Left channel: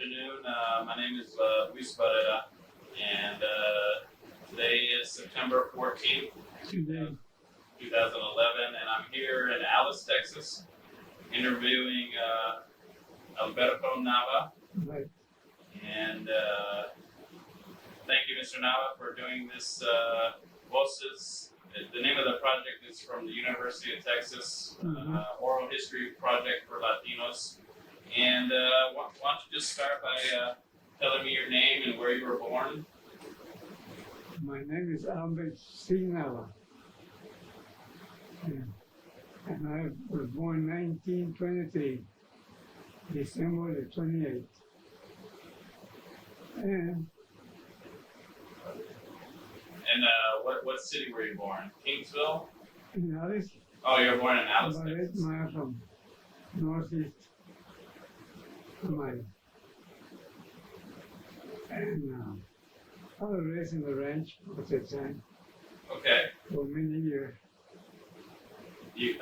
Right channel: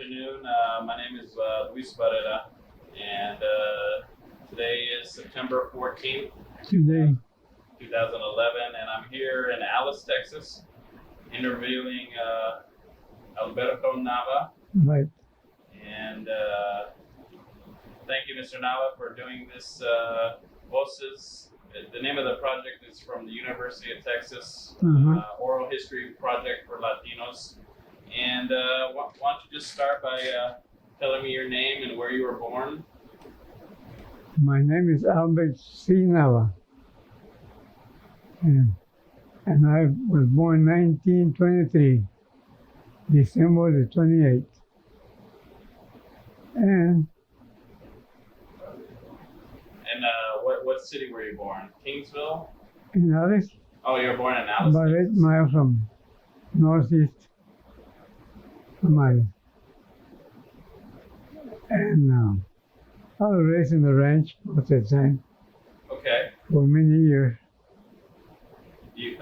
afternoon. My name is Luis Barrera, and today is September 14th, Today, 2011, and I'm here in Alice, Texas, interviewing Alberto Nava. right, And thank you, Mr. Nava, for doing this Voces. The name of the project is from the University of Texas, Oral History Project for Latinos. And why don't you just start by telling me your name and where you were born? my name is Albert C. Nava, and I was born 1923, December the 28th. And What city were you born? Kingsville? in Alice, Oh, you were born in Alice, about 8 Texas. miles from northeast Somalia. And I was raised in the ranch at that time Okay. for many years. You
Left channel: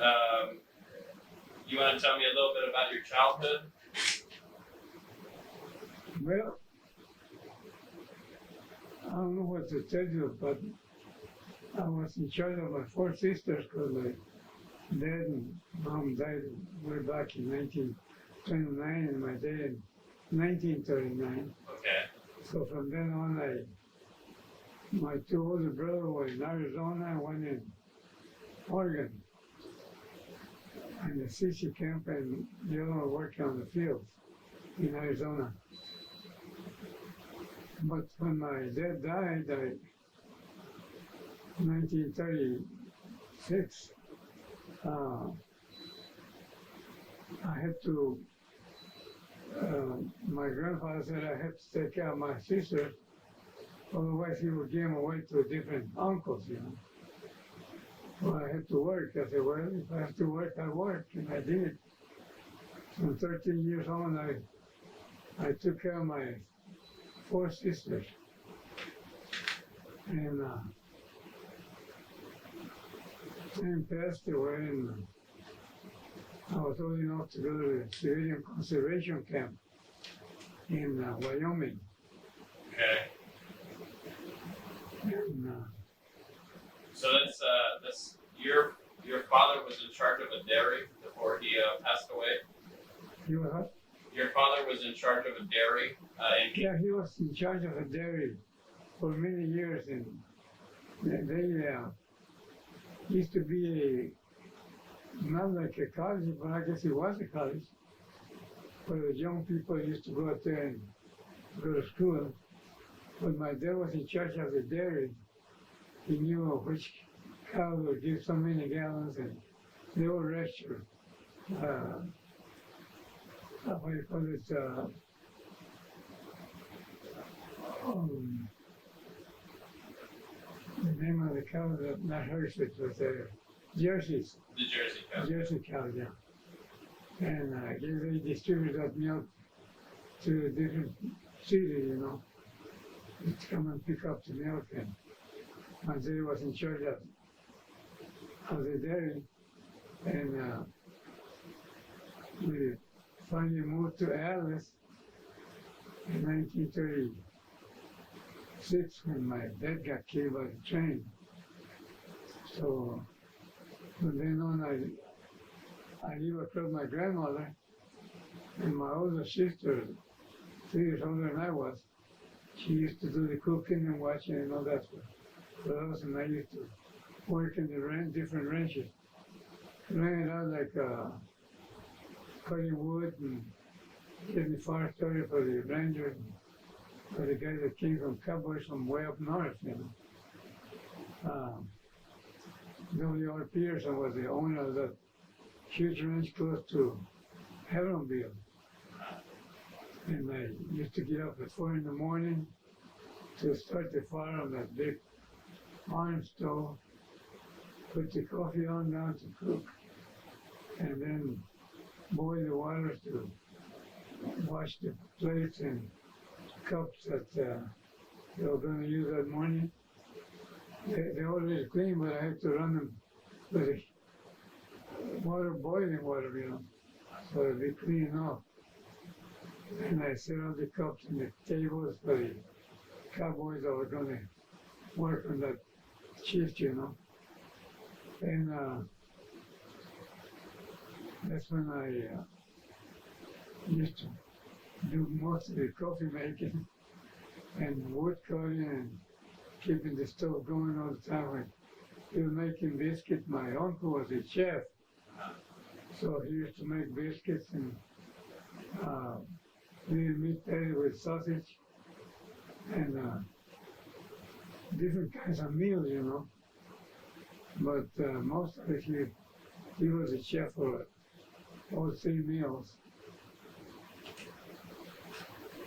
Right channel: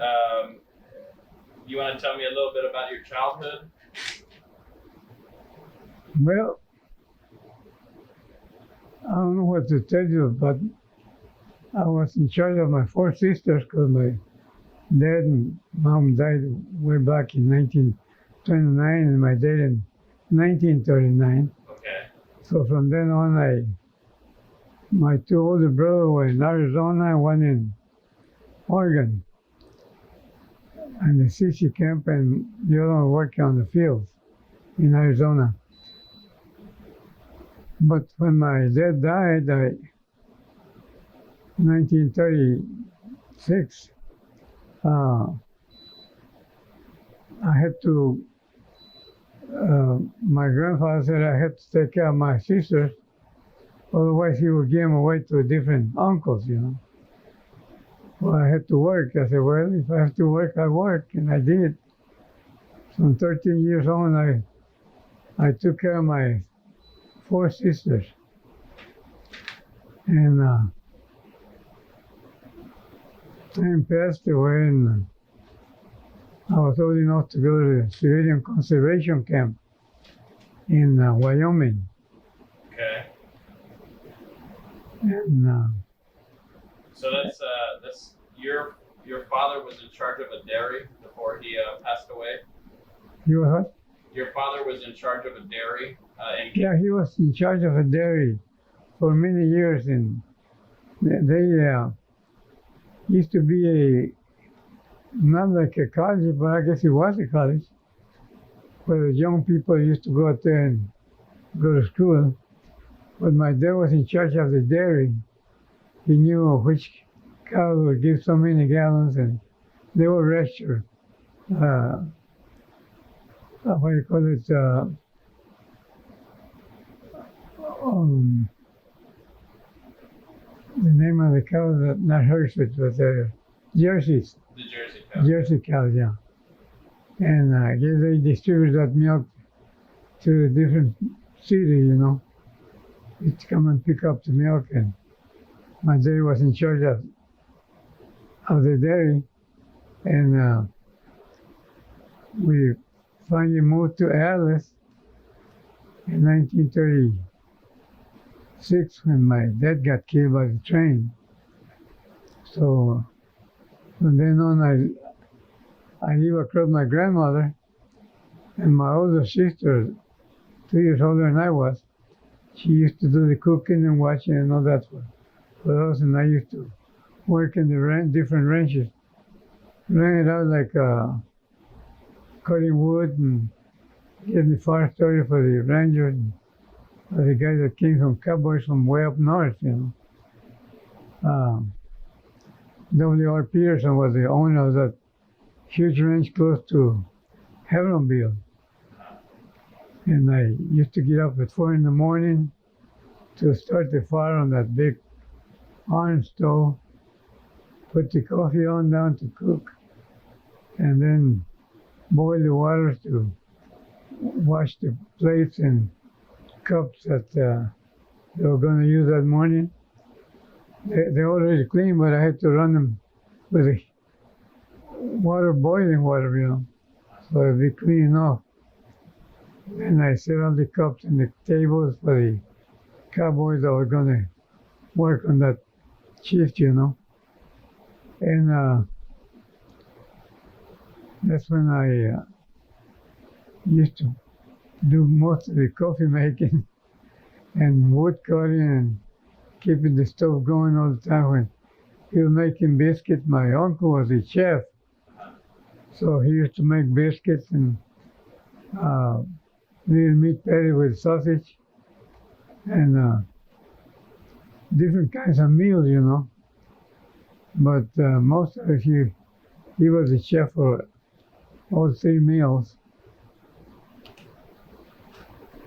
want to tell me a little bit about your childhood? Well, I don't know what to tell you, but I was in charge of my 4 sisters because my dad and mom died way back in 1929 and my dad in 1939. Okay. So from then on, my 2 older brothers were in Arizona and one in Oregon, and the CC camp, and the other one working on the fields in Arizona. But when my dad died, in 1936, I had to, my grandfather said I had to take care of my sisters, otherwise he would give them away to different uncles, you know. Well, I had to work. I said, well, if I have to work, I work, and I did. From 13 years on, I took care of my 4 sisters. And time passed away, and I was old enough to go to the civilian conservation camp in Wyoming. Okay. And So that's your father was in charge of a dairy before he passed away. you were what? Your father was in charge of a dairy. Yeah, he was in charge of a dairy for many years, and they used to be not like a college, but I guess it was a college, where the young people used to go out there and go to school. But my dad was in charge of the dairy. He knew which cow would give so many gallons, and they were registered. What do you call it? The name of the cow, not Hershey's, but Jerseys. The Jersey cow. Jersey cows, yeah. And I guess they distribute that milk to different cities, you know. You'd come and pick up the milk, and my dad was in charge of the dairy, and we finally moved to Alice in 1936 when my dad got killed by the train. So from then on, I lived across my grandmother, and my older sister, 2 years older than I was, she used to do the cooking and watching and all that for us, and I used to work in the different ranches, ran it out like cutting wood and getting the fire started for the rangers and for the guys that came from cowboys from way up north, you know. W.R. Peterson was the owner of that huge ranch close to Heronville. And I used to get up at 4 in the morning to start the fire on that big iron stove, put the coffee on down to cook, and then boil the water to wash the plates and cups that they were going to use that morning. They're already clean, but I had to run them with the water, boiling water, you know, so it'd be clean enough. And I set all the cups and the tables for the cowboys that were going to work on that shift, And that's when I used to do most of the coffee making and wood cutting and keeping the stove going all the time. When he was making biscuits, my uncle was a chef, so he used to make biscuits and little meat patty with sausage and different kinds of meals, But most of it, he was a chef for all three meals.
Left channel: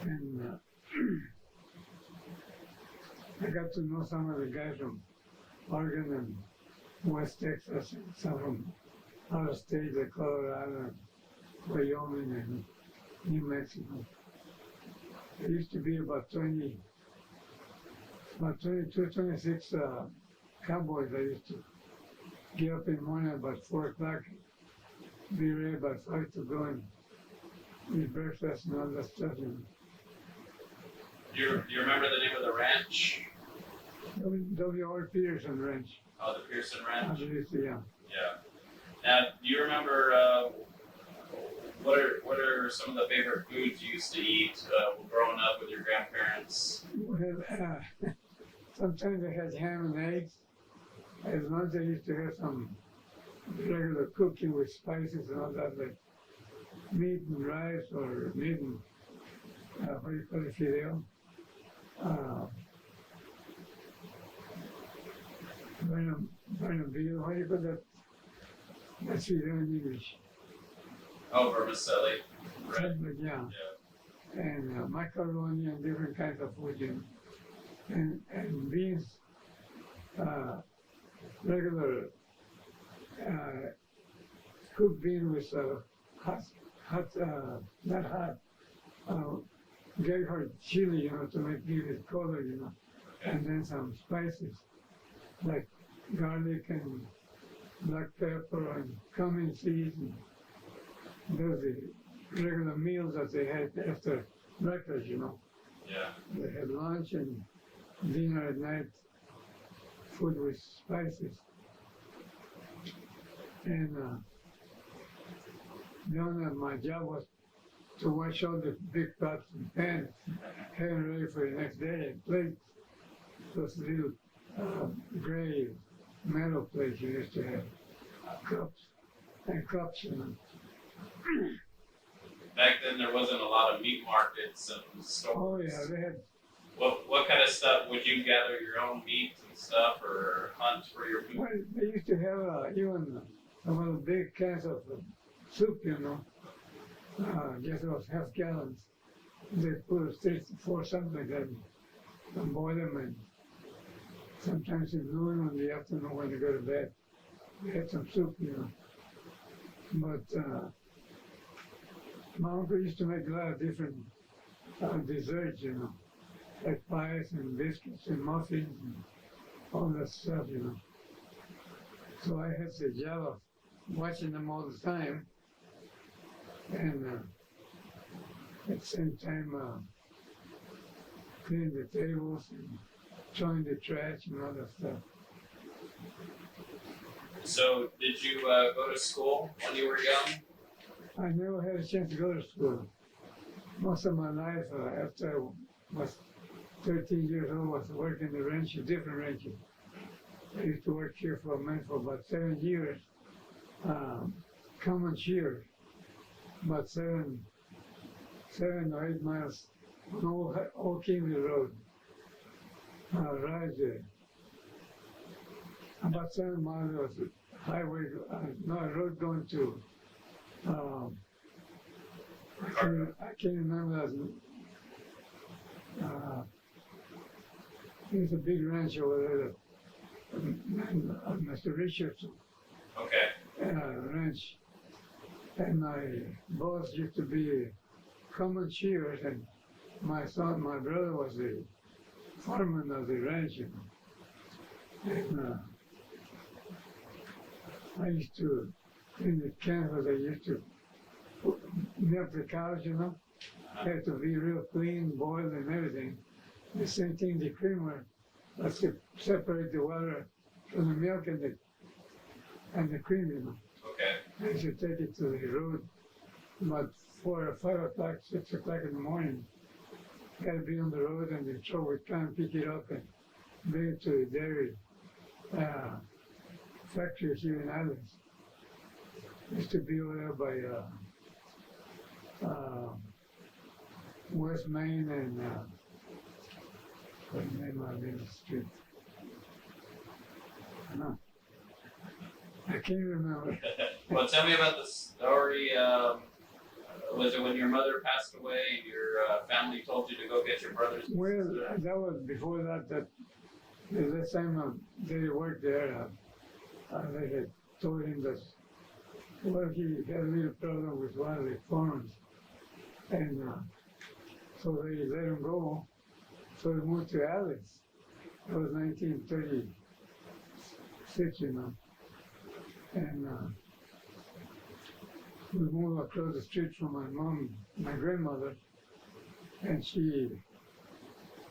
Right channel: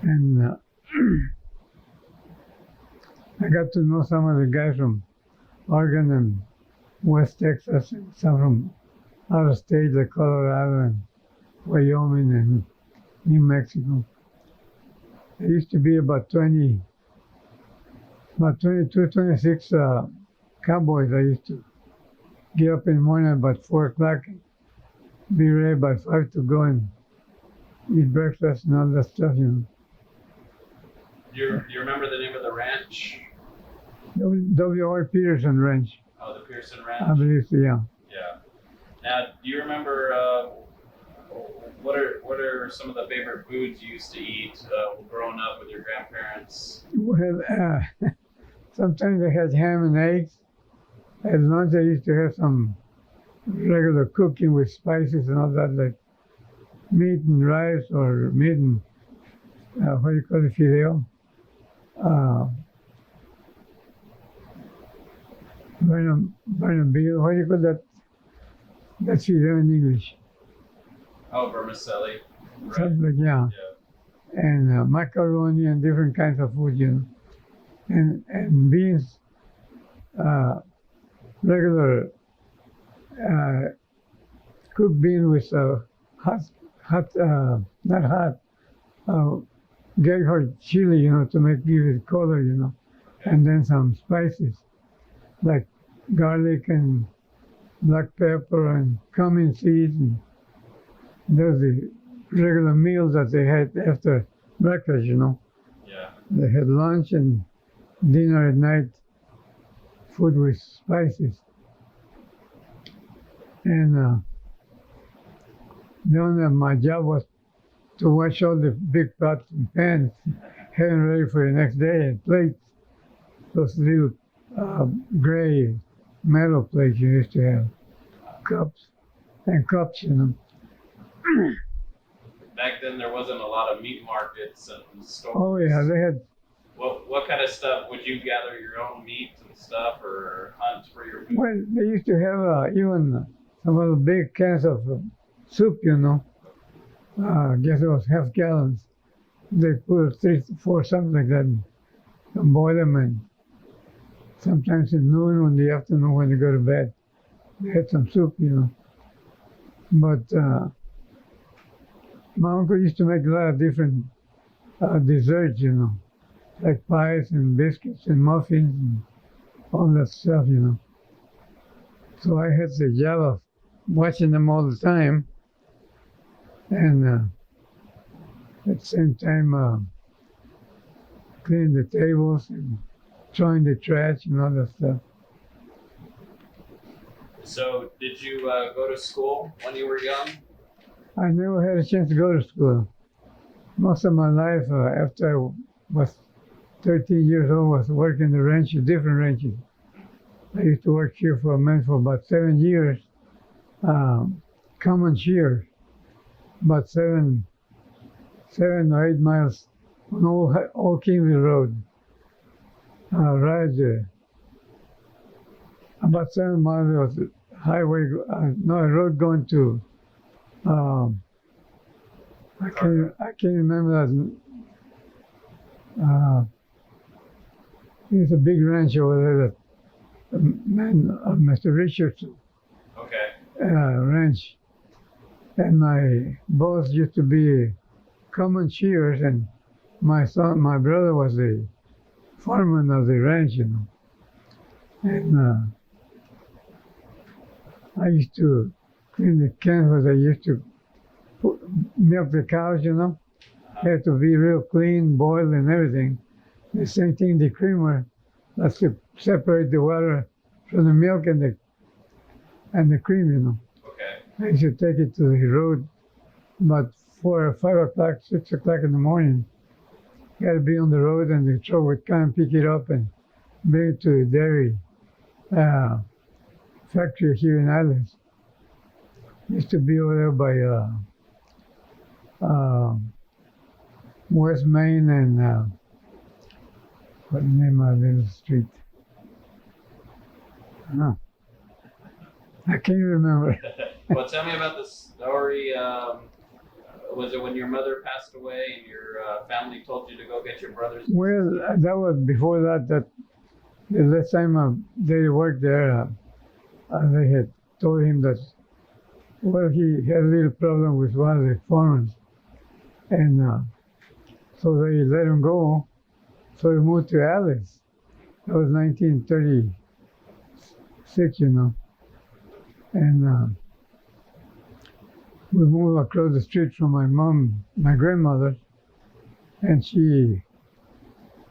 And I got to know some of the guys from Oregon and West Texas, and some from out of state like Colorado and Wyoming and New Mexico. There used to be about 22, 26 cowboys. I used to get up in the morning about 4 o'clock, be ready by 5 to go and eat breakfast and all that stuff, Do you remember the name of the ranch? W.R. Peterson Ranch. Oh, the Pearson Ranch? I believe so, yeah. Yeah. Now, do you remember what are some of the favorite foods you used to eat growing up with your grandparents? Well, sometimes I had ham and eggs. At lunch, I used to have some regular cooking with spices and all that, like meat and rice or meat and, what do you call it, fideo? Bernabille, what do you call that? That's fideo in English. Oh, vermicelli. Right. Something like, yeah. And macaroni and different kinds of food, and beans, regular cooked bean with not hot, Gayheart chili, to give it color, and then some spices like garlic and black pepper and cumin seeds, and those are the regular meals that they had after breakfast, Yeah. They had lunch and dinner at night, food with spices. And my job was to wash all the big pots and pans, have them ready for the next day, and plates, those little gray metal plates you used to have, cups. Back then, there wasn't a lot of meat markets and stores. Oh yeah, they had. What kind of stuff would you gather your own meat and stuff, or hunt for your food? Well, they used to have even some of the big cans of soup, I guess it was half gallons. They put 3, 4, something like that, and boil them, and sometimes at noon in the afternoon when they go to bed, they had some soup, But my uncle used to make a lot of different desserts, like pies and biscuits and muffins and all that stuff, So I had the job of watching them all the time, and at the same time cleaning the tables and throwing the trash and all that stuff. So, did you go to school when you were young? I never had a chance to go to school. Most of my life, after I was 13 years old, was working the ranches, different ranches. I used to work here for about 7 years, common shears, about 7 or 8 miles on Old Kingsley Road. Right there. About 7 miles was a highway, a road going to, I can't remember that. There's a big ranch over there that Mr. Richardson ranch. And my boss used to be common shears, and my brother was the foreman of the ranch, And I used to clean the canvas. I used to milk the cows, Had to be real clean, boiled and everything. The same thing, the creamer, that's to separate the water from the milk and the cream, you know. Okay. I used to take it to the road about 4 or 5 o'clock, 6 o'clock in the morning. You had to be on the road and the truck would come and pick it up and bring it to the dairy factory here in Islands. Used to be over there by West Main and what the name of the little street? I can't remember. Well, tell me about the story. Was it when your mother passed away and your family told you to go get your brothers? Well, that was before that. That the last time they worked there, they had told him that, well, he had a little problem with one of the foremen, and so they let him go. So he moved to Alice. That was 1936, you know, and we moved across the street from my grandmother, and she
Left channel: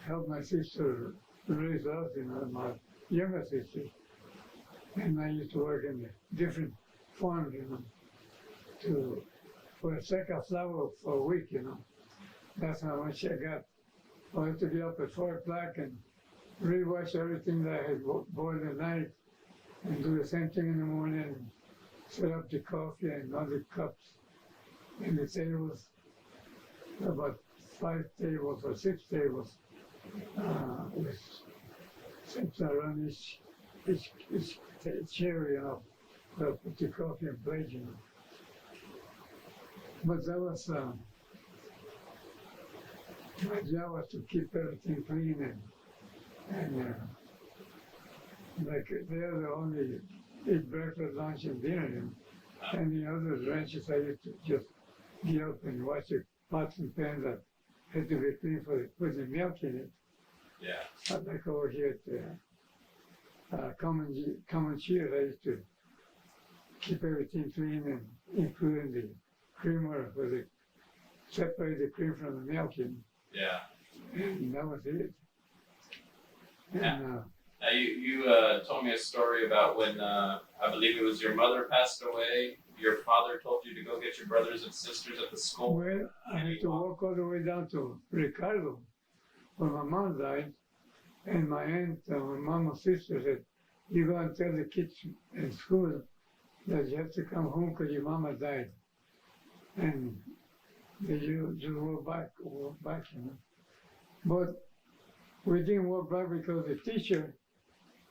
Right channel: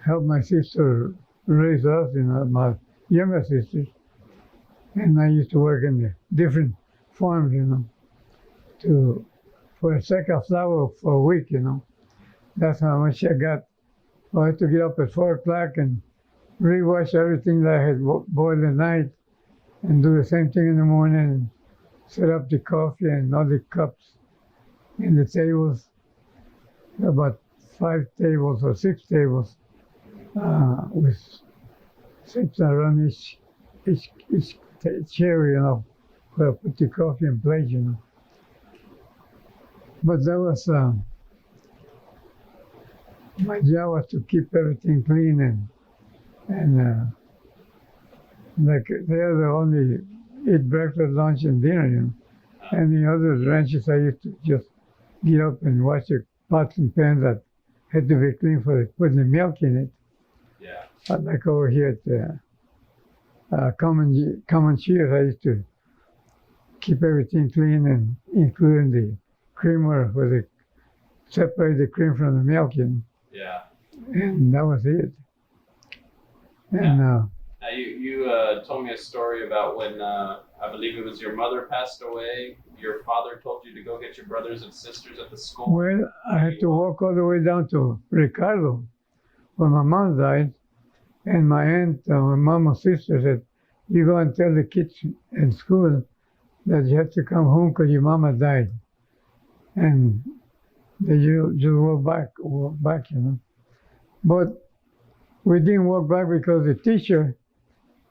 helped my sister raise us, you know, my younger sisters. And I used to work in the different farms, you know, for a sack of flour for a week, you know. That's how much I got. I had to get up at 4 o'clock and rewash everything that I had boiled at night and do the same thing in the morning and set up the coffee and all the cups in the tables, about 5 tables or 6 tables with 6 around each chair, you know, where I put the coffee in place, you know. But that was, my job was to keep everything clean and like they're the only eat breakfast, lunch, and dinner, you know. And the other ranches I used to just get up and wash the pots and pans that had to be clean for putting the milk in it. Yeah. Like over here at Common Cheers, I used to keep everything clean and including the creamer where they separate the cream from the milk, you know. Yeah. And that was it. And Now you told me a story about when I believe it was your mother passed away. Your father told you to go get your brothers and sisters at the school. well, I had to walk all the way down to Ricardo when my mom died, and my aunt, my mama's sister said, "You go and tell the kids in school that you have to come home because your mama died," and they just walk back, you know. But we didn't walk back because the teacher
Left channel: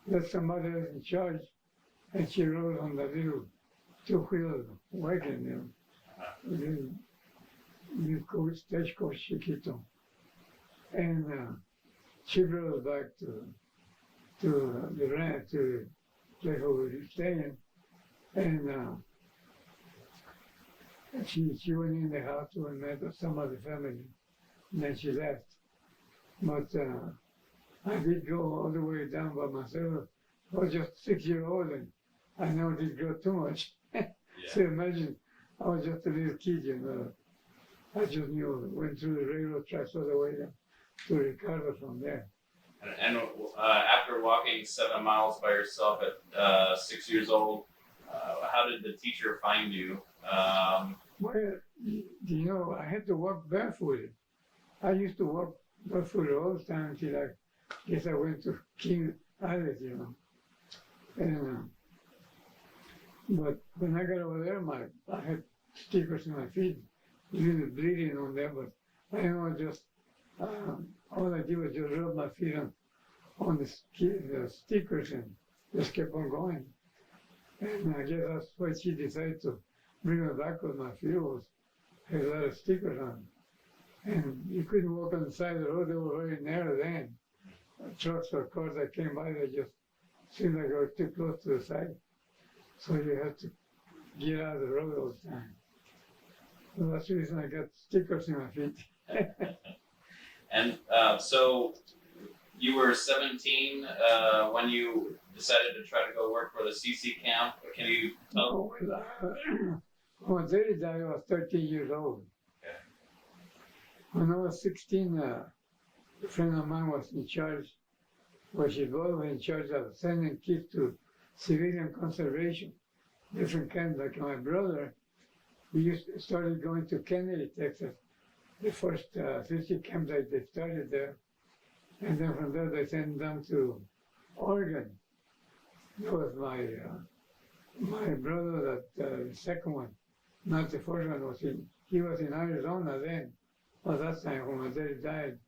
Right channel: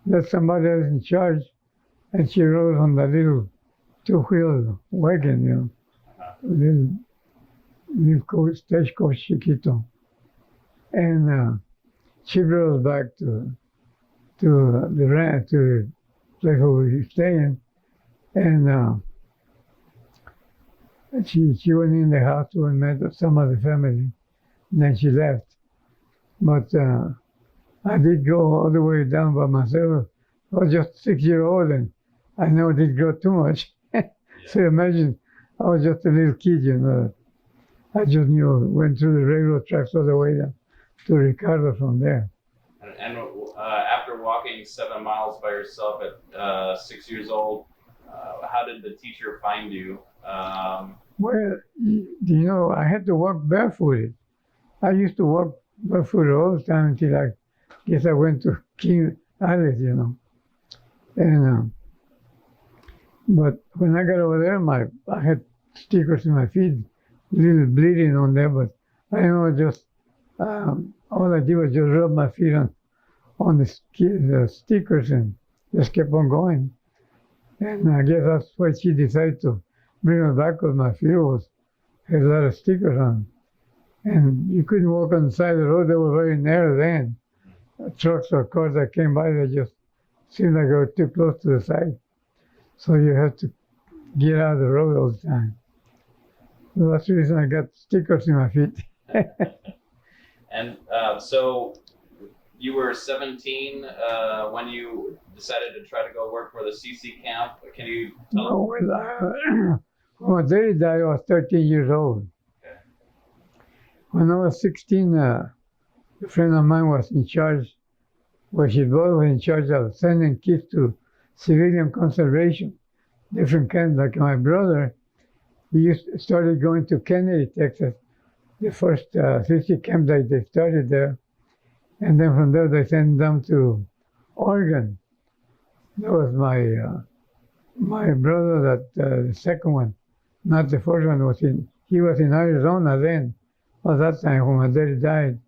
let somebody else in charge, and she rode on the little two-wheel wagon, you know, little stagecoach chiquito, and she brought us back to the place where we were staying, and she went in the house and met some of the family, and then she left. But I did go all the way down by myself. I was just 6-year-old, and I never did grow too much. So imagine, I was just a little kid, you know. I just went through the railroad tracks all the way down to Ricardo from there. And after walking 7 miles by yourself at 6 years old, how did the teacher find you? Well, you know, I had to walk barefooted. I used to walk barefooted all the time until I guess I went to King Island, you know. And but when I got over there, I had stickers in my feet, a little bleeding on there, but I know just all I did was just rub my feet on the stickers and just kept on going. And I guess that's why she decided to bring me back because my feet had a lot of stickers on. And you couldn't walk on the side of the road. They were very narrow then. Trucks or cars that came by, they just seemed like they were too close to the side. So you had to get out of the road all the time. So that's the reason I got stickers in my feet. And so you were 17 when you decided to try to go work for the CC camp. Can you tell us? When my daddy died, I was 13 years old. Okay. When I was 16, a friend of mine was in charge, well, his boy was in charge of sending kids to civilian conservation, different kinds. Like my brother, started going to Kennedy, Texas, the first 50 camp that they started there. And then from there, they sent them to Oregon. That was my brother, that the second one, not the first one, he was in Arizona then. At that time, when my daddy died,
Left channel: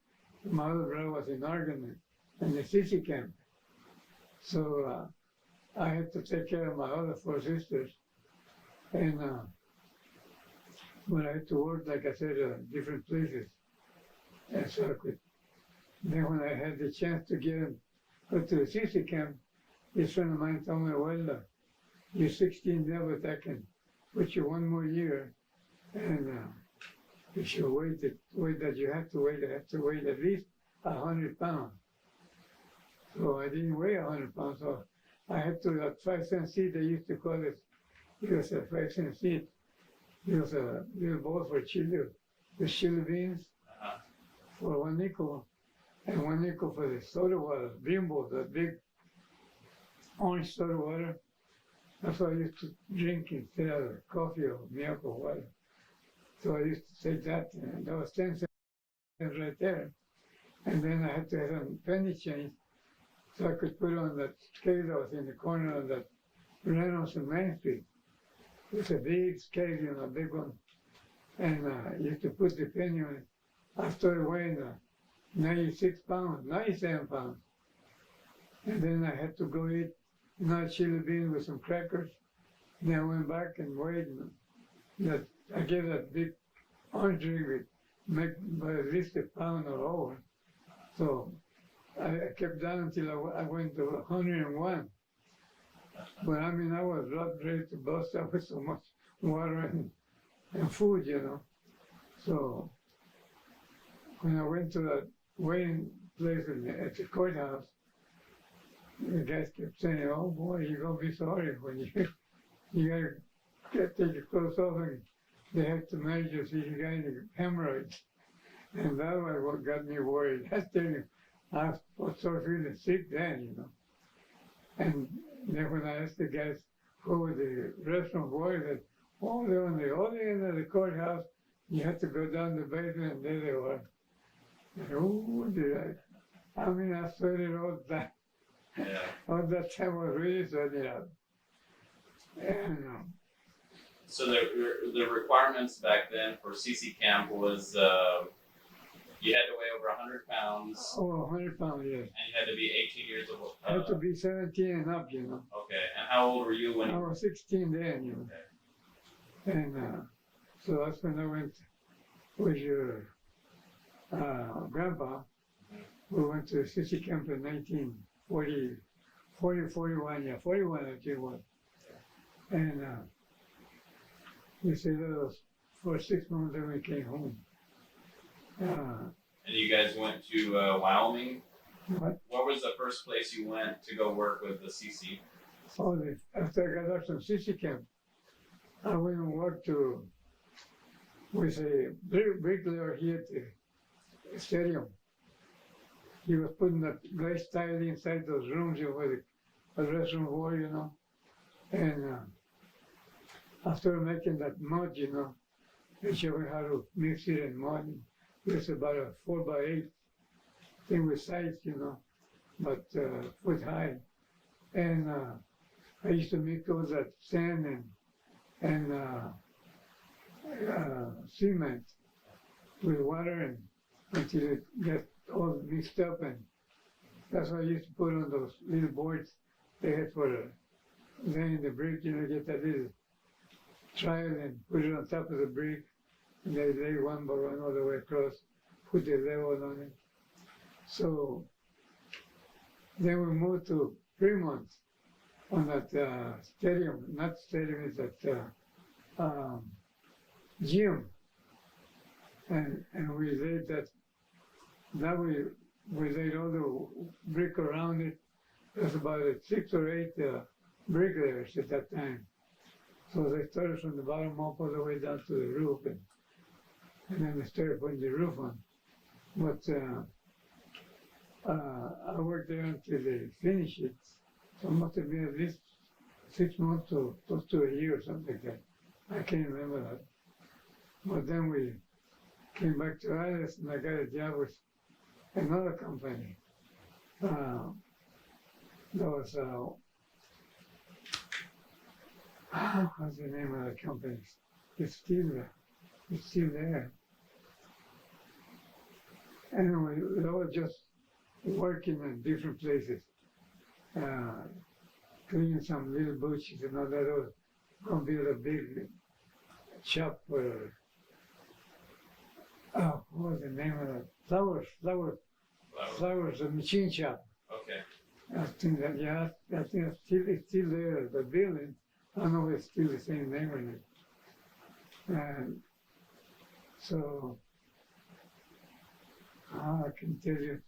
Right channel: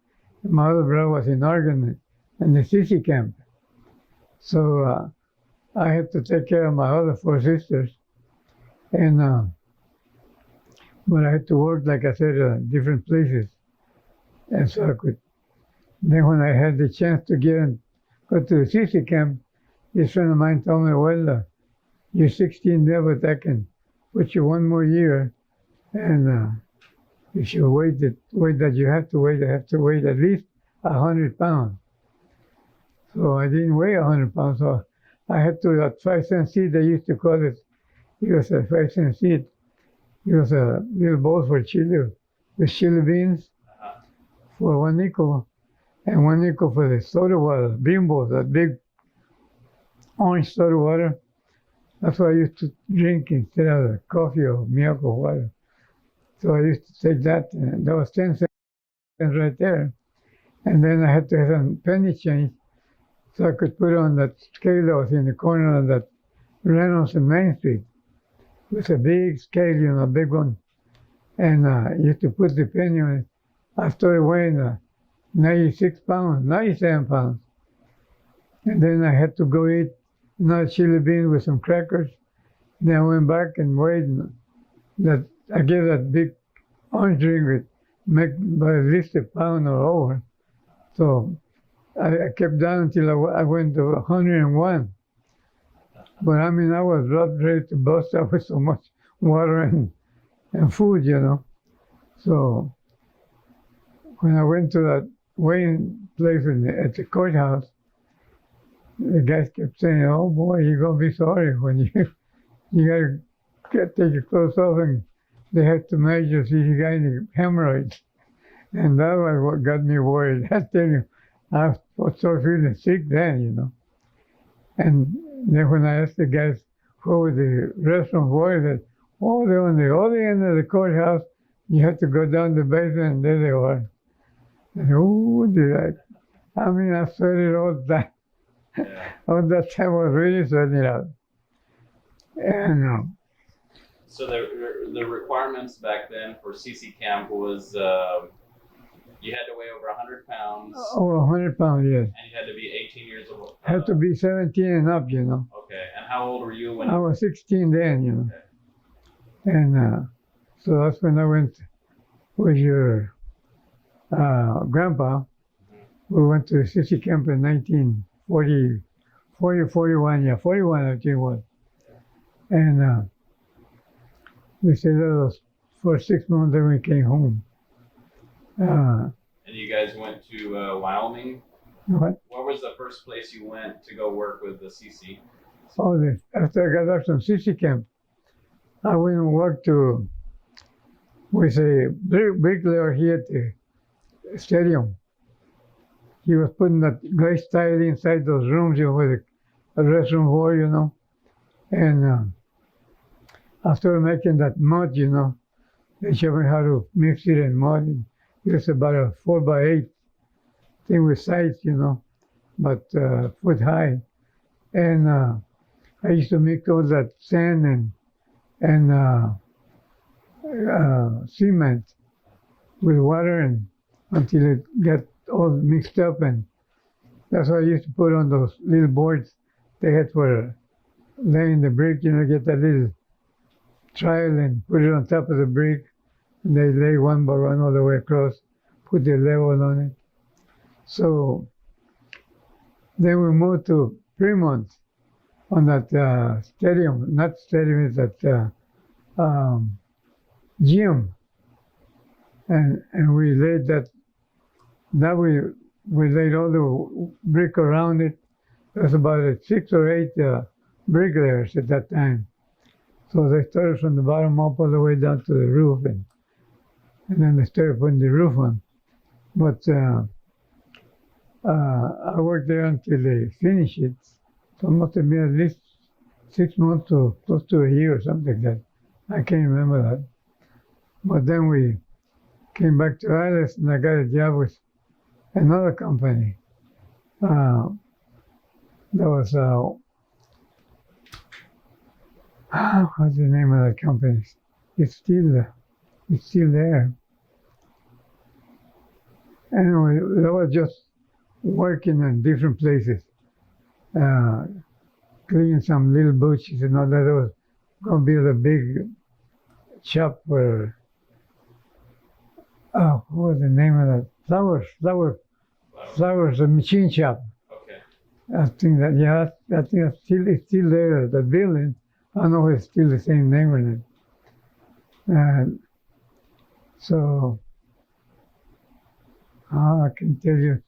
my other brother was in Oregon in the CC camp. So I had to take care of my other 4 sisters. And but I had to work, like I said, different places. And so I could, then when I had the chance to go to the CC camp, this friend of mine told me, well, you're 16 there, but I can put you 1 more year. And if you weight that you have to wait, I have to weigh at least 100 pounds. So I didn't weigh 100 pounds, so I had to, that 5-cent seed, they used to call it, it was a 5-cent seed. It was a little bowl for chili, the chili beans for 1 nickel, and 1 nickel for the soda water, bimbo, that big orange soda water. That's what I used to drink instead of coffee or milk or water. So I used to take that, and that was 10 cents right there. And then I had to have some penny change, so I could put on that scale that was in the corner of that Reynolds and Main Street. It was a big scale, a big one. And you used to put the penny on it. I started weighing 96 pounds, 97 pounds. And then I had to go eat another chili bean with some crackers. Then I went back and weighed that. I gave that big orange drink with make by at least a pound or over. So I kept down until I went to 101. But I mean, I was ready to bust out with so much water and food, So when I went to that weighing place at the courthouse, the guys kept saying, "Oh boy, you're gonna be sorry when you gotta take your clothes off, and they have to measure see if you got any hemorrhoids." And that was what got me worried. I tell you, I was so feeling sick then, And then when I asked the guys where were the restaurants were, they said, "Oh, they're on the other end of the courthouse. You have to go down the basement, and there they were." And I mean, I sweated all that. All that time I was really sweating out. And So the requirements back then for CC camp was you had to weigh over 100 pounds. over 100 pounds, yes. And you had to be 18 years old. Had to be 17 and up, Okay. And how old were you when? I was 16 then, Okay. And so that's when I went with your grandpa. We went to the CC camp in 1940, 41, 41 I think it was. And we stayed there for 6 months, then we came home. And you guys went to Wyoming? What? What was the first place you went to go work with the CC? Oh, after I got out from CC camp, I went and worked with a bricklayer here at the stadium. He was putting that glass tile inside those rooms, where the restroom were, And after making that mud, they showed me how to mix it in mud. It was about a 4x8 thing with sides, but foot high. And I used to mix all that sand and cement with water and until it got all mixed up, and that's what I used to put on those little boards they had for laying the brick, get that little trowel and put it on top of the brick, and they lay one by one all the way across, put the level on it. So then we moved to Fremont on that stadium, not stadium, it's that gym. And we laid that we laid all the brick around it. There was about 6 or 8 bricklayers at that time. So they started from the bottom up all the way down to the roof, and then they started putting the roof on. But I worked there until they finished it. So it must have been at least 6 months to close to a year or something like that. I can't remember that. But then we came back to Alice, and I got a job with another company. That was, what's the name of that company? It's still there. Anyway, that was just working in different places, cleaning some little bushes and all that. It was going to be the big shop where, what was the name of that? Flowers, a machine shop. Okay. I think it's still there, the building. I don't know if it's still the same name or not. And so, I can tell you,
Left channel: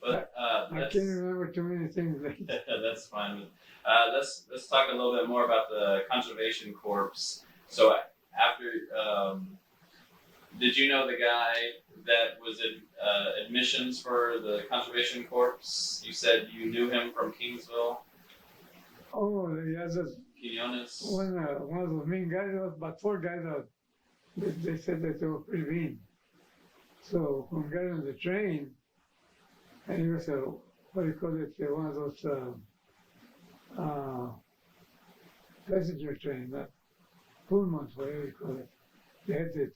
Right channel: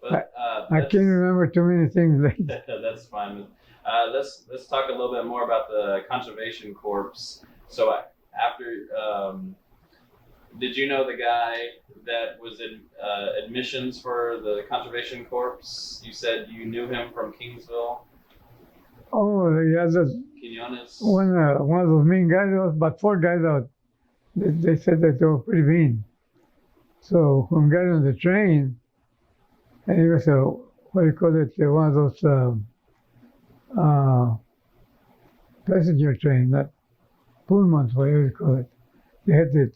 But I can't remember too many things like that. That's fine. Let's talk a little bit more about the Conservation Corps. So after, did you know the guy that was in admissions for the Conservation Corps? You said you knew him from Kingsville. Oh, yeah, Quinones. one of those mean guys. There was about 4 guys out. They said that they were pretty mean. So when we got on the train, and he was what do you call it? One of those passenger train, not Pullmans, whatever you call it. They had the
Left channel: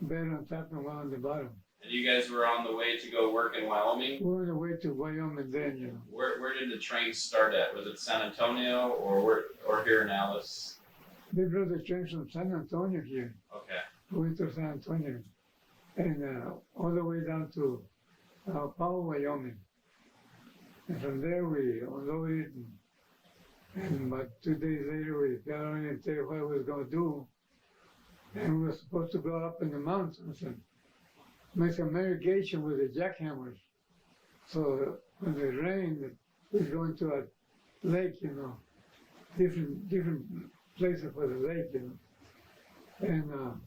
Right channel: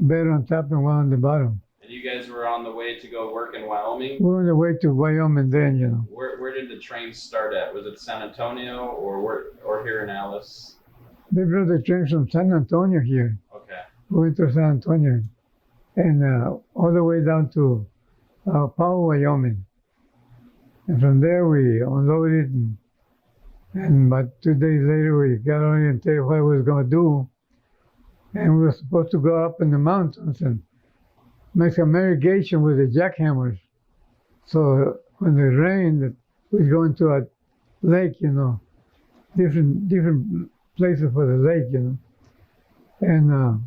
bed on top and one on the bottom. And you guys were on the way to go work in Wyoming? We were on the way to Wyoming then, you know. Where did the train start at? Was it San Antonio or here in Alice? They brought the train from San Antonio here. Okay. We went to San Antonio and all the way down to Powell, Wyoming. And from there we unloaded and about 2 days later we got oriented what we was going to do. And we were supposed to go up in the mountains and make some irrigation with the jackhammers. So when it rained, we'd go into a lake, you know, different places for the lake, you know. And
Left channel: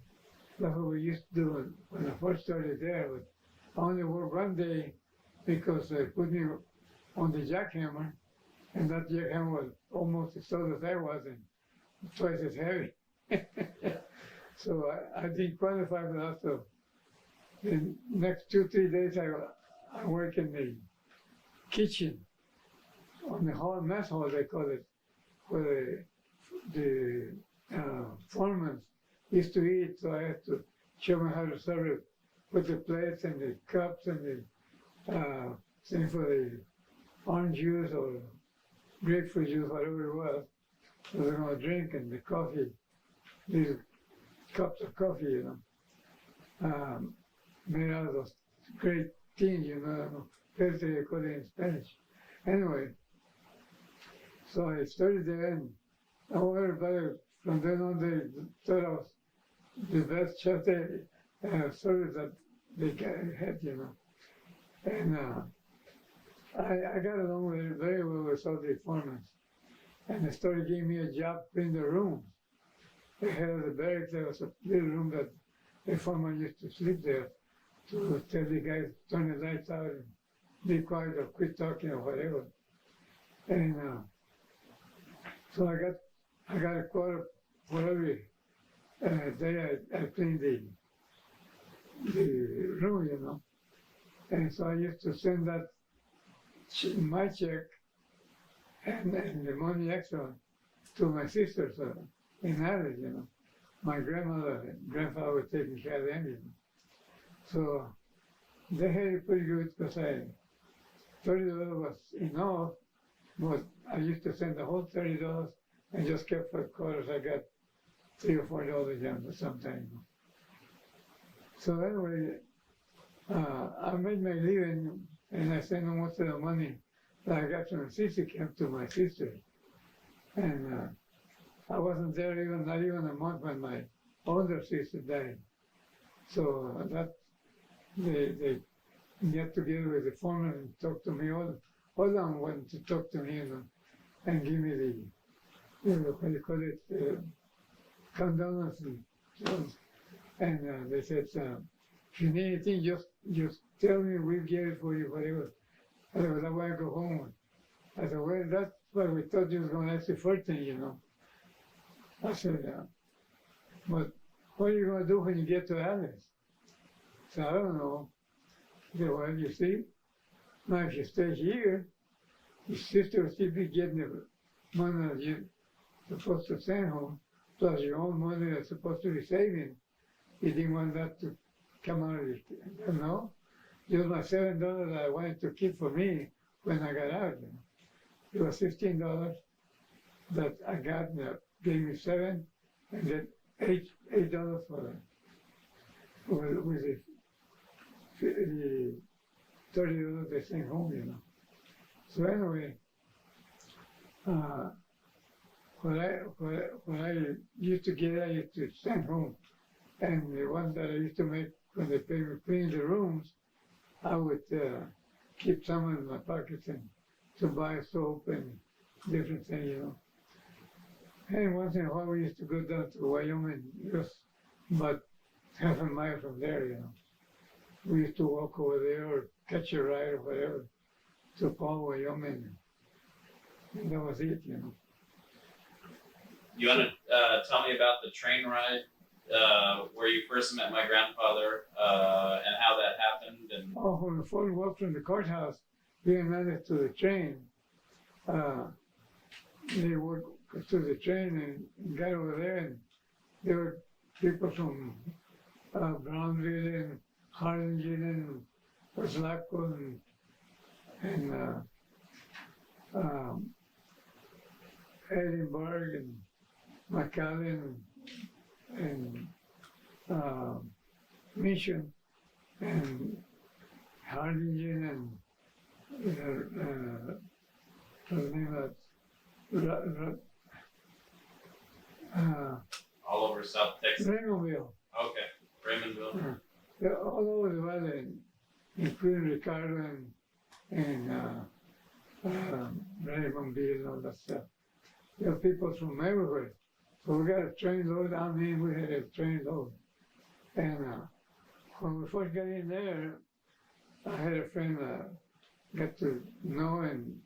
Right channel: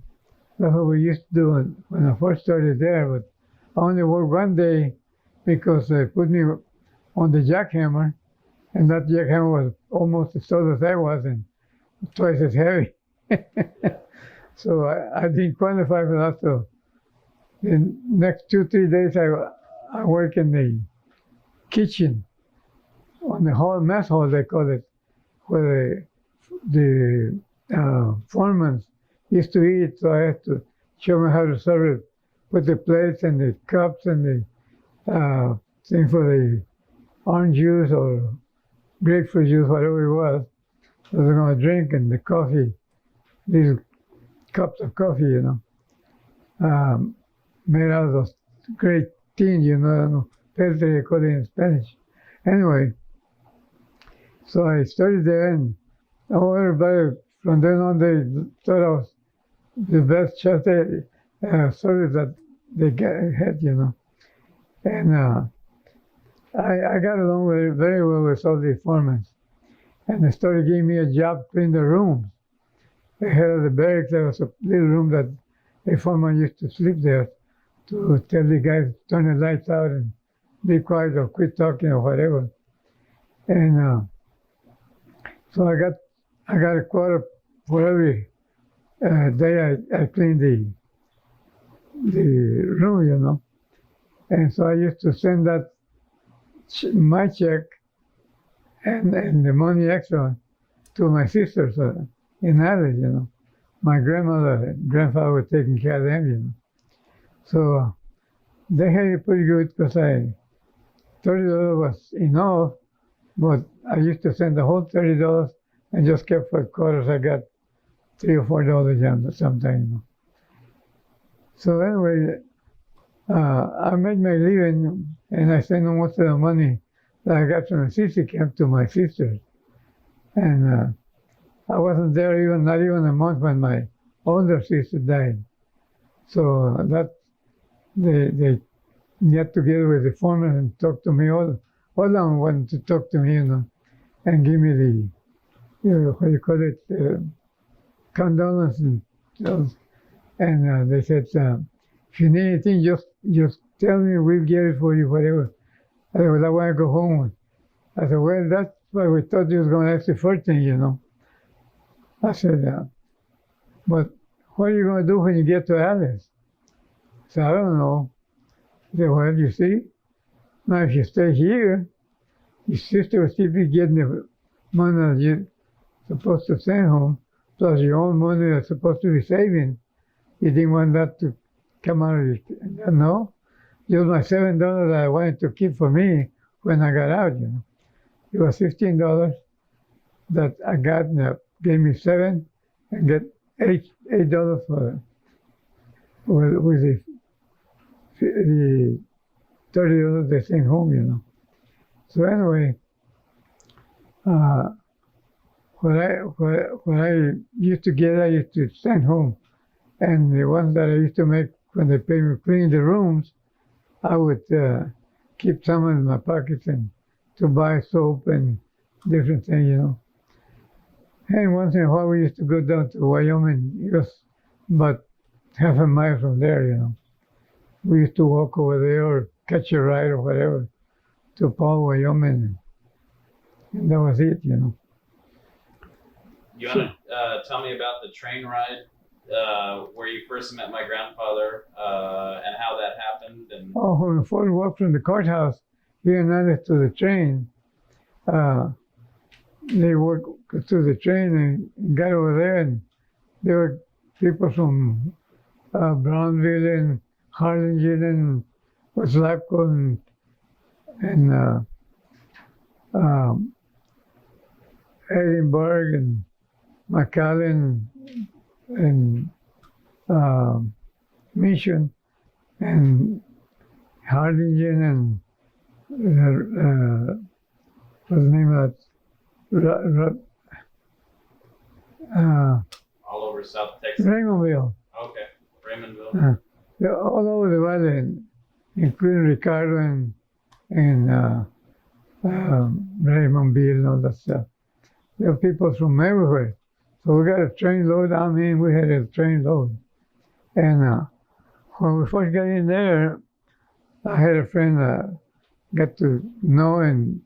that's what we used to do when I first started there. But I only worked one day because they put me on the jackhammer, and that jackhammer was almost as tall as I was and twice as heavy. So I didn't qualify for that. So the next 2-3 days I work in the kitchen, on the hall, mess hall they call it, where the foreman used to eat. So I had to show them how to serve it with the plates and the cups and the thing for the orange juice or grapefruit juice, whatever it was. I was going to drink, and the coffee, these cups of coffee, you know, made out of those great tin, you know, filter they call it in Spanish. Anyway, so I started there, and everybody from then on they thought I was the best chef service that they had, you know. And I got along very well with all the foremen. And they started giving me a job cleaning the rooms. The head of the barracks, there was a little room that a foreman used to sleep there to tell the guys to turn the lights out and be quiet or quit talking or whatever. And so I got a quarter for every day I cleaned the room, you know. And so I used to send that my check and the money extra to my sisters in Alice, you know. My grandmother and grandfather were taking care of them, you know. So they had it pretty good because $30 was enough, but I used to send the whole $30 and just kept for quarters. I got $3 or $4 sometimes, you know. So anyway, I made my living, and I sent most of the money that I got from the CC camp to my sisters. And I wasn't there not even a month when my older sister died. So that they got together with the foreman and talked to me. All along wanted to talk to me, you know, and give me the, what do you call it, condolence and And they said, if you need anything, just tell me, we'll get it for you, whatever. I said, well, I want to go home. I said, well, that's what we thought you was going to ask the first thing, you know. I said, but what are you going to do when you get to Alice? I said, I don't know. He said, well, you see, now if you stay here, your sister will still be getting the money that you're supposed to send home, plus your own money that's supposed to be saving. You didn't want that to come out of your, no. It was my $7 that I wanted to keep for me when I got out, you know. It was $15 that I got, and that gave me $7 and get $8 for it. With the $30 they sent home, you know. So anyway, what I used to get, I used to send home, and the ones that I used to make when they paid me clean the rooms, I would keep some in my pockets and to buy soap and different things, you know. And once in a while, we used to go down to Wyoming, just about half a mile from there, you know. We used to walk over there or catch a ride or whatever to Paul, Wyoming. And that was it, you know. You want to tell me about the train ride where you first met my grandfather and how that happened? And when we first walked from the courthouse here in Alice to the train, they walked to the train and got over there, and there were people from Brownville and Harlingen and Waslapco and Edinburgh and McAllen and Mission and Harlingen and what's the name of that? all over South Texas. Raymondville. Okay, Raymondville. They're all over the valley, including Ricardo and Raymondville and all that stuff. There are people from everywhere. So we got a train load. I mean, we had a train load. And when we first got in there, I had a friend got to know, and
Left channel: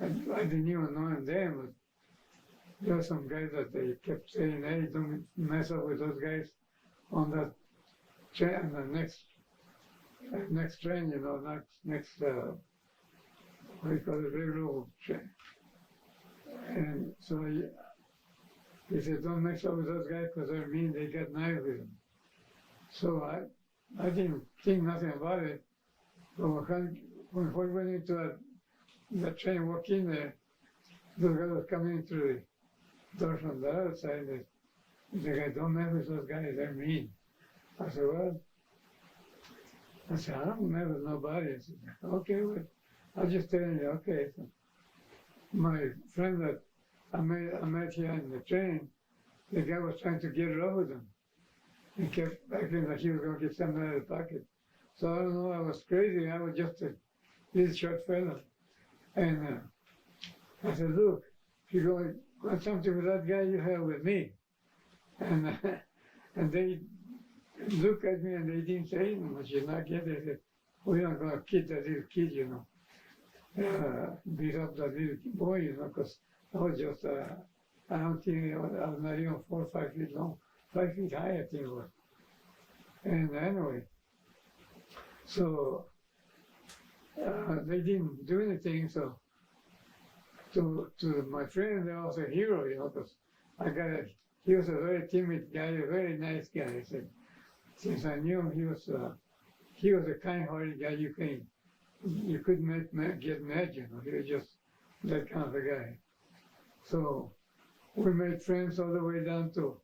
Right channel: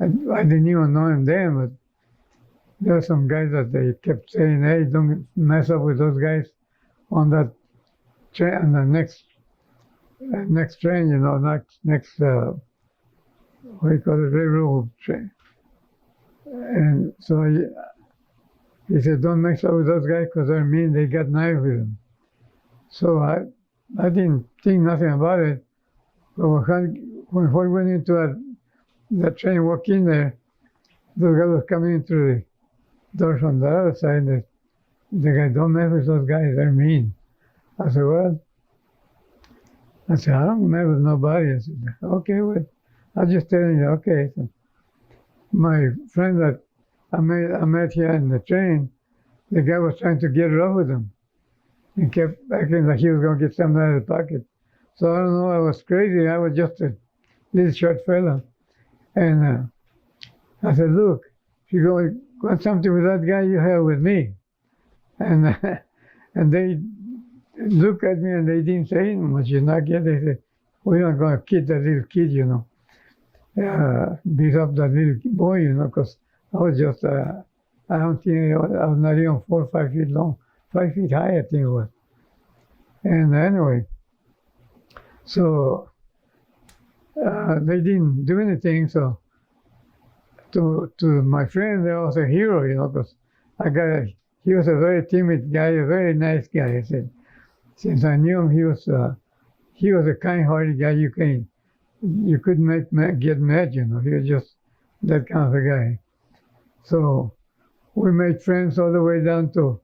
I didn't even know him then, but there were some guys that they kept saying, hey, don't mess up with those guys on that train, on the next train, you know, next what do you call it, railroad train. And so he said, don't mess up with those guys because they're mean, they got knives with them. So I didn't think nothing about it. But when we went into that train, walked in there, those guys was coming in through the doors from the other side. And the guy, don't mess with those guys, they're mean. I said, well, I don't mess with nobody. I said, okay, well, I'll just tell you, okay. So my friend that I met here in the train, the guy was trying to get rough with him. He kept acting like he was going to get something out of the pocket. So I don't know, I was crazy. I was just a little short fella. And I said, look, if you want something with that guy, you have with me. And and they looked at me and they didn't say much. You know, they said, we're not going to kid that little kid, you know. Beat up that little boy, you know, because I was just, I don't think, I was not even 4 or 5 feet long, 5 feet high, I think it was. And anyway, so they didn't do anything. So to my friend, there was a hero, you know, because he was a very timid guy, a very nice guy. I said, since I knew him, he was a kind-hearted guy. You couldn't get mad, you know. He was just that kind of a guy. So we made friends all the way down to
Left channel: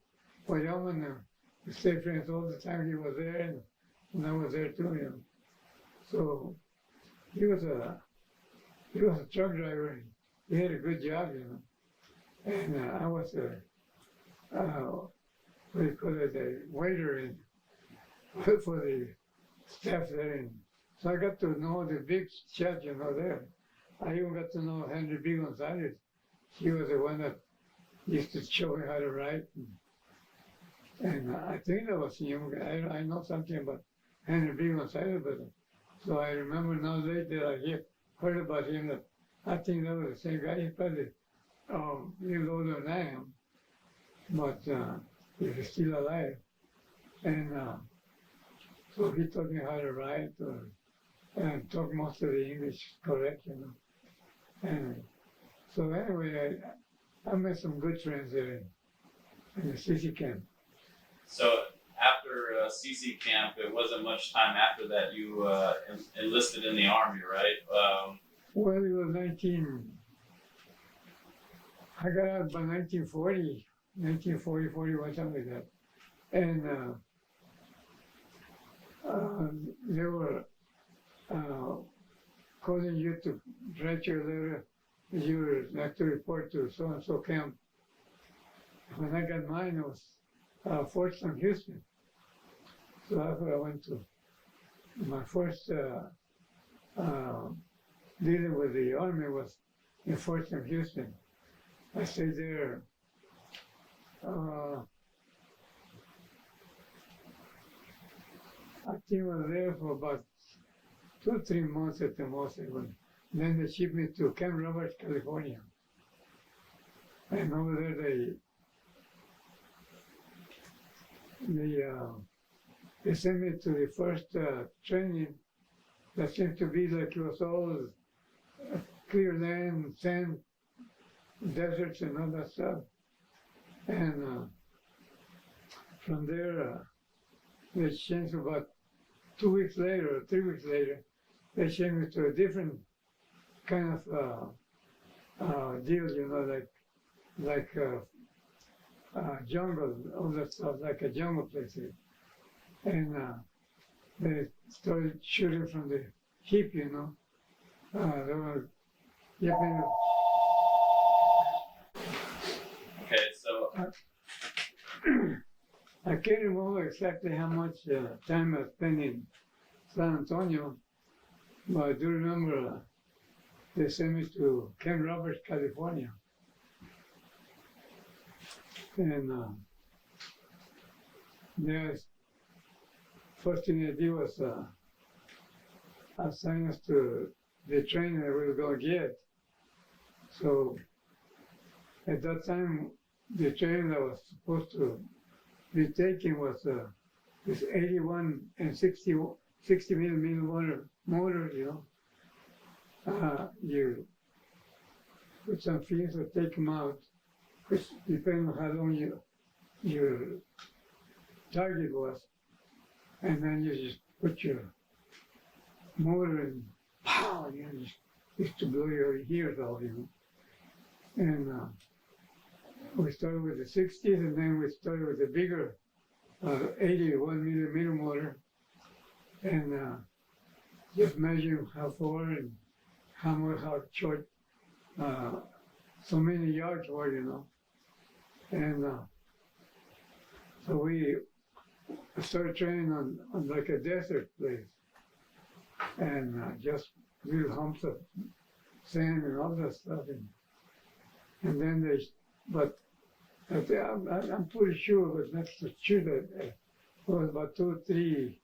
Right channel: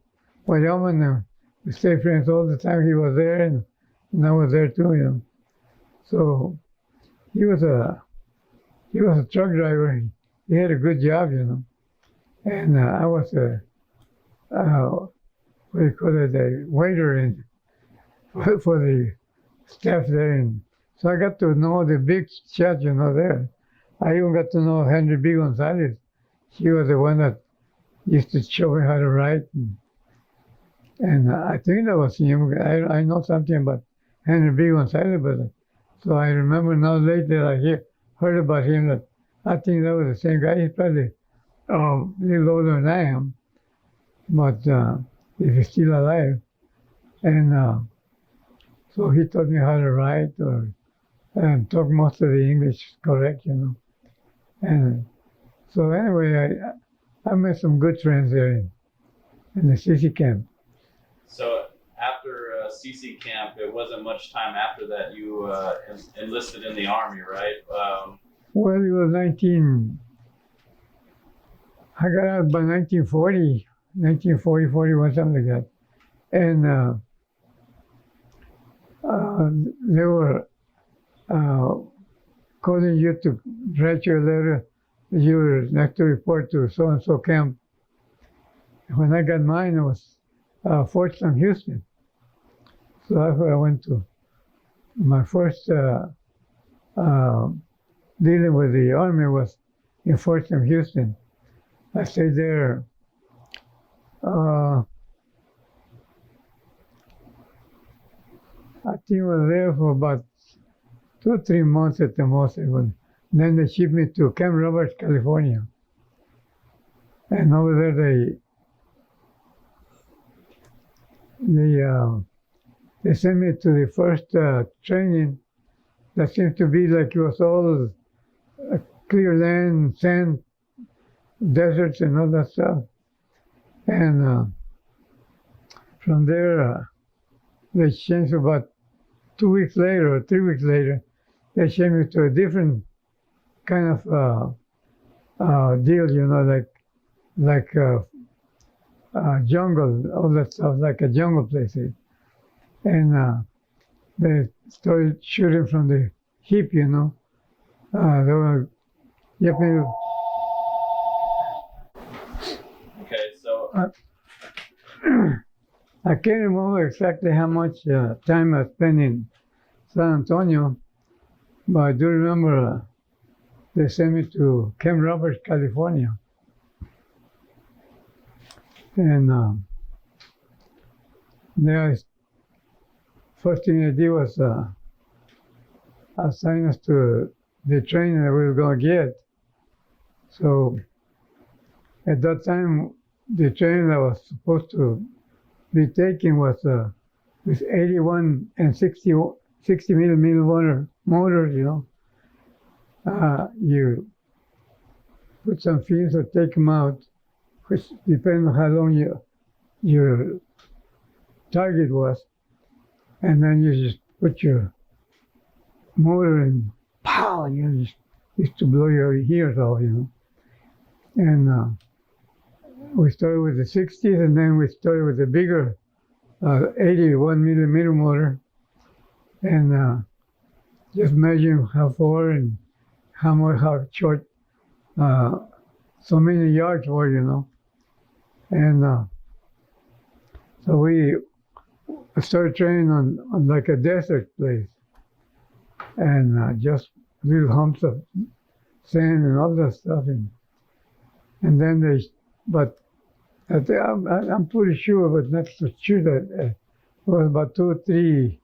Wyoming. And we stayed friends all the time. He was there, and I was there too, you know. So he was a truck driver. He had a good job, you know. And I was what do you call it, a waiter for the staff there. And so I got to know the big shots, you know, there. I even got to know Henry B. Gonzalez. He was the one that used to show me how to write. And I think that was him. I know something about Henry B. Gonzalez, but so I remember now later heard about him that I think that was the same guy. He's probably a little older than I am, but if he's still alive. And so he taught me how to write and talk most of the English correct, you know. And so anyway, I met some good friends there in the CC camp. So after CC camp, it wasn't much time after that you enlisted in the Army, right? Well, it was I got out by 1940, 41, something like that. And they were calling you to write your letter. You were next to report to so-and-so camp. When I got mine, it was Fort Sam Houston. So that's where I went to. My first dealing with the Army was in Fort Sam Houston. I stayed there I think I was there for about 2 or 3 months at the most. Then they shipped me to Camp Roberts, California. And over there they sent me to the first training that seemed to be like it was all clear land, sand, deserts and all that stuff. And from there, they changed about 2 weeks later or 3 weeks later, they changed me to a different kind of deal, you know, like jungle, all that stuff, like a jungle place. And they started shooting from the hip, you know. They were yipping. Okay, so I can't remember exactly how much time I spent in San Antonio, but I do remember they sent me to Camp Roberts, California. And there, first thing they did was assign us to the training that we were going to get. So at that time, the training that was supposed to be taken was this 81 and 60 millimeter motors, you know. You put some fins or take them out, which depends on how long your target was. And then you just put your motor and pow, you just used to blow your ears off, you know. And we started with the 60s, and then we started with the bigger 81 millimeter motor, and just measuring how far and how short so many yards were, you know. And so we started training on like a desert place, and just little humps of sand and all that stuff. And then but I'm pretty sure, but not so sure that it was about 2 or 3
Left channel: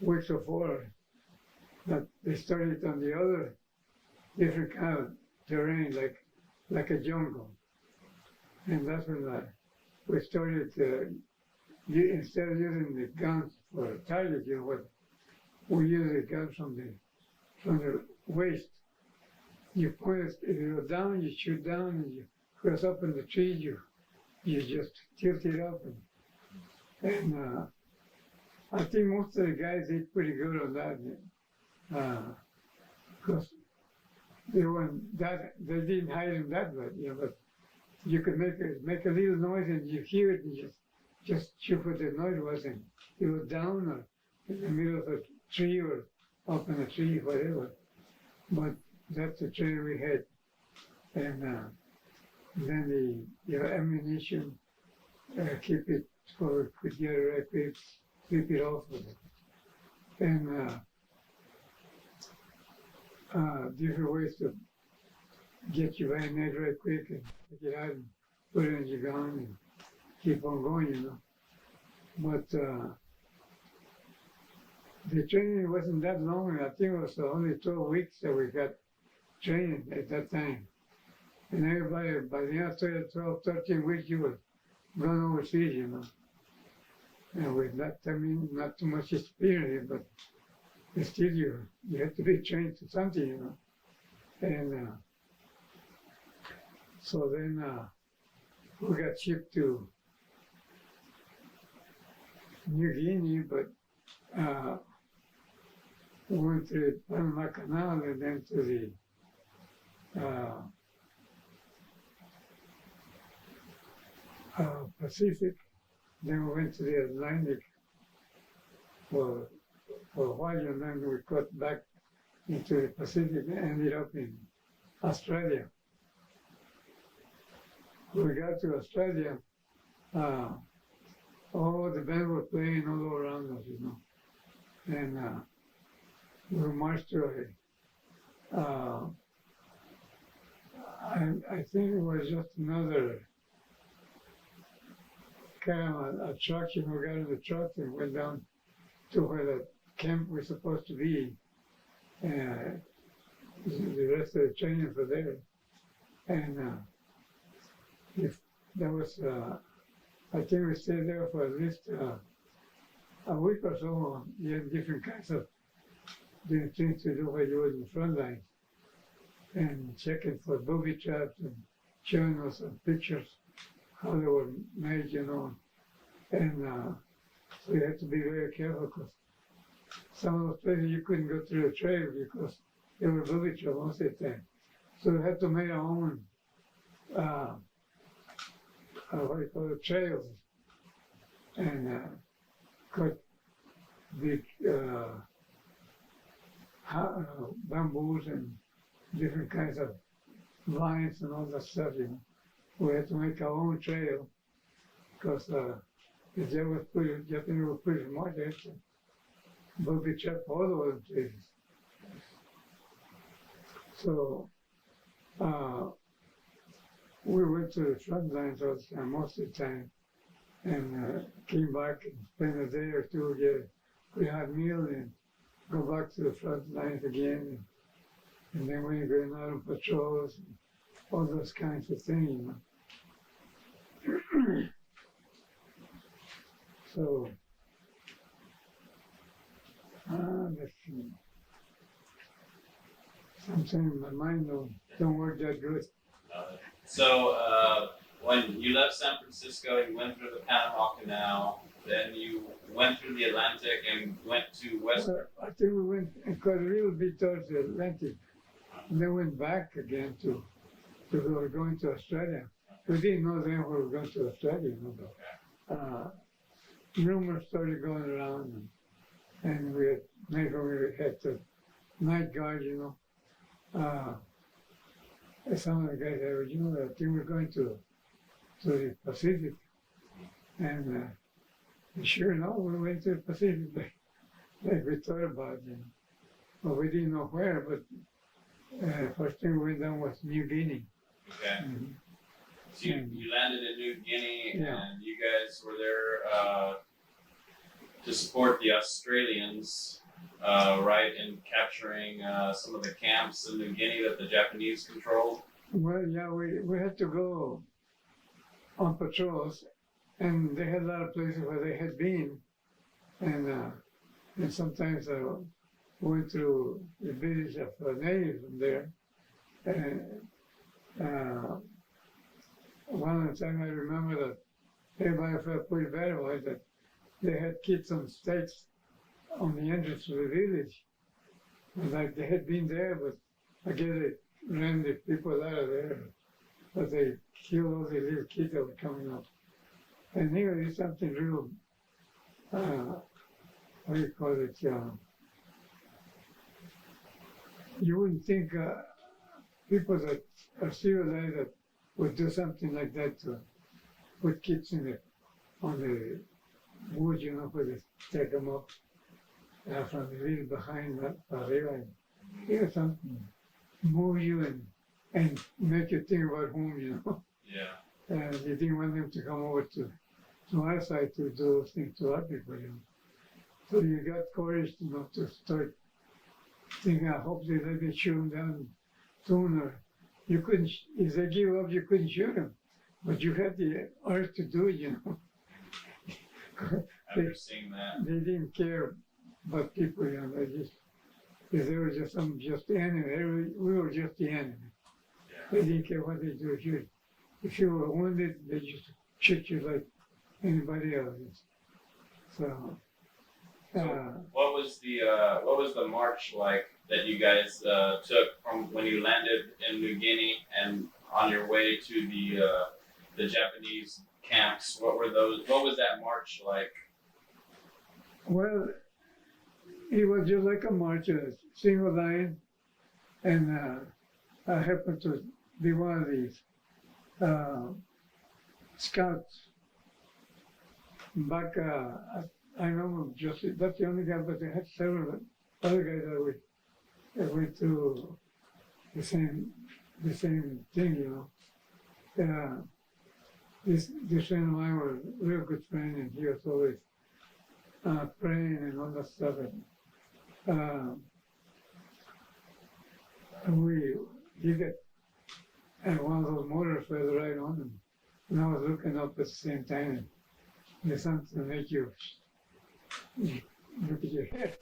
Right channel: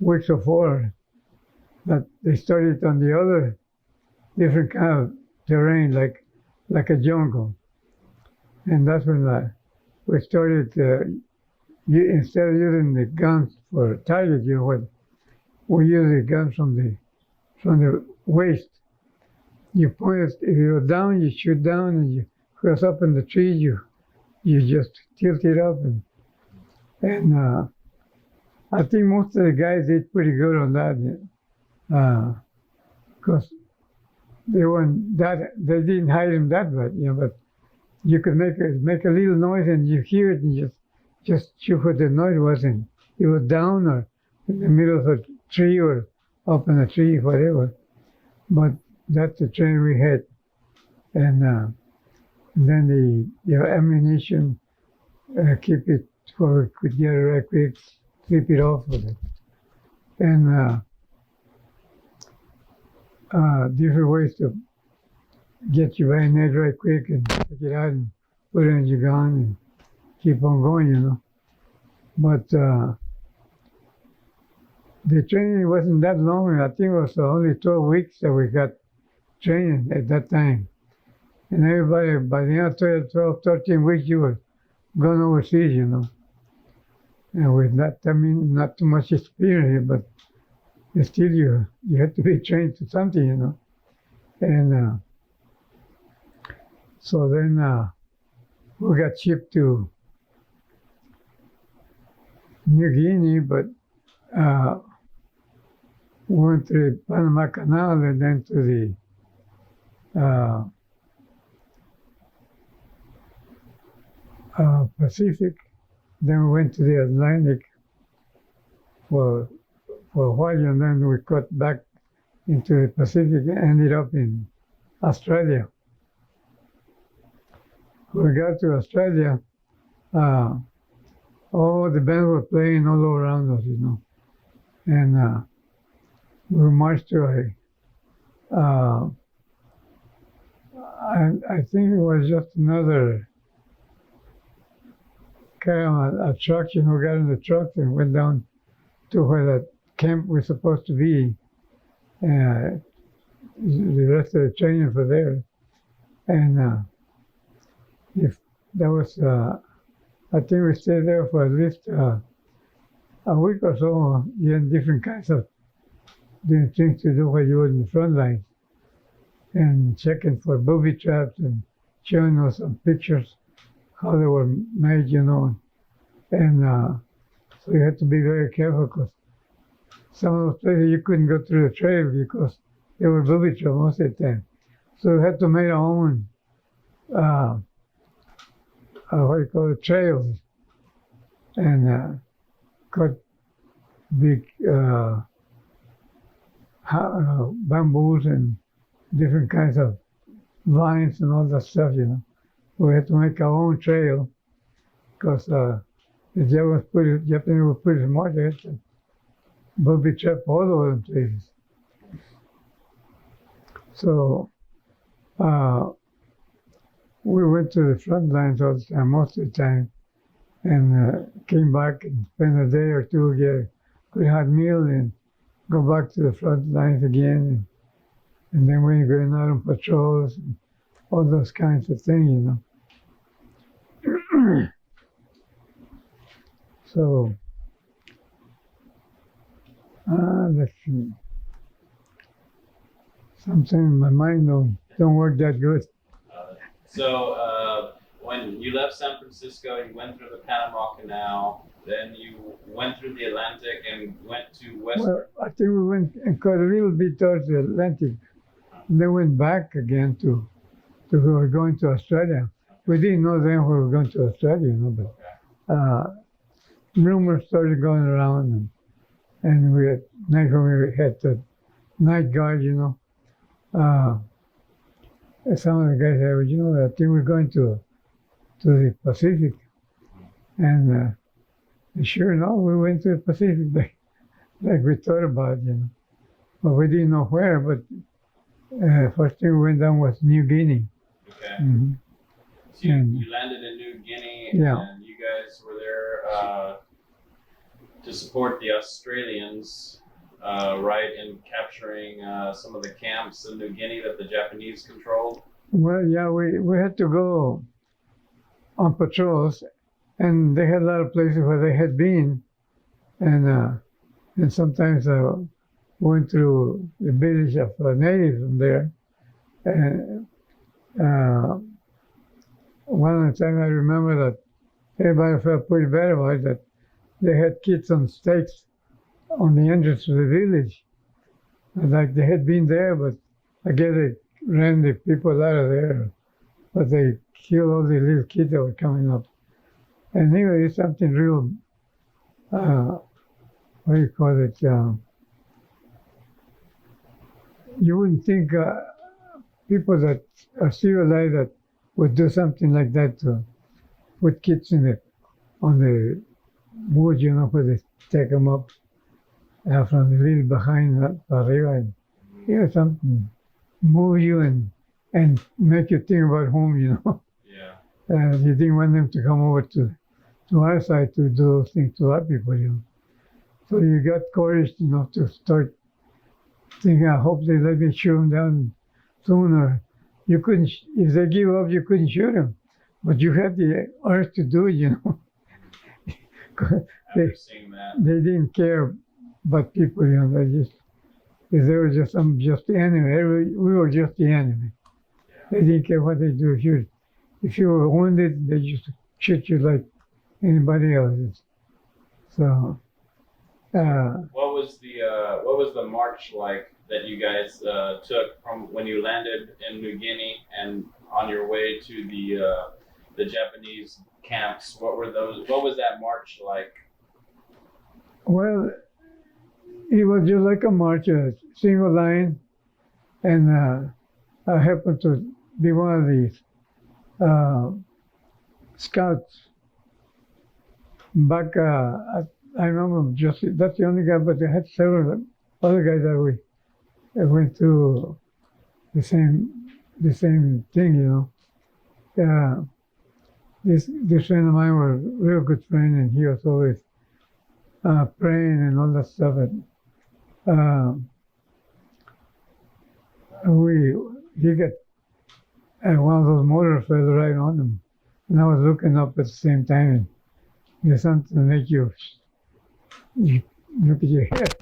weeks before that they started on the other different kind of terrain, like a jungle. And that's when we started, instead of using the guns for target, you know, we use the guns from the waist. You point it, if you're down, you shoot down, and you cross up in the trees, you just tilt it up, and I think most of the guys did pretty good on that, because they didn't hide them that bad, you know, but you could make a little noise and you hear it and you just shoot what the noise was, and it was down or in the middle of a tree or up in a tree, whatever. But that's the training we had, and then the ammunition, keep it where we could get it right quick, keep it off with it, and different ways to get your bayonet right quick and take it out and put it in your gun and keep on going, you know. But the training wasn't that long. I think it was only 12 weeks that we got training at that time. And everybody, by the end of 12, 13 weeks, you were going overseas, you know. And with that, I mean, not too much experience, but still you have to be trained to something, you know. And so then we got shipped to New Guinea, but we went through the Panama Canal and then to the Pacific. Then we went to the Atlantic for a while, and then we cut back into the Pacific and ended up in Australia. We got to Australia, all the bands were playing all around us, you know. And we marched to I think it was just another kind of a truck, you know. We got in the truck and went down to where that camp was supposed to be. The rest of the training for there. And if that was, I think we stayed there for at least a week or so, getting different kinds of things to do while you were in the front line, and checking for booby traps and showing us some pictures how they were made, you know. And so you had to be very careful, because some of those places you couldn't go through the trail because they were booby traps most of the time. So we had to make our own what you call it, trails, and cut big bamboos and different kinds of vines and all that stuff, you know. We had to make our own trail, because the Japanese were pretty smart. They had to booby trap all over the places. So we went to the front lines all the time, most of the time, and came back and spent a day or two, get a good hot meal, and go back to the front lines again. And then we were going out on patrols, and all those kinds of things, you know. So, let's see. Sometimes my mind don't work that good. So when you left San Francisco, you went through the Panama Canal, then you went through the Atlantic and went to Western. Well, I think we went and cut a little bit towards the Atlantic, and then went back again to we were going to Australia. We didn't know then we were going to Australia, you know, but rumors started going around, and we had night when we had the night guard, you know. Some of the guys said, well, you know, I think we're going to the Pacific. And sure enough, we went to the Pacific like we thought about, you know. But we didn't know where, but first thing we went down was New Guinea. Okay. Mm-hmm. So you landed in New Guinea, Yeah. and you guys were there to support the Australians, right, in capturing some of the camps in New Guinea that the Japanese controlled? Well, yeah, we had to go on patrols, and they had a lot of places where they had been, and sometimes went through the village of natives from there. And one of the time I remember that everybody felt pretty bad about it, that they had kids on stakes on the entrance to the village. And like they had been there, but I guess they ran the people out of there. But they killed all the little kids that were coming up. And anyway, it's something real, what do you call it? You wouldn't think people that are civilized that would do something like that with kids on the wood, you know, where they take them up from the little behind that arriba, and you know, something move you and make you think about home, you know. Yeah. You didn't want them to come over to to our side to do things to our people, you know. So you got courage enough to start thinking, I hope they let me shoot them down sooner. You couldn't, if they give up, you couldn't shoot them. But you had the urge to do it, you know. After seeing that, They didn't care about people, you know. They were just the enemy. We were just the enemy. They didn't care what they do. If you were wounded, they just shoot you like anybody else. So, what was the march like that you guys took from when you landed in New Guinea and on your way to the Japanese camps? What was that march like? well, it was just like a march, a single line, and I happened to be one of these scouts. Back, I remember just that's the only guy, but they had several other guys that went through the same thing, you know. This friend of mine was a real good friend, and he was always praying and all that stuff. And he got one of those motors fell right on him, and I was looking up at the same time, and there's something to make you look at your head,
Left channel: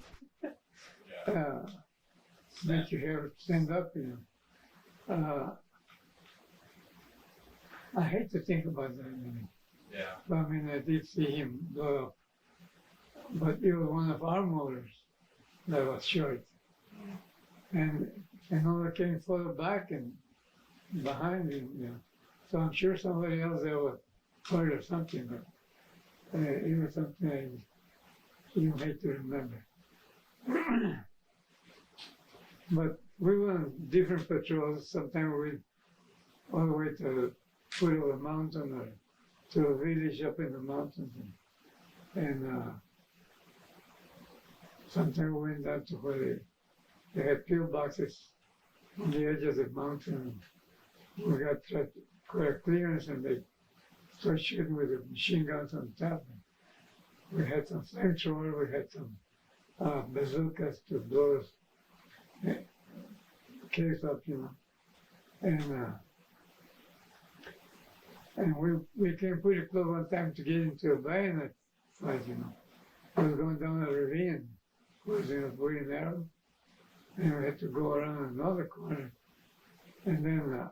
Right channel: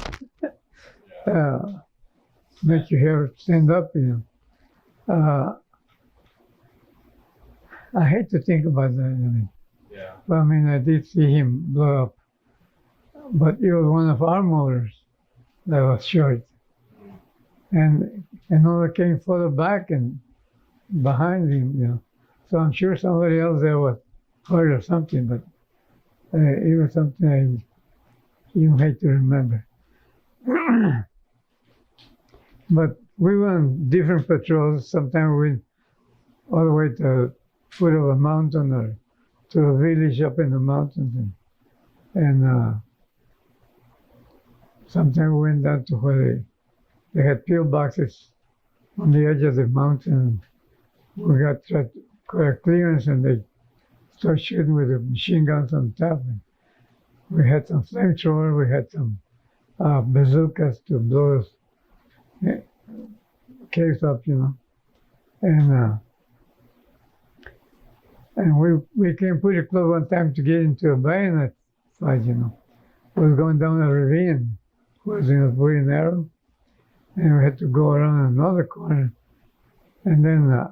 make your hair stand up, you know. I hate to think about that. I mean, but I mean, I did see him blow up, but it was one of our motors that was short, and another came further back and behind him, you know. So I'm sure somebody else there was hurt or something, but it was something I even hate to remember. But we went on different patrols. Sometimes we went all the way to the foot of a mountain or to a village up in the mountains, and sometimes we went down to where they had pillboxes on the edge of the mountain. We got clearance, and they started shooting with the machine guns on top. And we had some flamethrower, we had some bazookas to blow us caves up, you know. And we came pretty close one time to get into a bayonet fight, you know. We was going down a ravine, it was very narrow, and we had to go around another corner. And then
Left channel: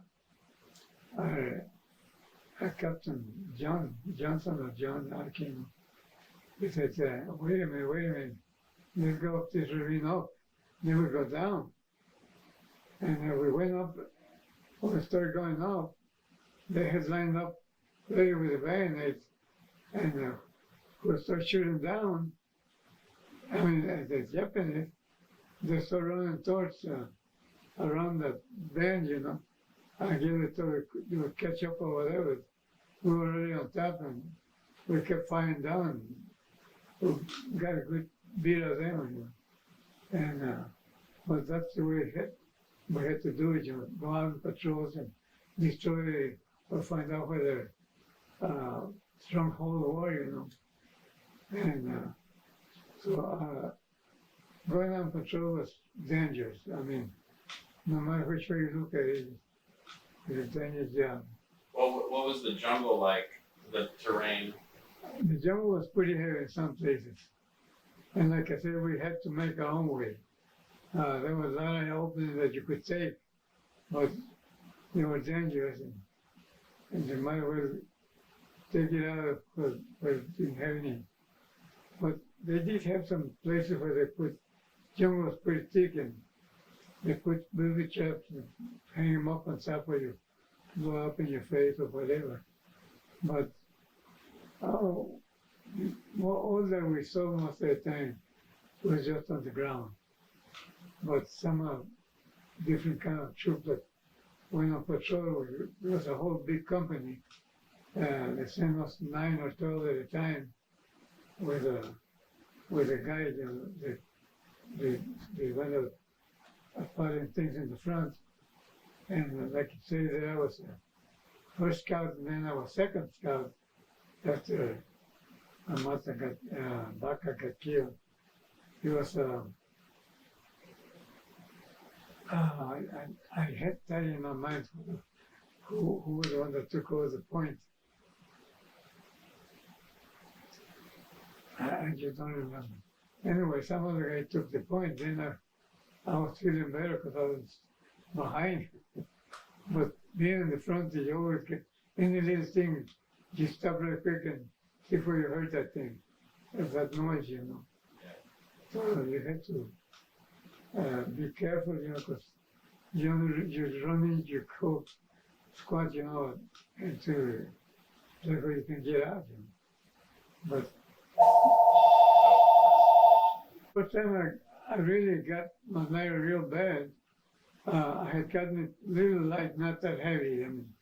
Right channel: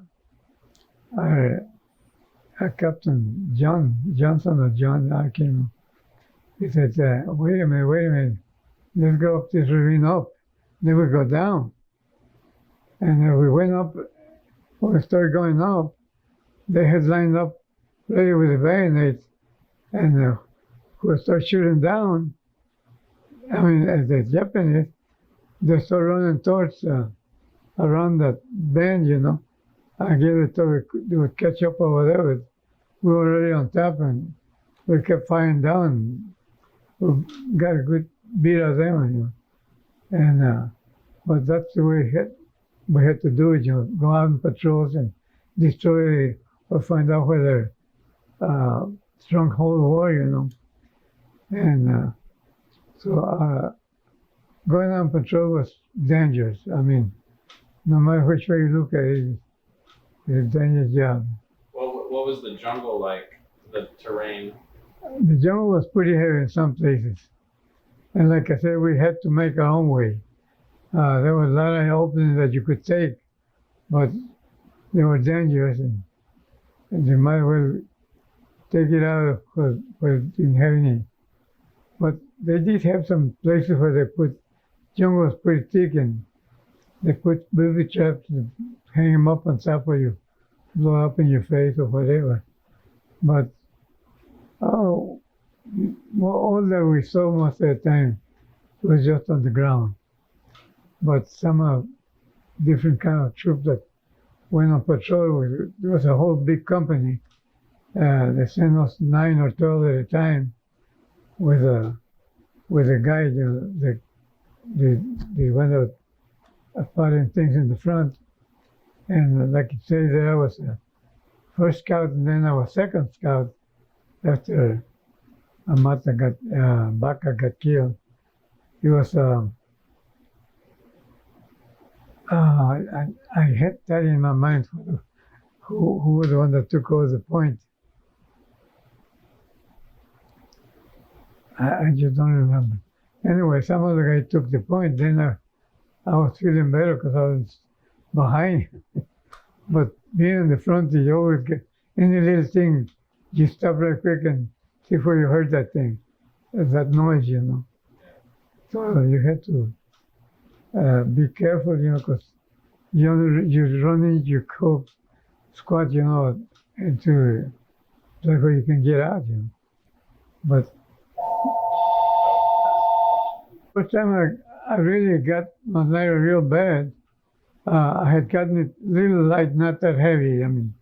Captain Johnson or John, I can't remember. He said, wait a minute, let's go up this ravine up. Then we go down. And we went up, when we started going up, they had lined up ready with the bayonets, and we started shooting down. I mean, as the Japanese, they started running towards around that bend, you know. I guess they would catch up or whatever. We were already on top, and we kept firing down. We got a good beat of them, you know. And but that's the way we had to do it, you know. Go out on patrols and destroy or find out where the stronghold were, you know. And so going on patrol was dangerous. I mean, no matter which way you look at it, it's a dangerous job. What was the jungle like, the terrain? The jungle was pretty heavy in some places. And like I said, we had to make our own way. There were a lot of openings that you could take, but they were dangerous, and you might as well take it out where it didn't have any. But they did have some places where they put, jungle was pretty thick, and they put booby traps and hang them up on top where you blow up in your face or whatever. But all that we saw most of the time was just on the ground. But some different kind of troops that went on patrol, there was a whole big company. They sent us 9 or 12 at a time with a guide. They went out putting things in the front. And like you say, there I was a first scout, and then I was second scout after mata got Baca got killed. He was I had that in my mind. Who was the one that took over the point? I just don't remember. Anyway, some other guy took the point. Then I was feeling better because I was behind. But being in the front, you always get any little thing, you stop right quick and before you heard that thing, that noise, you know. So you had to be careful, you know, because you run into your coat, squat, you know, into like where you can get out, you know. But first time I really got malaria real bad, I had gotten it little light, not that heavy. I mean,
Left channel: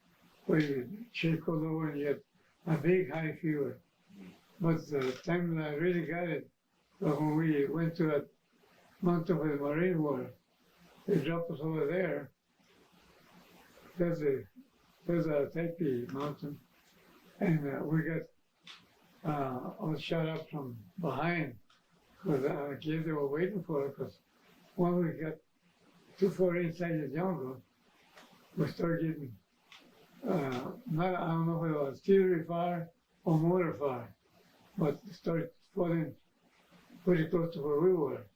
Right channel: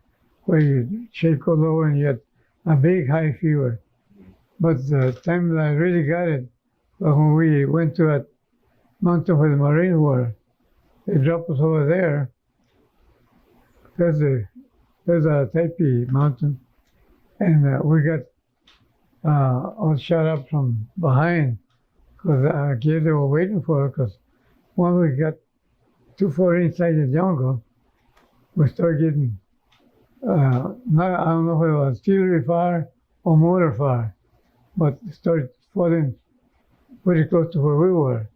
where you shake all over and you had a big high fever. But the time that I really got it, when we went to that mountain where the Marines were, they dropped us over there. There's a Taipi mountain, and we got all shot up from behind because I guess they were waiting for us. Because when we got too far inside the jungle, we started getting I don't know whether it was artillery fire or mortar fire, but it started falling pretty close to where we were.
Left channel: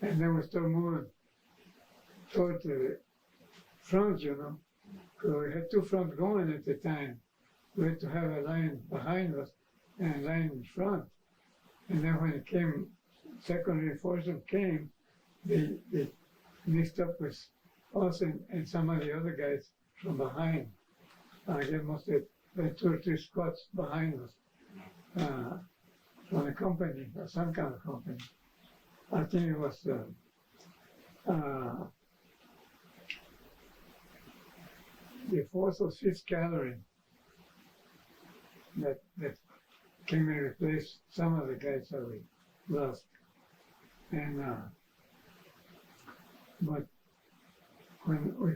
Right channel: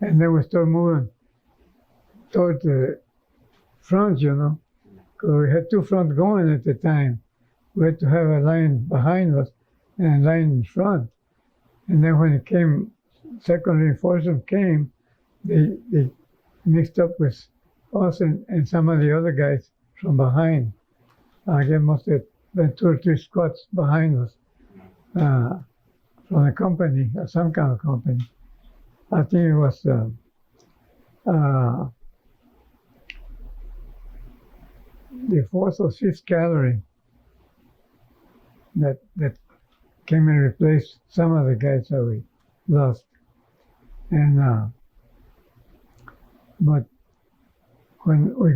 And then we started moving toward the front, you know, because we had two fronts going at the time. We had to have a line behind us and a line in front. And then when it came, second reinforcement came, they mixed up with us and some of the other guys from behind. There must have been 2 or 3 squads behind us from a company, some kind of company. I think it was the fourth or fifth cavalry that came and replaced some of the guys that we lost. And but when we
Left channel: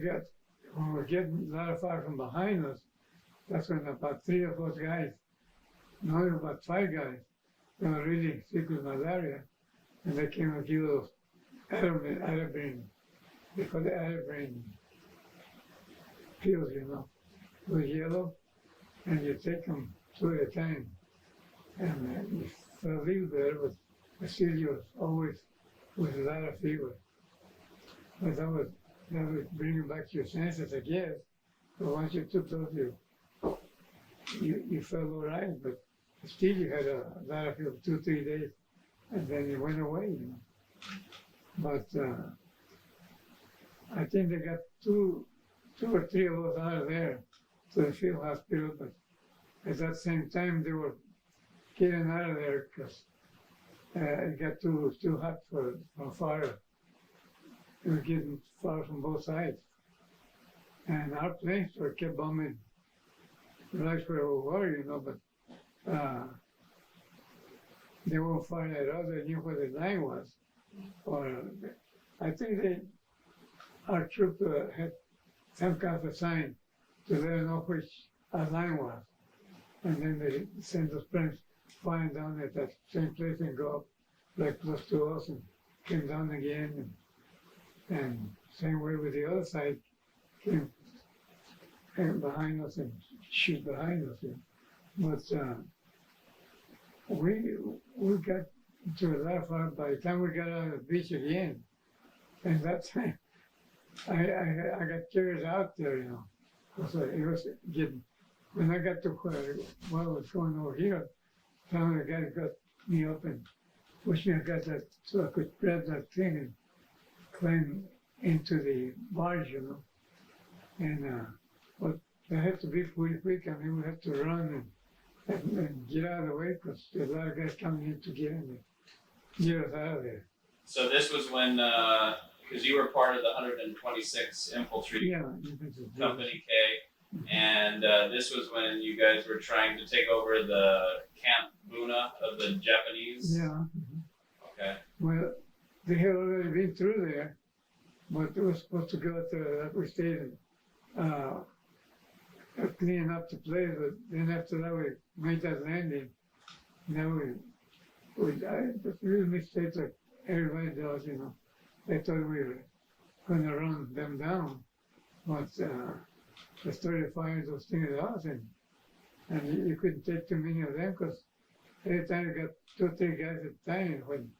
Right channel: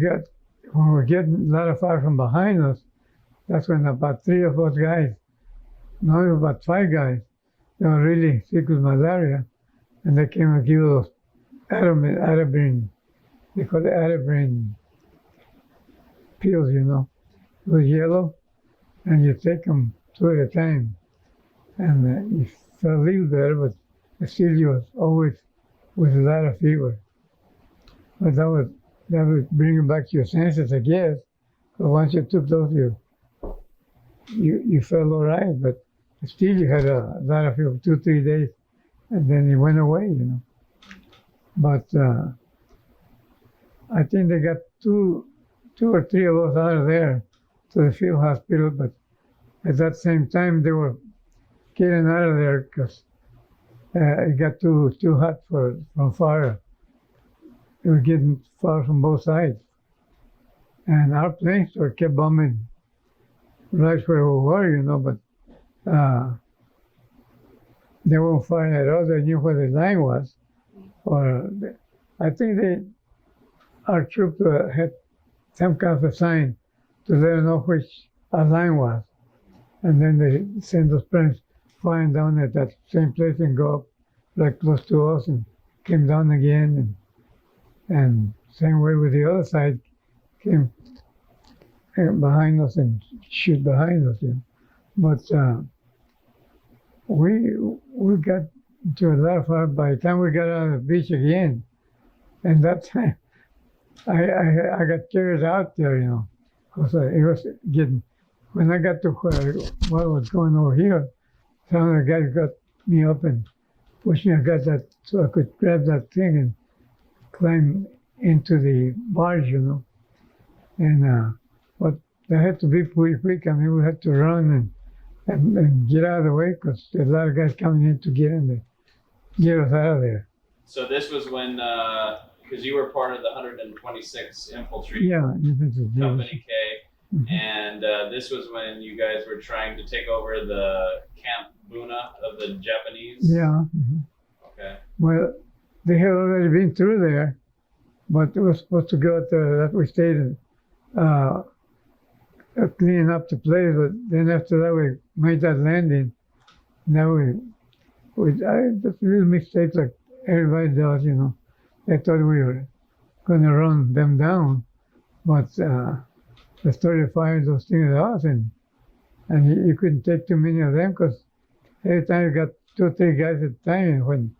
were getting a lot of fire from behind us, that's when about 3 of those guys, now about 5 guys, they were really sick with malaria, and they came and gave us Atabrine, they call it Atabrine pills, you know. It was yellow, and you take them 2 at a time, and you felt a little better, but still you was always with a lot of fever. But that would bring you back to your senses, I guess. But once you took those, you felt all right, but still you had a lot of fever, 2, 3 days, and then it went away, you know. But I think they got two or three of us out of there to the field hospital, but at that same time they were getting out of there because it got too hot from fire. They were getting fire from both sides. And our planes were kept bombing right where we were, you know, but they weren't firing at all. They knew where the line was. I think our troops had some kind of a sign to let them know which our line was. And then they sent those planes flying down at that same place and go up right close to us and came down again. And same way with the other side, came behind us and shoot behind us. You know. But we got into a lot of fire by the time we got out of the beach again. And that time, I got carried out there, you know, because it was getting, when I got to what was going over here, some of the guys got me up and pushed me. I got that so I could grab that thing and climb into the barge, you know. And but I had to be pretty quick. I mean, we had to run and get out of the way because there's a lot of guys coming in to get us out of there. So this was when, because you were part of the 126 Infantry Company K, Mm-hmm. and this was when you guys were trying to take over the Camp Buna of the Japanese? Yeah. Mm-hmm. Okay. Well, they had already been through there, but it was supposed to go out there that we stayed in, cleaning up the place. But then after that, we made that landing, Now I just real mistakes like everybody does, you know. They thought we were going to run them down, but they started firing those things at us, and you couldn't take too many of them because every time you got 2 or 3 guys at a time, when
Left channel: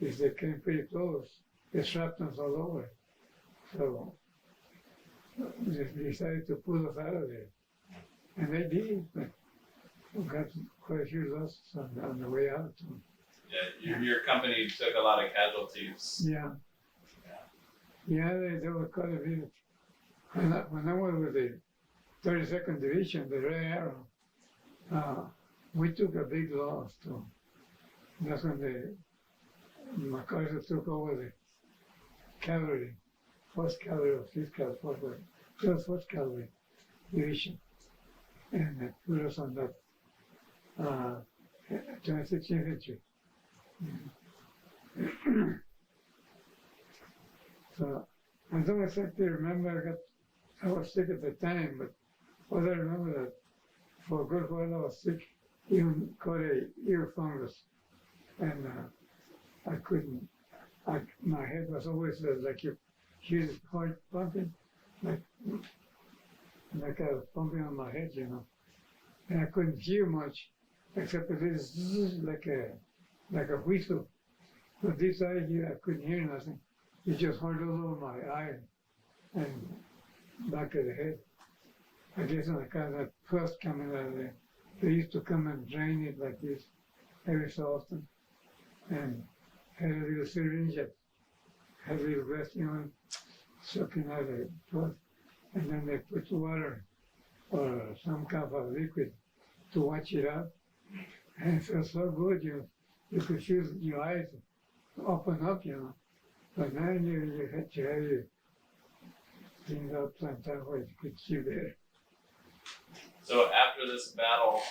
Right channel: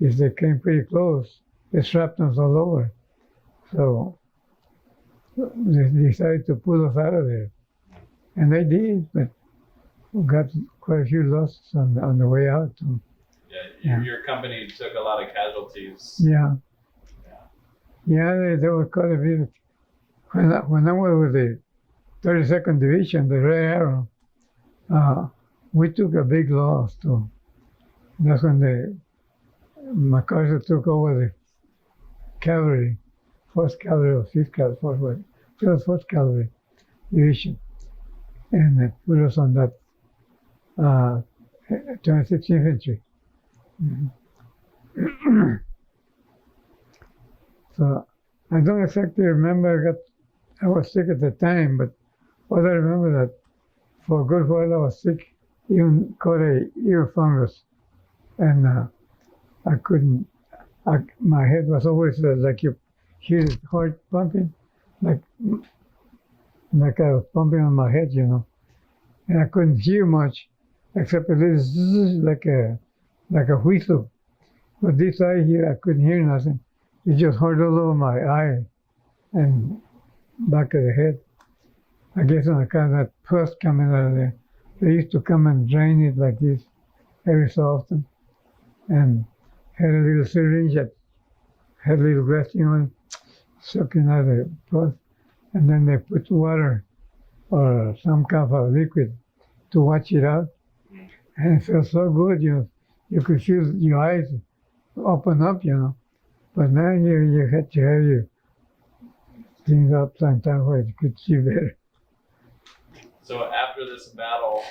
if they came pretty close, they strapped us all over. So they decided to pull us out of there, and they did, but we got quite a few losses on the way out. So, Your company took a lot of casualties. yeah, there was quite a bit. When I was with the 32nd Division, the Red Arrow, we took a big loss too. That's when the MacArthur took over the cavalry, 1st Cavalry or 5th Cavalry, it was 1st Cavalry Division, and they put us on that 26th Infantry. So I don't exactly remember. I was sick at the time, but what I remember that for a good while I was sick, even caught a ear fungus, and I couldn't. My head was always like you hear the heart pumping, like I was pumping on my head, you know, and I couldn't hear much except a little zzz, like a whistle. But this eye here, I couldn't hear nothing. It just hurt all over my eye and back of the head. I guess on account of that pus coming out of there, they used to come and drain it like this every so often, and had a little syringe that had a little resting on it, sucking out the pus, and then they put water or some kind of liquid to wash it out, and it felt so good, you could feel your eyes open up, you know. But now you had to have your things up sometime where you could see better. So after this battle,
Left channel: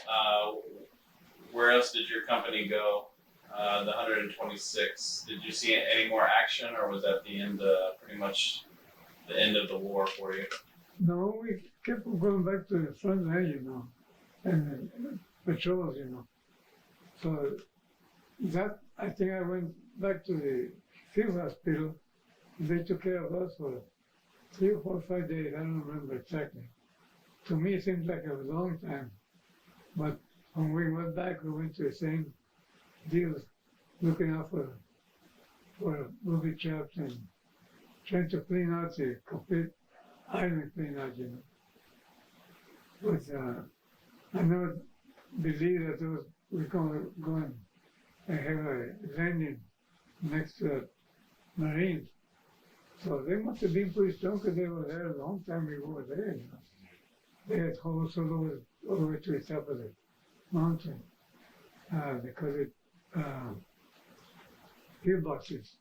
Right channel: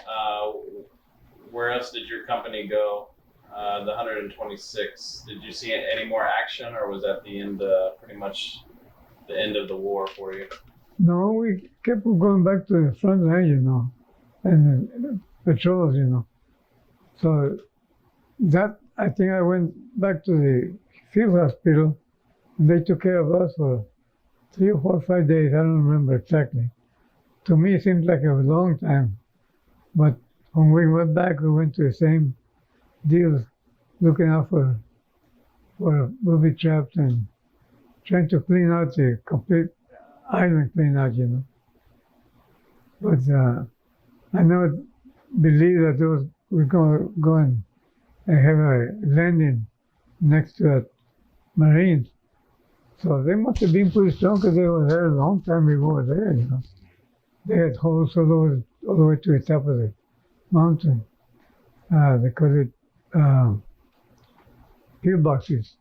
where else did your company go? The 126. Did you see any more action, or was that the end? Pretty much the end of the war for you? No, we kept going back to the front line, you know, and patrols, you know. So that I think I went back to the field hospital, and they took care of us for 3 or 4 or 5 days. I don't remember exactly. To me, it seems like a long time, but when we went back, we went to the same deal, looking out for booby traps and trying to clean out the complete island, clean out, you know. But I never believed that we're going to go and have a landing next to that Marines. So they must have been pretty strong because they were there a long time before there, you know. They had holes all the way to the top of the mountain because it pillboxes,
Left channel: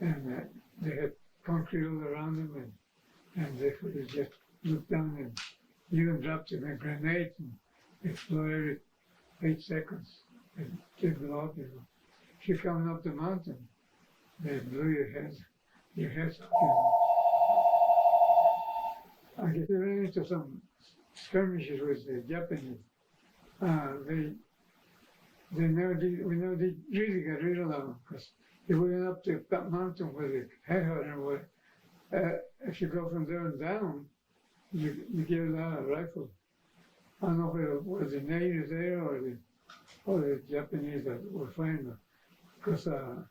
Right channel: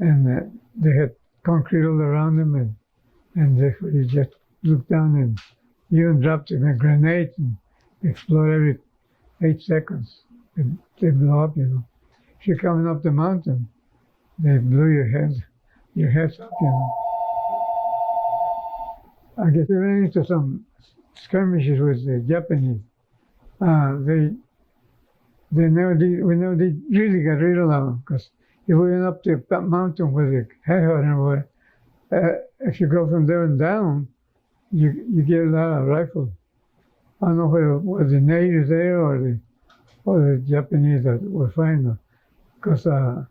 and they had concrete all around them, and you just look down and even dropped a grenade and explode every 8 seconds. They blow up, you know. If you're coming up the mountain, they blew your heads up, you know. I guess they ran into some skirmishes with the Japanese. We never did really get rid of them, because if we went up to that mountain where the headhunter was, if you go from there and down, you get a lot of rifles. I don't know whether it was the natives there or the Japanese that were fighting them, because a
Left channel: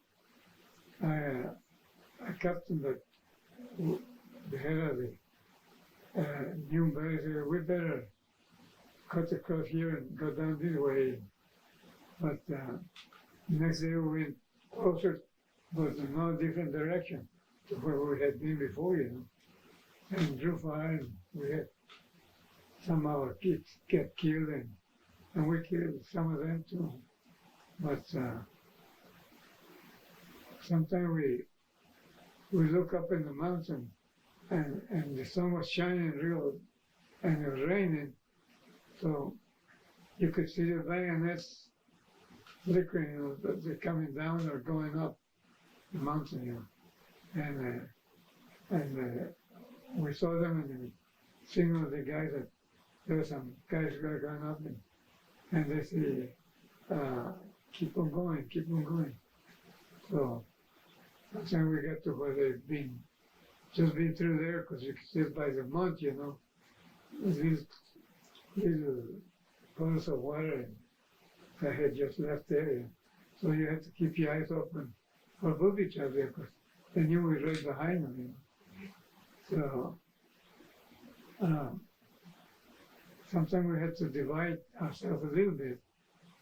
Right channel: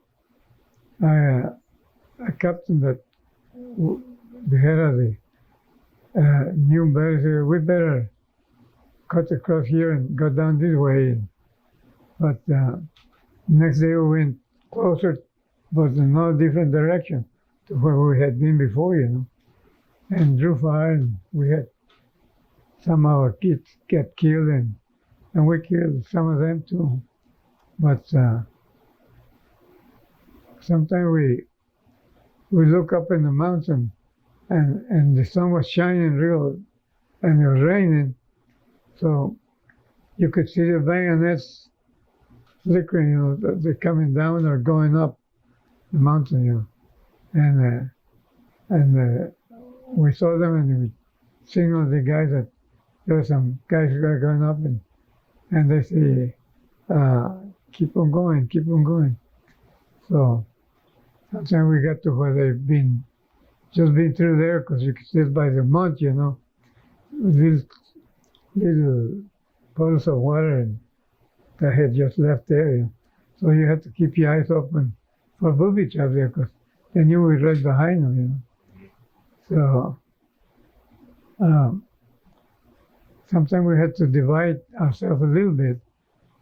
captain that the head of the knew better, said, we better cut across here and go down this way. But next day we went closer, but in a different direction to where we had been before, you know, and drew fire, and we had some of our kids get killed, and we killed some of them too. But sometimes we look up in the mountain, and the sun was shining real, and it was raining, so you could see the bayonets flickering, you know, they're coming down or going up the mountain, you know, and we saw them, and we signaled the guys that there were some guys going up, and they say, keep on going, keep on going. So sometimes we got to where they've just been through there because you could see it by the month, you know, little puddles of water and that had just left there. You know. So you had to keep your eyes open for booby traps there because they knew we were right behind them, you know. So sometimes we had to divide ourselves a little bit,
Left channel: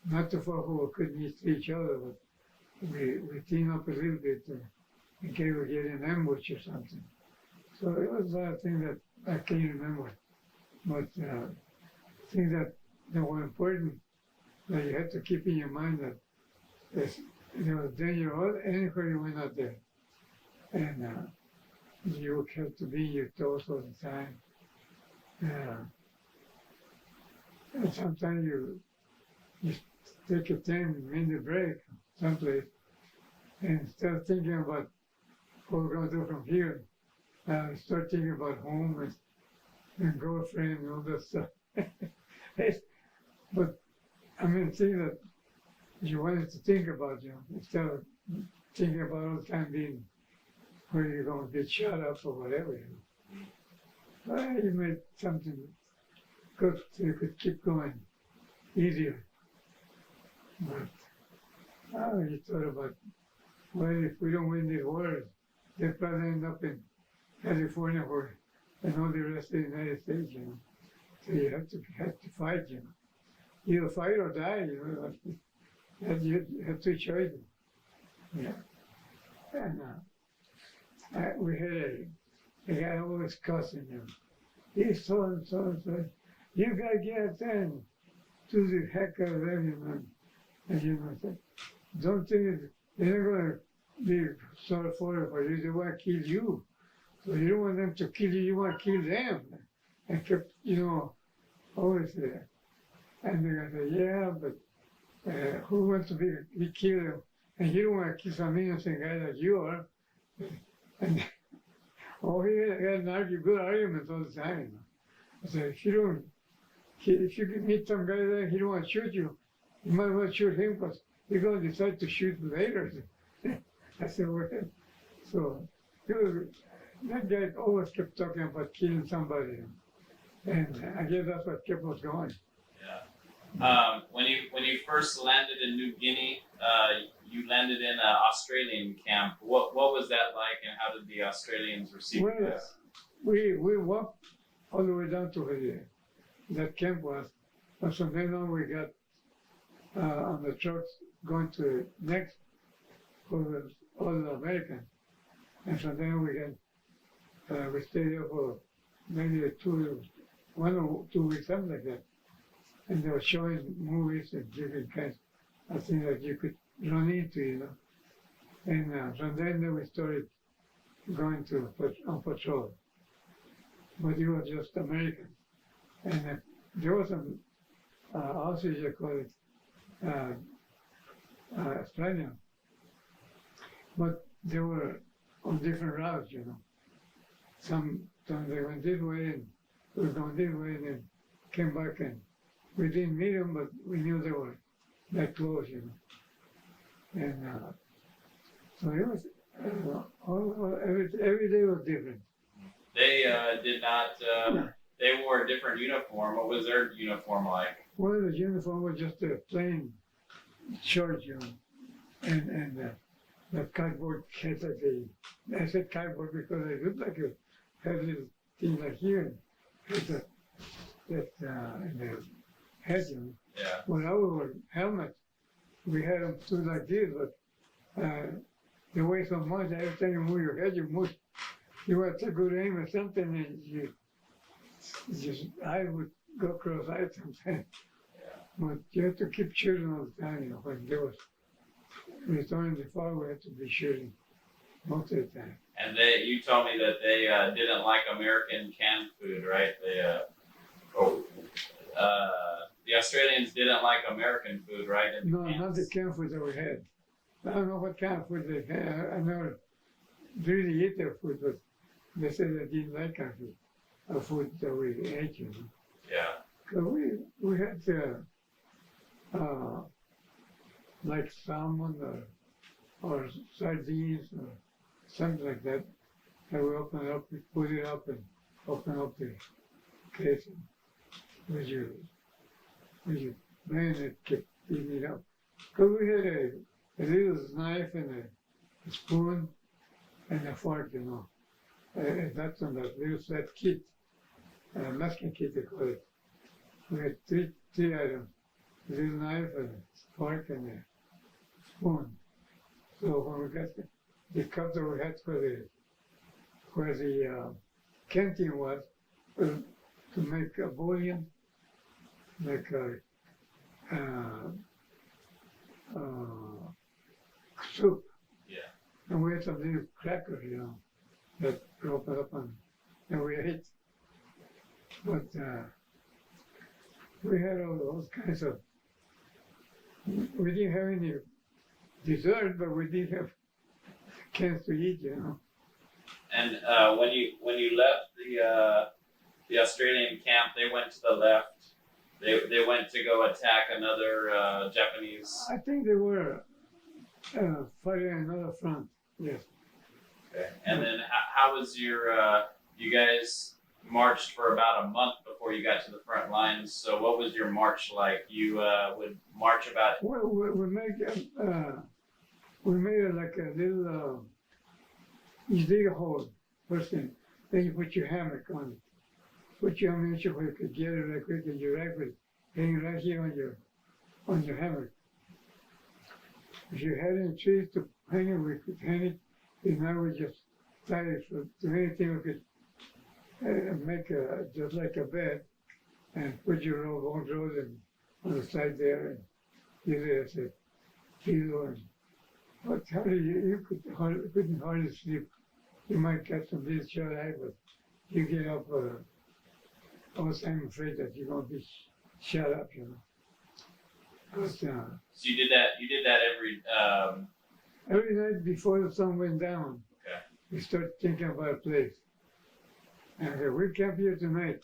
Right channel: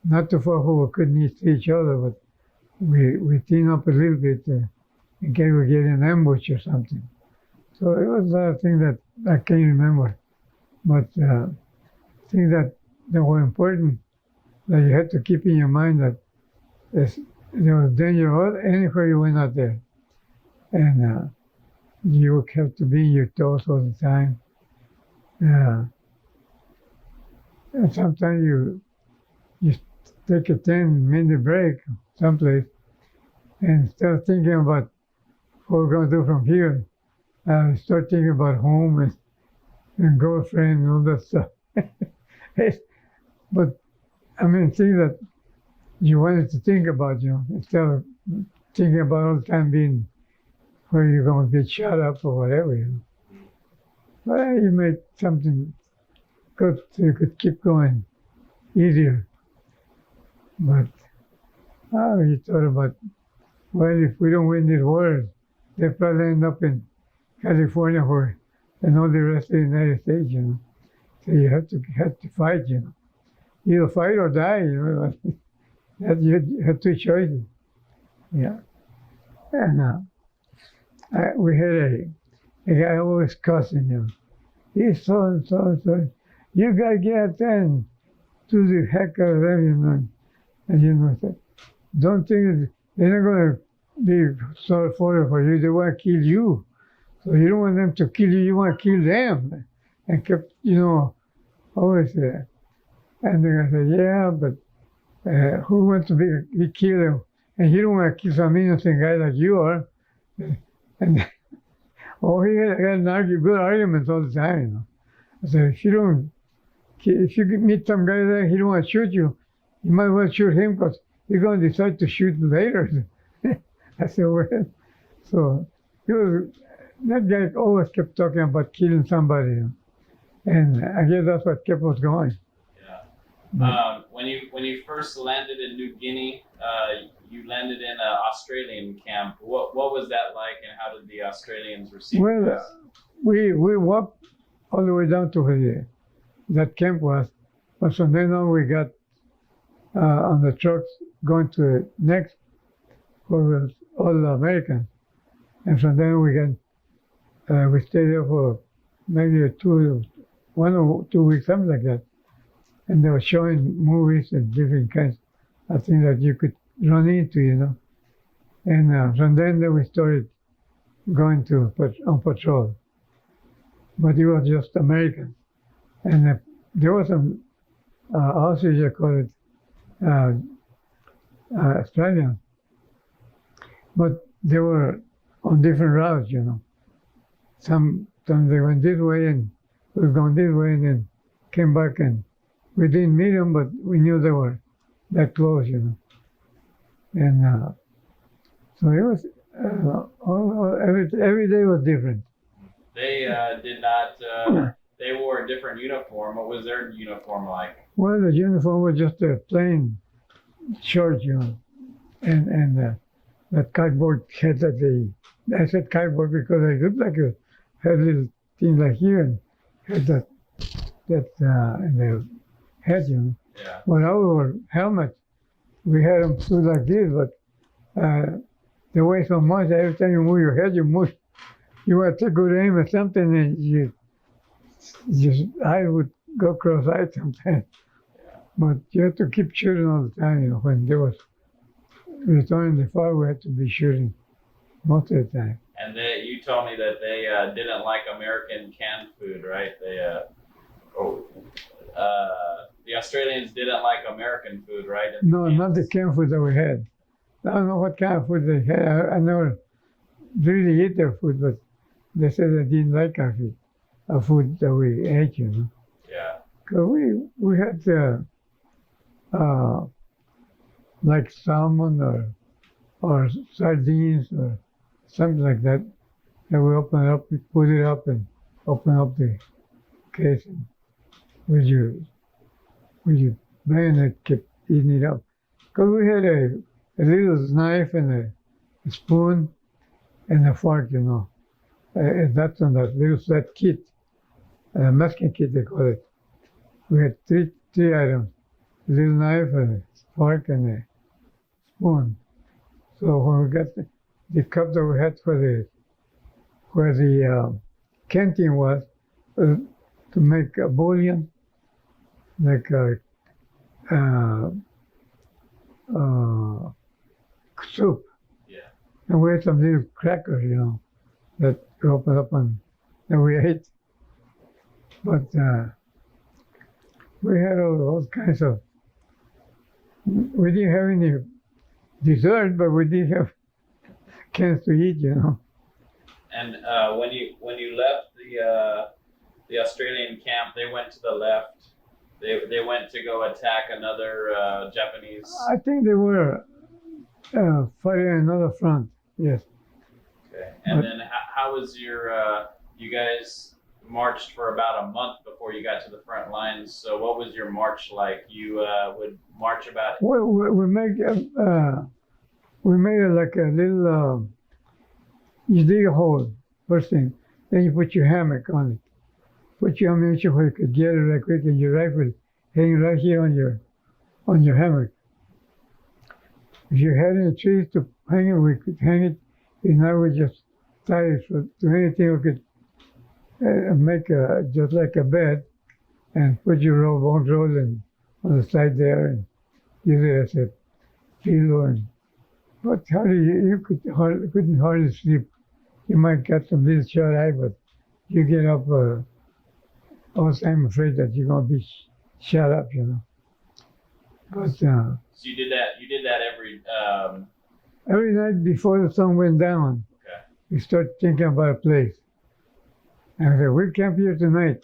not too far where we couldn't see each other, but we team up a little bit in case we get an ambush or something. So it was a lot of things that I can't remember, but things that were important that you had to keep in your mind that there was danger anywhere you went out there, and you would have to be in your toes all the time. And sometimes you take a 10-minute break someplace, and instead of thinking about what we're going to do from here, start thinking about home and girlfriend and all that stuff. But I mean, things that you wanted to think about, you know, instead of thinking about all the time being where you're going to get shot up or whatever, you know. But you made something good so you could keep going easier. But you thought about, well, if we don't win this war, they'll probably end up in California and all the rest of the United States, you know. So you have to fight, you know. Either fight or die, you know. You have two choices. Yeah. And we had a guy always cussing, you know. He's so and so and so. You gotta get out there and do the heck out of them, you know. And you know, don't think they're not gonna be sorry for you. They want to kill you. So you don't want them to kill you. You want to kill them. And kept, you know, always there. And then I said, yeah, but who wants to be killed? And he don't want to kill some innocent guy like you are. And he had good arguments all the time. You know. I said, if you meet some guy there, he don't want to shoot you, you might want to shoot him because he's going to decide to shoot you later. I said, well, so that guy always kept talking about killing somebody. You know. And I guess that's what kept us going. Yeah. When you first landed in New Guinea, you landed in an Australian camp. What was that like, and how did the Australians receive Well, this? we walked all the way down to where that camp was, but from then on we got on the trucks going to the next, where was all American, and from there we stayed there for maybe 1 or 2 weeks, something like that, and they were showing movies and different kinds of things that you could run into, you know, and from then we started going on patrol, but it was just American, and there was some Aussies, I call it, Australian, but they were on different routes, you know. Sometimes they went this way and we were going this way and then came back, and we didn't meet them, but we knew they were that close, you know. And so it was, every day was different. They did not, they wore a different uniform. What was their uniform like? Well, the uniform was just a plain shirt, you know, and that cardboard head that I said cardboard because they looked like had little things like here and had that in their head, you know. Yeah. But our helmets, we had them too like this, but they weigh so much that every time you move your head, you want to take good aim at something and I would go cross-eyed sometimes. But you have to keep shooting all the time, you know. When there was returning the fire, we had to be shooting most of the time. And you told me that they didn't like American canned food, right? The Australians didn't like American food, right? No, not the canned food that we had. I don't know what kind of food they had. I never really ate their food, but they said they didn't like our food that we ate, you know. Yeah. Because we had like salmon or sardines or something like that. And we open it up, we put it up and open up the case and with your bayonet kept eating it up. Because we had a little knife and a spoon and a fork, you know. That's on that little flat kit, Mexican kit they call it. We had three items: a little knife, a fork, and a spoon. So when we got the cup that we had where the canteen was, to make a bouillon, like soup. Yeah. And we had some little crackers, you know, that we opened up and we ate. But we had all kinds of. We didn't have any dessert, but we did have cans to eat, you know. And when you left the Australian camp, they went to the left. They went to go attack another Japanese. I think they were fighting another front. Yes. Okay. And then how was your? You guys marched for about a month before you got to the front lines. So what was your march like? You would march about. Well, we made it like a little. You dig a hole first thing, then you put your hammock on it. Put your ammunition where you could get it right quick, and your rifle hanging right here on your hammock. If you had any trees to hang it, we could hang it. And now we just tie it to anything we could make just like a bed, and put your bone roll on the side there, and use it as a pillow. But you couldn't hardly sleep. You might get some little shut eye, but you get up. Also, I'm afraid that you're gonna be shut up, you know. But So you did that. You did that every night before the sun went down, Okay. you start thinking about a place. And I said, we camp here tonight.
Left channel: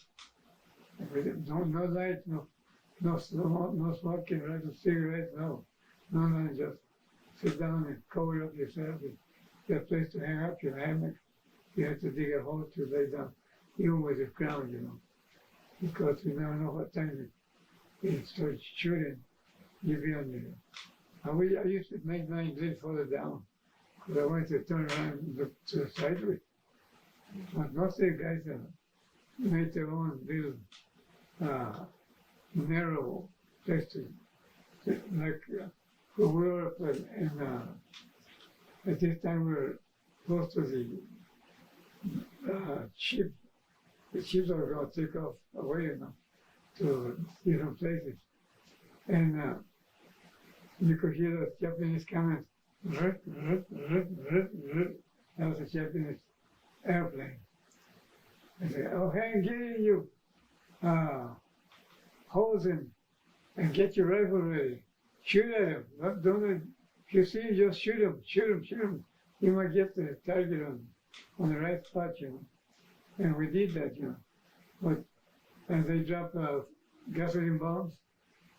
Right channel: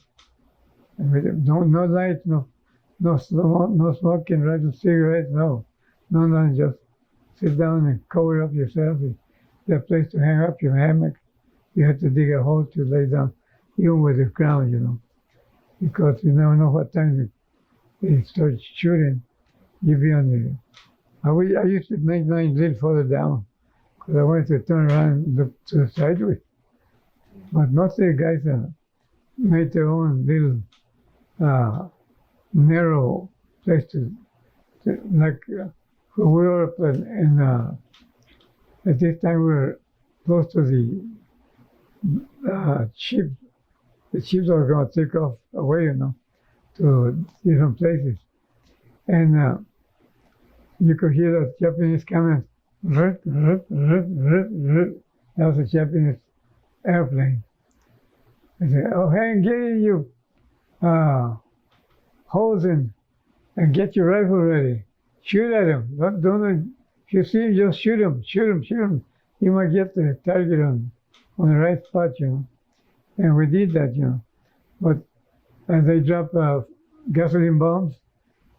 And we no light, no smoking, right? No cigarettes, no, just sit down and cover up yourself. You have a place to hang up your hammock. You have to dig a hole to lay down, even with the ground, you know, because you never know what time you start shooting. You be on your. I used to make mine a little further down because I wanted to turn around and look to the sideways. But most of the guys made their own little narrow place to like we were up at this time we were close to the ship. The ships are going to take off away, you know, to different places. And you could hear the Japanese coming. That was a Japanese airplane. I said, oh, hey, get in you hose and get your rifle ready. Shoot at him. Don't if you see him, just shoot him. You might get the target on the right spot, you know. And we did that, you know. But they drop gasoline bombs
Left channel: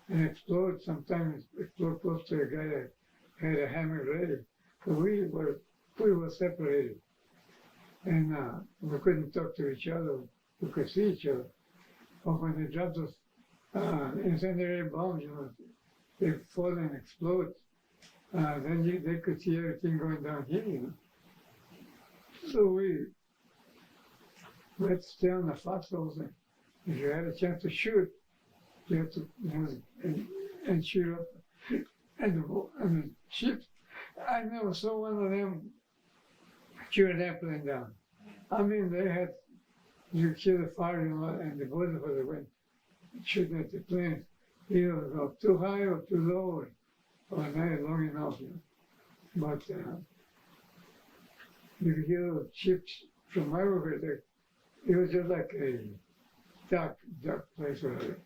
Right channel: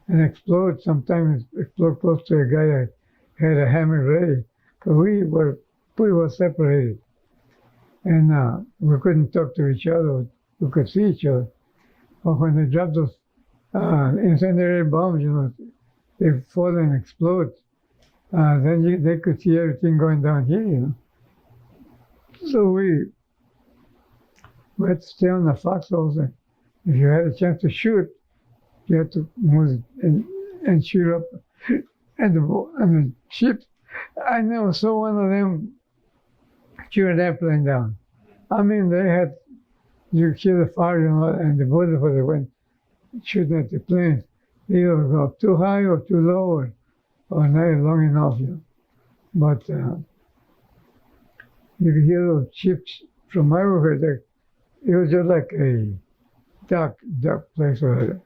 and explode. Sometimes explode close to a guy that had a hammer ready. Because we were pretty well separated. And we couldn't talk to each other. We could see each other. But when they dropped those incendiary bombs, you know, they fall and explode. Then they could see everything going down here, you know. So we had to stay on the foxholes. And if you had a chance to shoot, you had to move and shoot up at the ship. I never saw one of them shoot an airplane down. I mean, you hear the fire, you know, and the bullets where they went shooting at the planes. Either go too high or too low or not long enough, you know. But you could hear those ships from everywhere. It was just like a dark place where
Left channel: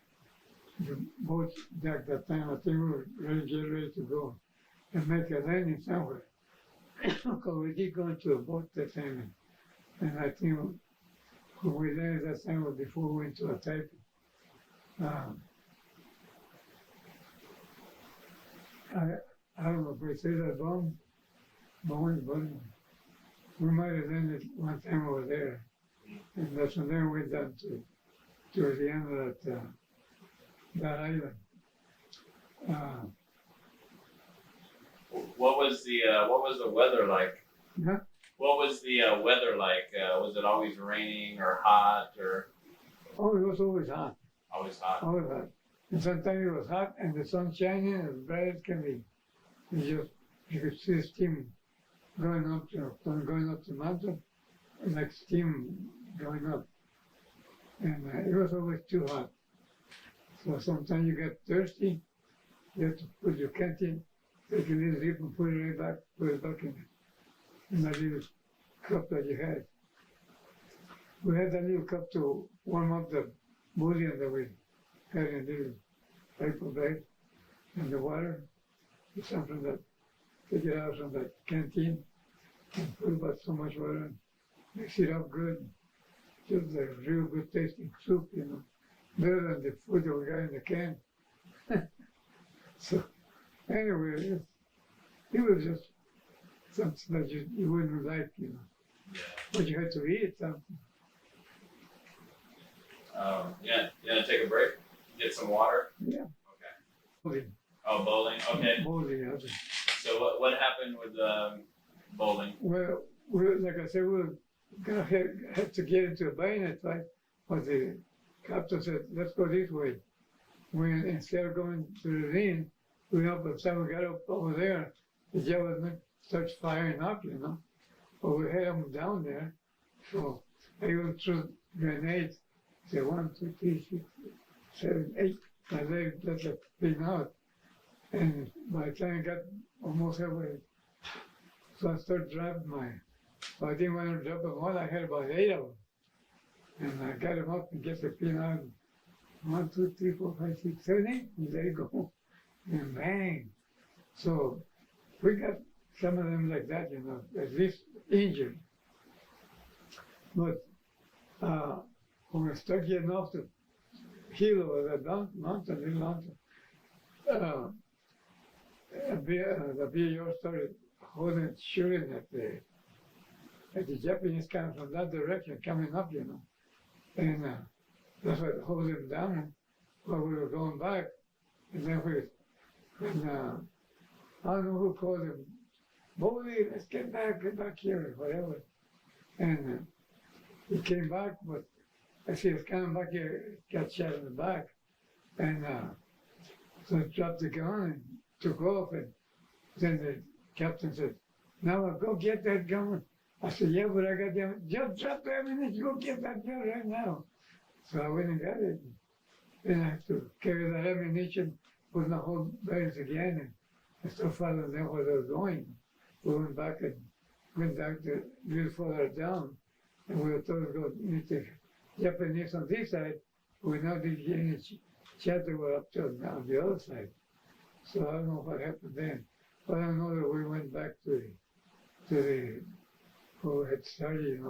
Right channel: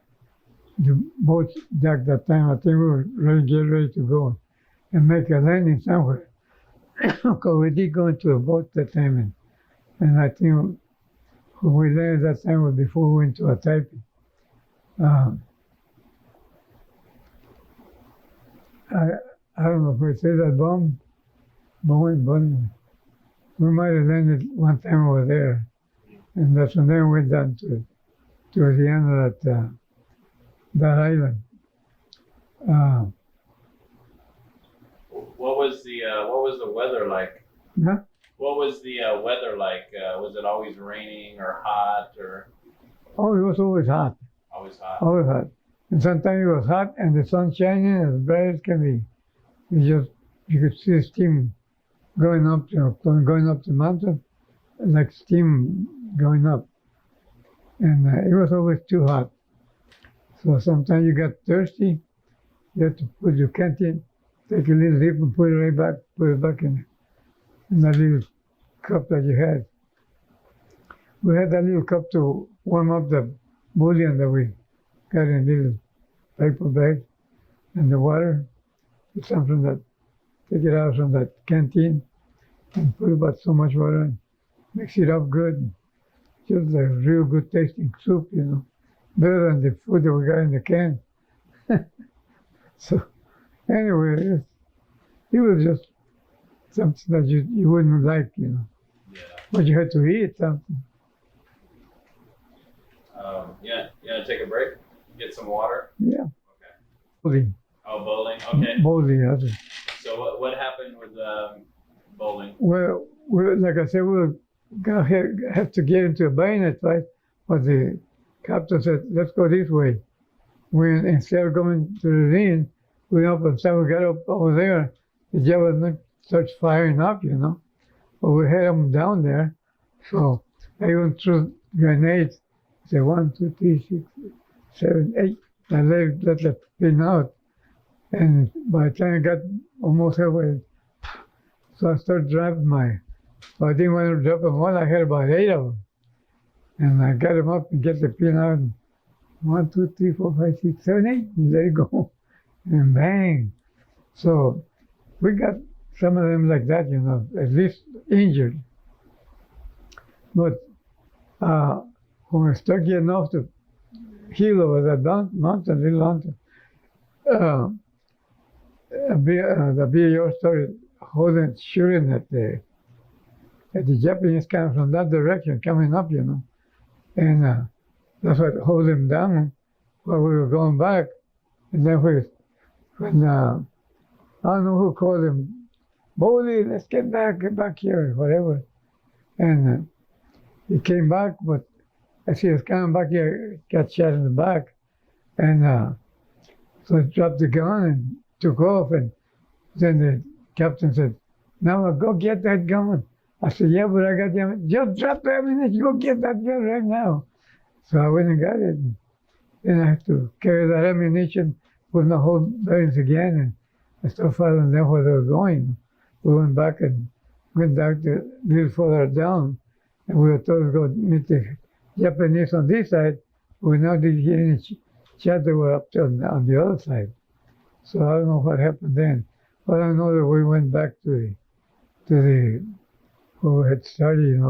the boat docked that time. I think we were getting ready to go and make a landing somewhere. Because we did go into a boat that time, and I think when we landed that time was before we went to a typing. I don't know if we say that bomb, Boeing. We might have landed one time over there, and that's when they went down to towards the end of that island. What was the weather like? Huh? What was the weather like? Was it always raining or hot or Oh, it was always hot, always hot? always hot. And sometimes it was hot and the sun shining as bright as can be. You could see steam going up, going up the mountain, like steam going up. And it was always too hot. So sometimes you got thirsty, you have to put your canteen, take a little dip and put it back in that little cup that you had. We had that little cup to warm up the bouillon that we got in a little paper bag, and the water, something that take it out from that canteen and put about so much water and mix it up good. Just a real good tasting soup, better than the food that we got in the can. So anyway, it was just something that you wouldn't like, Yeah. but you had to eat something. Yeah. You gonna take a break? Get some water. Yeah. Okay. Bowling. Oh, bowling. Okay. Bowling, that's it. So what happened with bowling? Well, like I said, we were gonna have to get into a bayonet fight, but the captain said, "Let's go this way." When instead of going to the ring, we up and so we got up over there. The javelin starts firing up, but we had them down there. So I even threw grenades. Say 1, 2, 3, 6, 7, 8. I let the pin out, and by the time I got almost halfway, so I started driving so I didn't want to drop them all. I had about 8 of them, and I got them up and get the pin out. And 1, 2, 3, 4, 5, 6, 7, 8, and let it go, and bang. So we got some of them like that, at least injured. But when we started getting off the hill over that mountain, little mountain, the BAO started shooting at the Japanese coming from that direction, coming up, and that's what hold them down while we were going back. And then when I don't know who called him, Bodie, let's get back here, whatever. And he came back, but as he was coming back here, got shot in the back. And so he dropped the gun and took off. And then the captain said, "Nava, go get that gun." I said, "Yeah, but I got the ammunition." "Just drop the ammunition, go get that gun right now." So I went and got it. And then I had to carry that ammunition, put in the whole bearings again, and I started following them where they were going. We went back and went back a little further down, and we were told to go meet the Japanese on this side. We now didn't hear any chat that were up on the other side. So I don't know what happened then. But I know that we went back to the where we had started,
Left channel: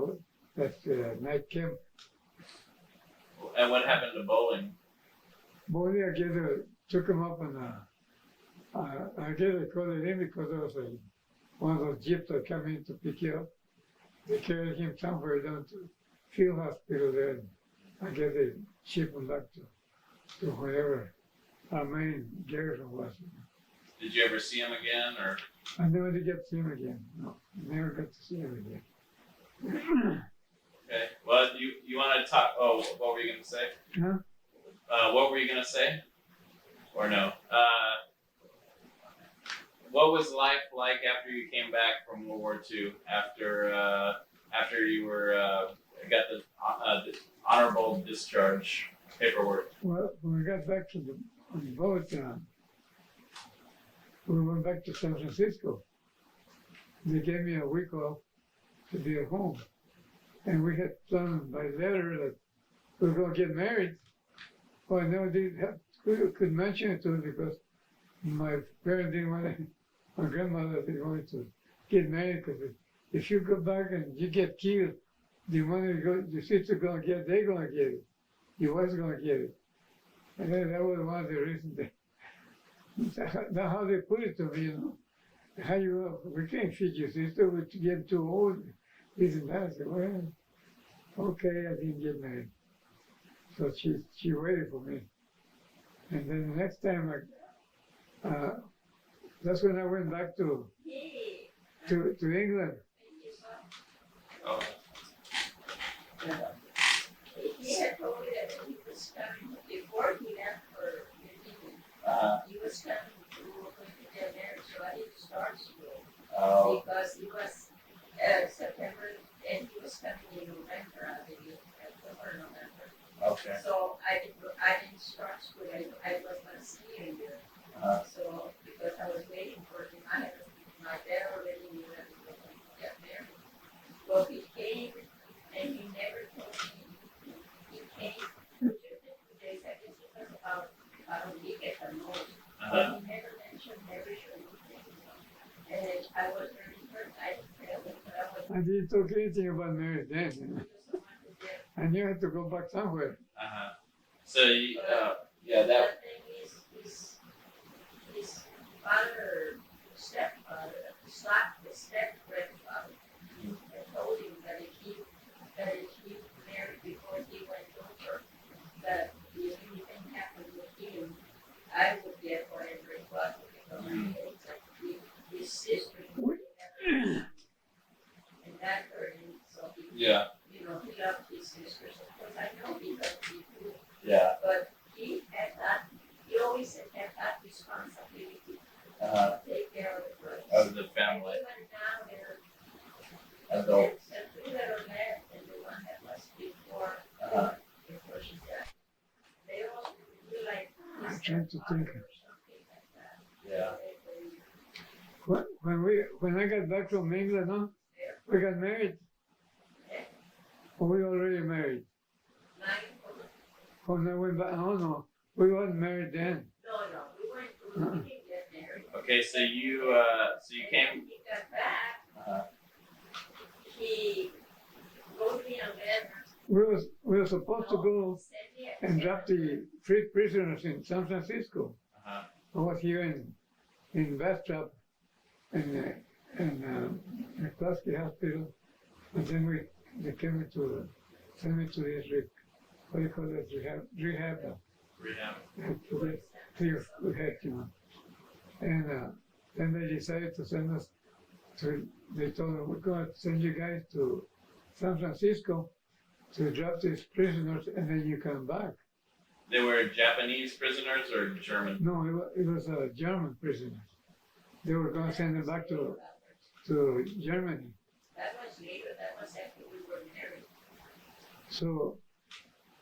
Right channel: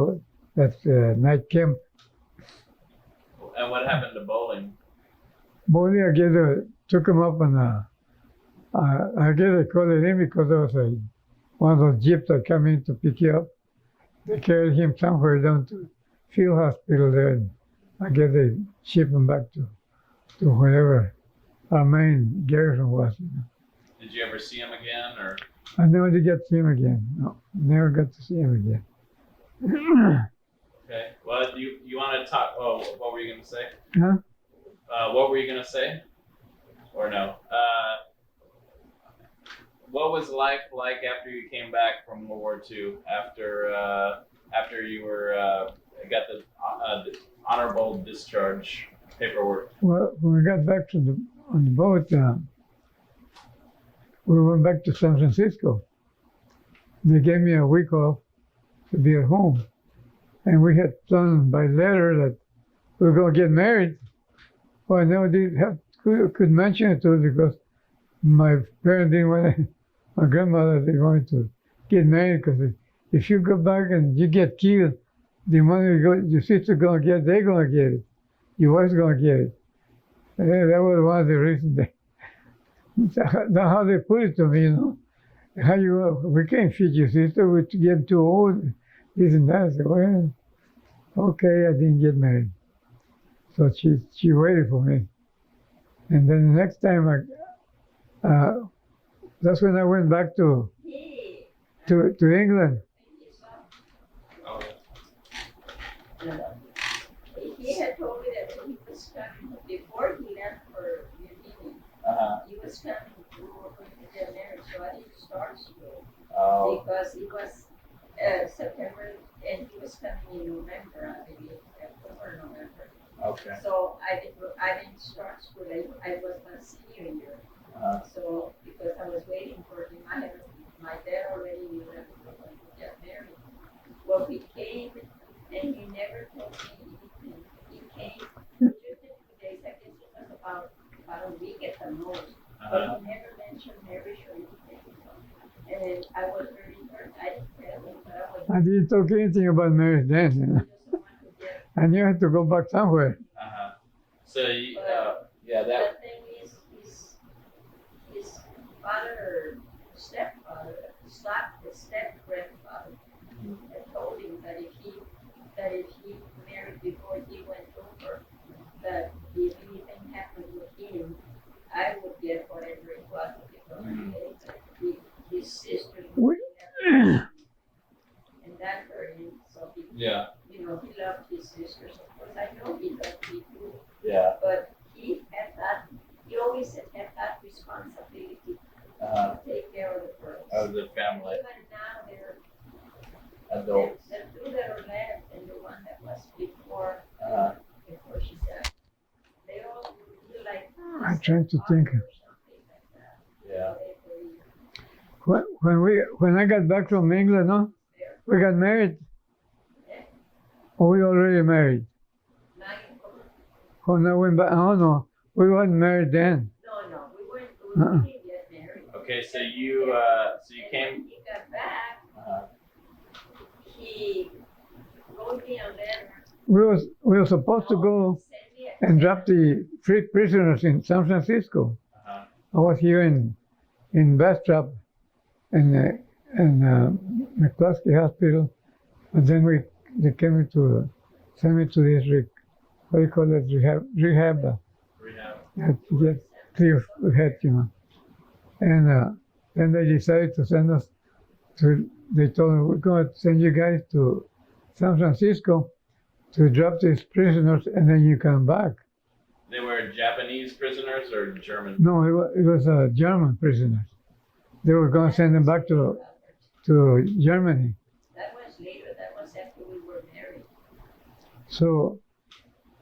that night camp. And what happened to bowling? Bonnie, I guess took him up on I guess I called it in because there was one of those jeeps that come in to pick you up. They carried him somewhere down to field hospital there, and I guess they shipped him back to wherever our main garrison was. Did you ever see him again, or? I never did get to see him again. No, never got to see him again. Okay. Well, you want to talk? Oh, what were you going to say? Huh? What were you going to say? Or no? What was life like after you came back from World War II? After you got the honorable discharge paperwork. Well, when we got back on the boat, we went back to San Francisco. They gave me a week off to be at home. And we had planned by letter that we were going to get married. Well, I never could mention it to her because my parents didn't want my grandmother, they wanted to get married because if you go back and you get killed, the money your sister's going to get, they're going to get it. Your wife's going to get it. And that was one of the reasons That's how they put it to me, you know. How you, we can't feed your sister, we get too old, this and that. I said, well, okay, I didn't get married. So she waited for me. And then the next time that's when I went back to England. Oh, He had told me that he was coming before he left for Virginia. He was coming to get married, so I didn't start school oh, because it was September and he was coming in November, I believe, October, November. okay. So I didn't start school. I was not seeing him. So because I was waiting for him, I had my dad already knew that he was going to get married. Well, he came and he never told me. He came just a few days. I guess it was about a week at the most. But he never mentioned marriage or anything. And then I was really hurt. I didn't tell him, but I was. I didn't talk anything about marriage then, you know. I knew I had to go back somewhere. So, yeah, that. The thing is, his father, stepfather, his step-grandfather, had told him that if he married before he went over, that if anything happened with him, I would get whatever it was because his sister never, and that hurt him. So he, Yeah. he loved his sisters. Of course, I know he loved me too. Yeah. But he always had that responsibility to take care of the first. Of the family. Even now, they're Adults. the two that are left and the one that was before she died. They all feel like I'm trying to think. or something like that. Yeah. When I got back from England, no, we got married. Or we already married. When I went back, oh no, we weren't married then. No, we didn't get married. Okay, so you came. When he got back, he wrote me a letter. We were supposed to go Sent me and drop the free prisoners in San Francisco. I was here in Bastrop and McCluskey Hospital, and then they came to send me to this what do you call it, rehab. To get clear of head, you know. And then they decided to send us they told me, we're going to send you guys to San Francisco to drop these prisoners and then you come back. They were Japanese prisoners or German? No, it was German prisoners. They were going to send them back to Germany. That was later. That was after we were married. So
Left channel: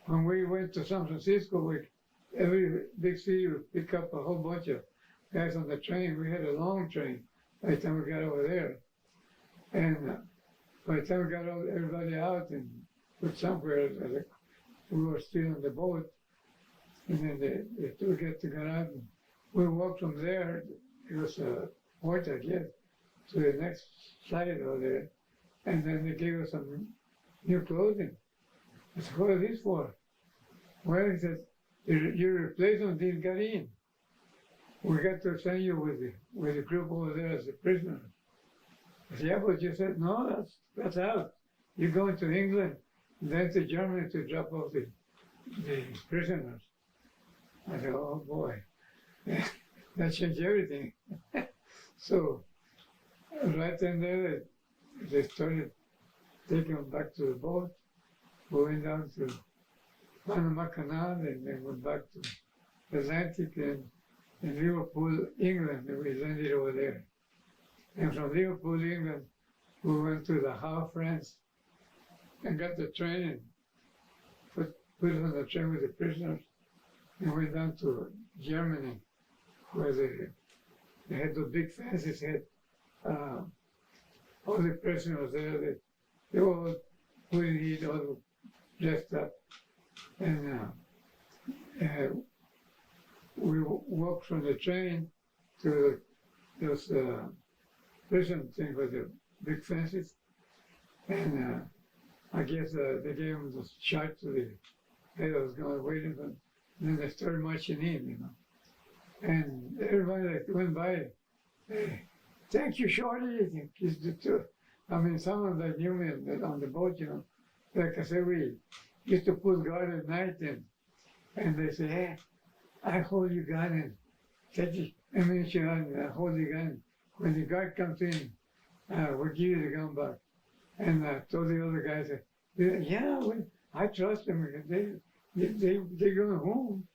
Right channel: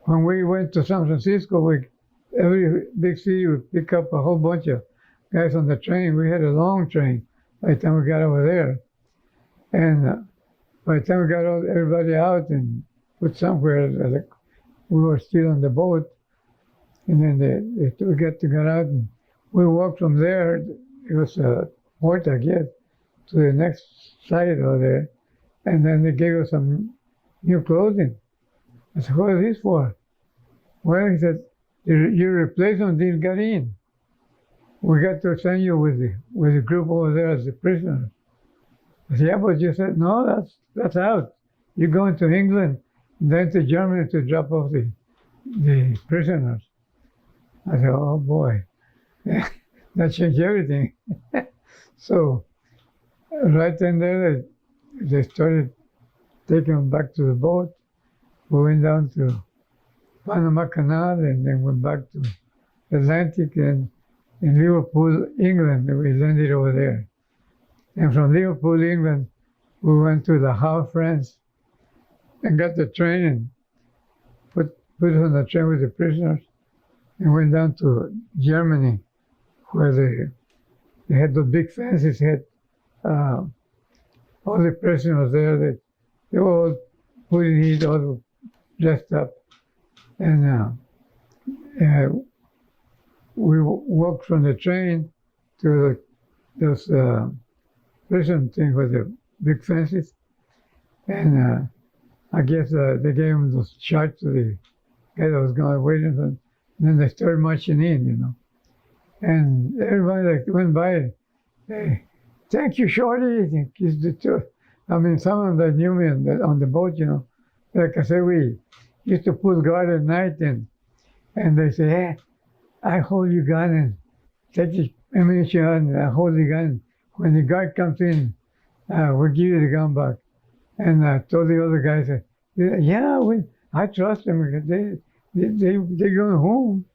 when we went to San Francisco, every big city would pick up a whole bunch of guys on the train. We had a long train by the time we got over there. And by the time we got everybody out and put somewhere, we were still on the boat. And then we got out and we walked from there. It was a port, I guess, to the next side over there. And then they gave us some new clothing. I said, what is this for? Well, he said, your replacement didn't get in. We got to send you with the group over there as a prisoner. I said, yeah, but you said, no, that's out. You're going to England, then to Germany to drop off the prisoners. I said, oh boy, that changed everything. So right then there, they started taking them back to the boat. We went down to Panama Canal and then went back to Atlantic and in Liverpool, England, we landed over there. And from Liverpool, England, we went to the Havre, France, and got the train and put us on the train with the prisoners and went down to Germany, where they had those big fences, had all the prisoners there. They were all put in heat, all dressed up. And we walked from the train to those prison things with the big fences. And I guess they gave them those shots to the guy that was going waiting for them. And then they started marching in, you know. and everybody that went by, hey, thank you, Shorty. Kissed the two. I mean, some of them knew me on the boat, you know. Like I said, we used to put guard at night, and they say, hey, I hold your gun and take the ammunition out, and I hold the gun. When the guard comes in, we'll give you the gun back. And I told the other guys, yeah, I trust them. They're going home.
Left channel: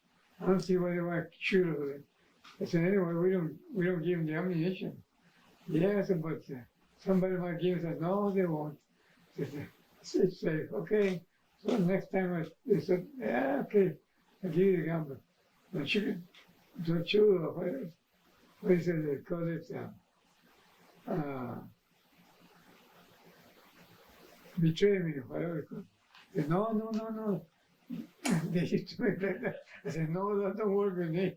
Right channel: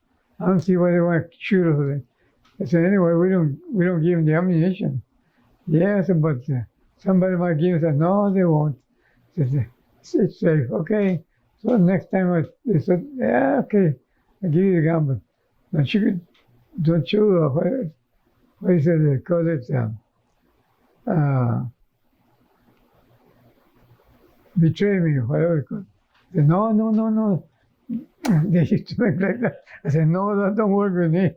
I don't see why they want to shoot us. I said, anyway, we don't give them the ammunition. Yes, but somebody might give us. No, they won't. I said, it's safe. Okay. So next time they said, yeah, okay, I'll give you the gun, but don't you, what is it, they call it, betray me, whatever it called. They said, no. They used to make like that. I said, no, that don't work with me.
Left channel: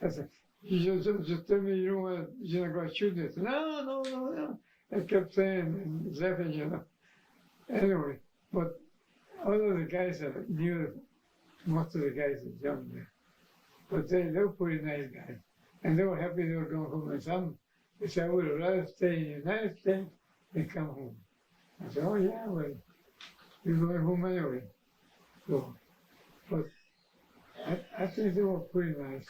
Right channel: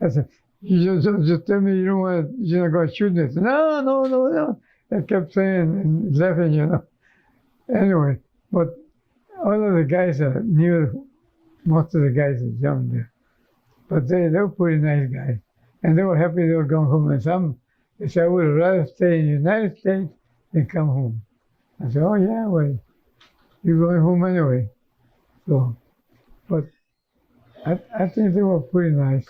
I said, you just tell me you're not going to shoot me. I said, no. I kept saying and laughing, you know. Anyway, but all of the guys knew, most of the guys are young there. But they were pretty nice guys. And they were happy they were going home. And some, they said, I would rather stay in the United States than come home. I said, oh yeah, well, you're going home anyway. So, but I think they were pretty nice.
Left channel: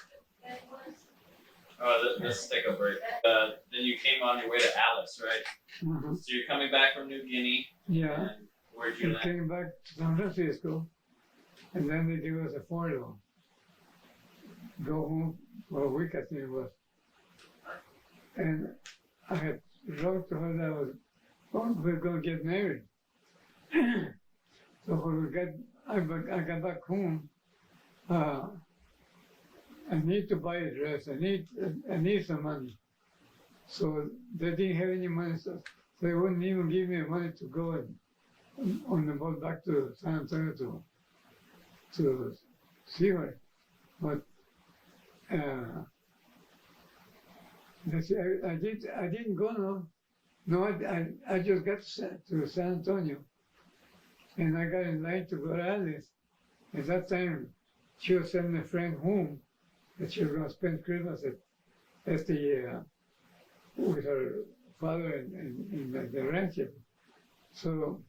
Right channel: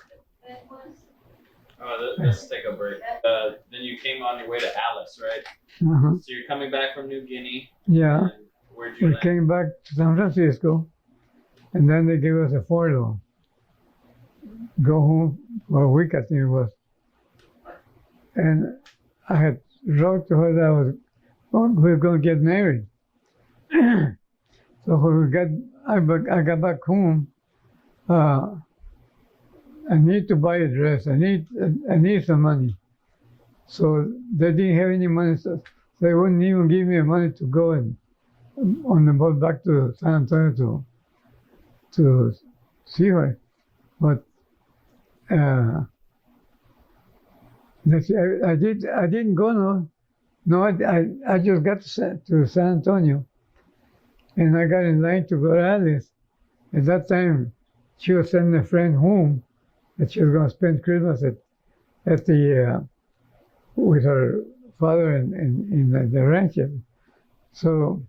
Let's take a break. Then you came on your way to Alice, right? Uh-huh. So you're coming back from New Guinea. Yeah. And where'd you We land? came back to San Francisco, and then they gave us a furlough. Go home for a week, I think it was. And I had wrote to her that we were going to get married. So when I got back home, I need to buy a dress. I need some money. So they didn't have any money, so they wouldn't even give me money to go on the boat back to San Antonio to see her. But I didn't go. No, I just got to San Antonio, and I got in line to go to Alice. At that time, she was sending a friend home that she was going to spend Christmas at the with her father in the ranch. So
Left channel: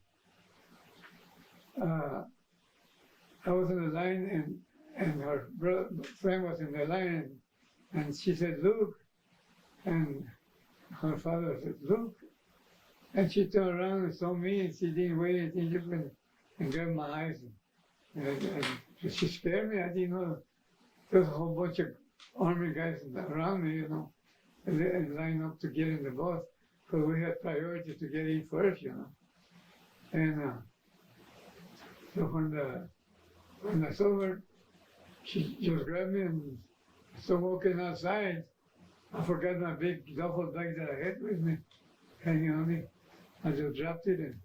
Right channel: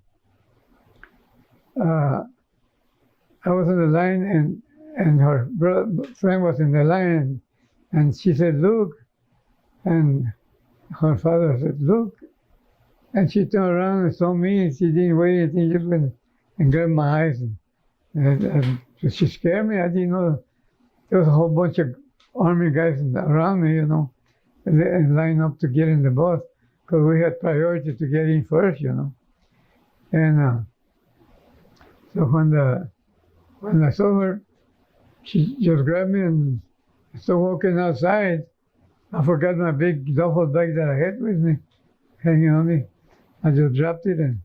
I was in the line, and her friend was in the line, and she said, "Look," and her father said, "Look," and she turned around and saw me, and she didn't wait anything, just went and grabbed my eyes, and she scared me. I didn't know there was a whole bunch of army guys around me, you know, and line up to get in the bus because we had priority to get in first, you know. And so when I saw her, she just grabbed me and started walking outside. I forgot my big duffel bag that I had with me, hanging on me. I just dropped it, and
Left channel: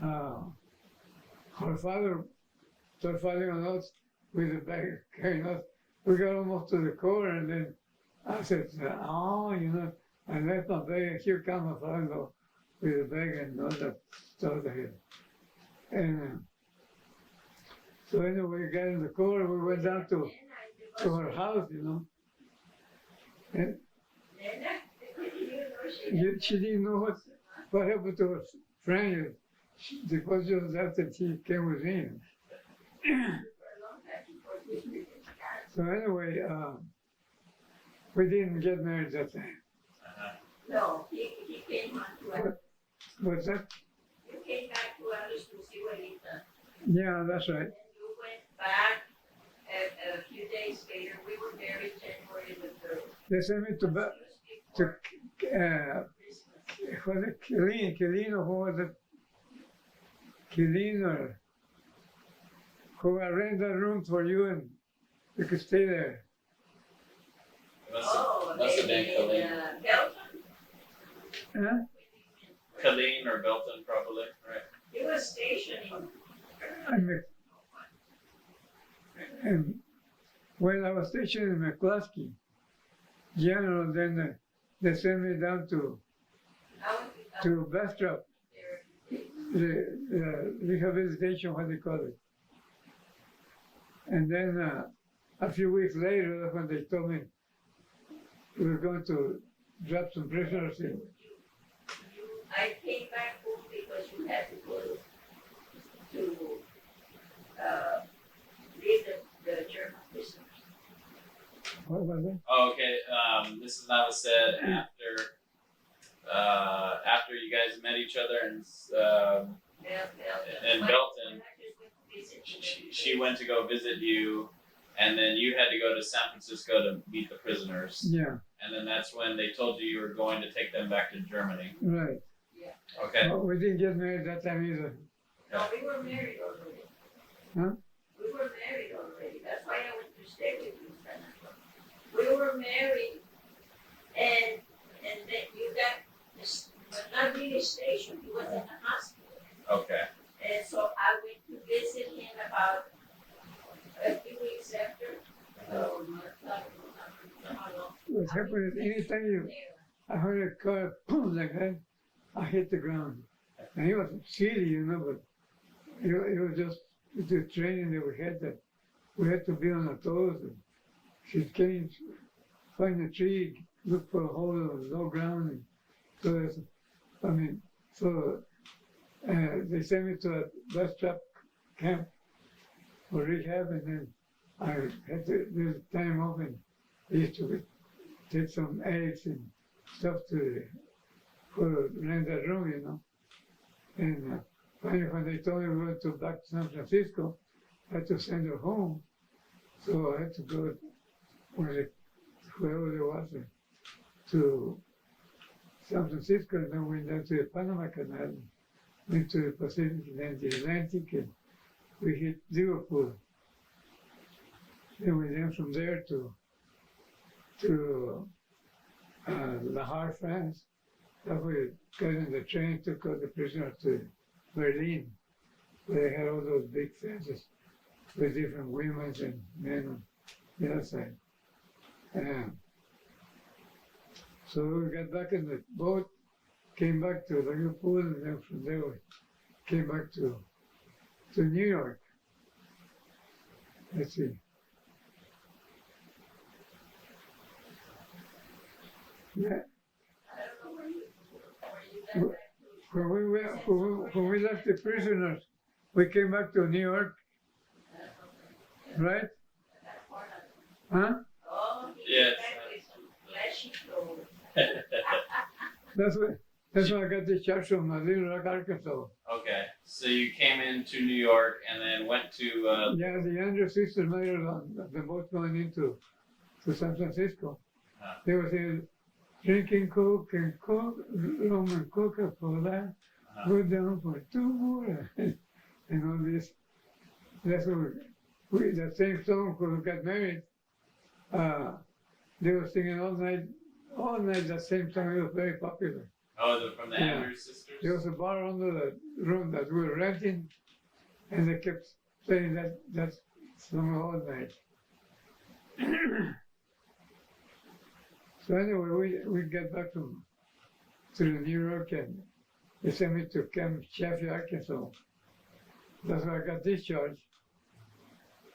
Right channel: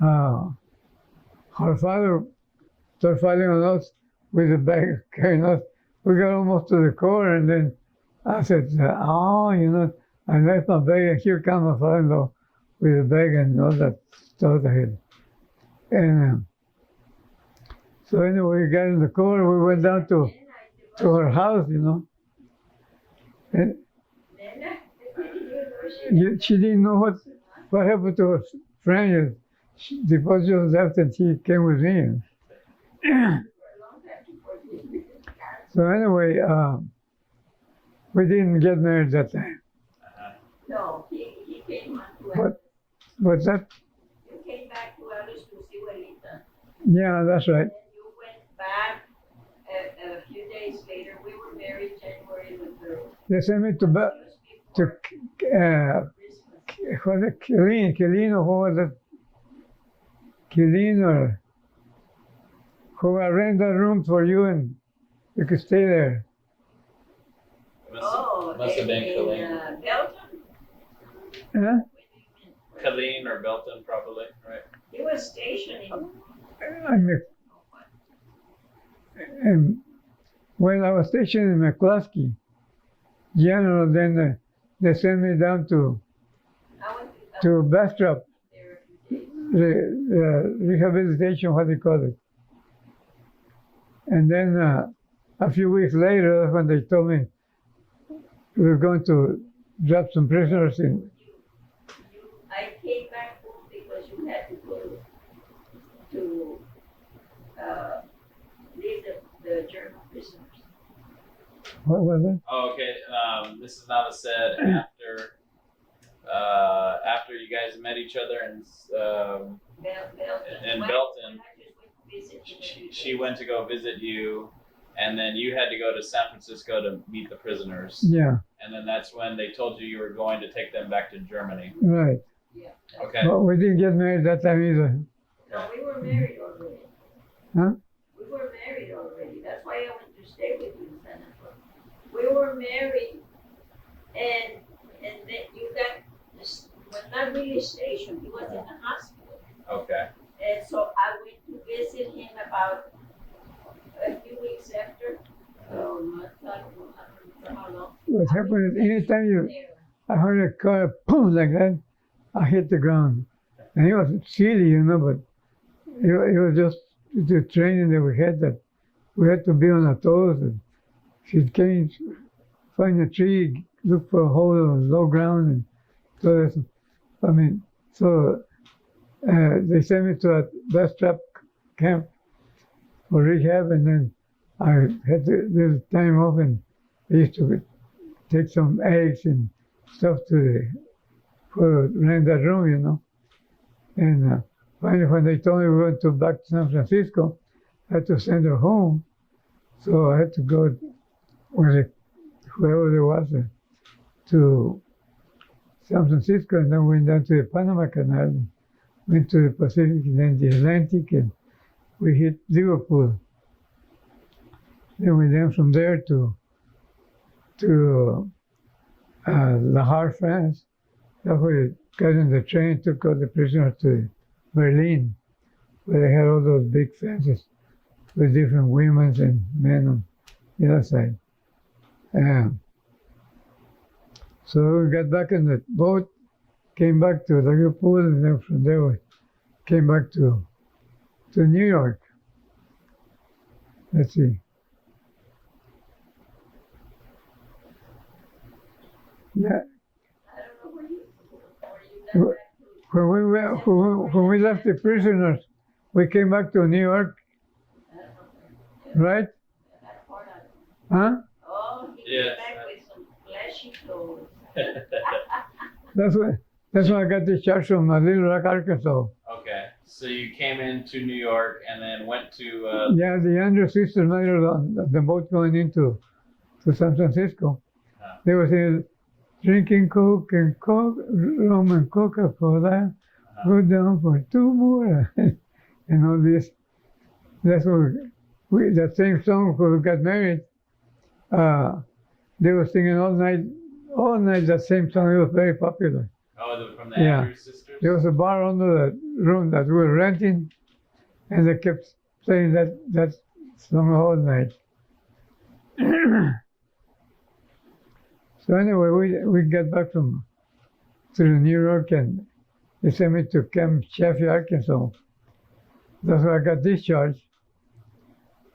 her father started fighting on us with the bag, carrying us. We got almost to the car, and then I said, I left my bag, and here comes my father-in-law with the bag and all that stuff I had. And so anyway, we got in the car, and we went down to her house, you know. And she didn't know what happened to her friend. The boss just left, and she came with me. So anyway, we didn't get married that time. No, he came on to us. But that, You came back to Alice to see Juanita. yeah, that's right. And you went back a few days later. We were married January the 3rd. They sent me to Christmas. was it Killeen, or what was it? Killeen, or who I rent that room for you, and you could stay there. Must have been Killeen. Belton? Huh? Killeen or Belton, probably, right? He was stationed And when I was stationed in McCluskey, General, then they sent me down to Bastrop, the rehabilitation, what they call it. And then a few weeks later, when they told me we were going to drop some prisoners in. I came back home because you had to go to leave the German prisoners. What was it? Oh, okay. This is Nava said after you guys met each other in Belton, she went to go visit you, and then you had to go to San Francisco to meet the prisoners. Yeah, And then that's when they told you were going to take them back to Germany. right. Okay. But we didn't get married that time either. No, we were married already. Huh? We were married already. That's why I went to stay with you in San Antonio. We were married, and then you got this, but not really stationed. He was in the hospital, Okay. and so I went to visit him about a few weeks after. So not how long. What happened is anytime I heard a car boom like that, I hit the ground. And it was silly, but it was just the training that we had, that we had to be on our toes. And she came, find a tree, look for a hole on low ground, and they sent me to a bus trap camp for rehab, and then I had to do time off, and I used to take some eggs and stuff for rent that room, And finally, when they told me we were going to back to San Francisco, I had to send her home. So I had to go with whoever there was to San Francisco, and then went down to the Panama Canal, and went to the Pacific, and then the Atlantic, and we hit Liverpool. Then we went from there to La Havre, France. That's where we got in the train, took all the prisoners to Berlin, where they had all those big fences with different women and men on the other side. So we got back in the boat, came back to Liverpool, and then from there we came back to New York. Let's see. Yeah. When we left the prisoners, we came back to New York, right? Huh? Oh, he Yes. came back with some flashy clothes. That's when I got discharged from Little Rock, Arkansas. Okay. So you came into New York and then went to. Yeah, the younger sister made it on the boat going into San Francisco. They were saying, drinking Coke and rum and Coca-Cola, go down for 2 more, and all this. That's what that same song when we got married. They were singing all night. That same song. It was very popular. Oh, from the Yeah. Andrews sisters. There was a bar under the room that we were renting, and they kept playing that song all night. So anyway, we got back to New York, and they sent me to Camp Chaffee, Arkansas. That's where I got discharged.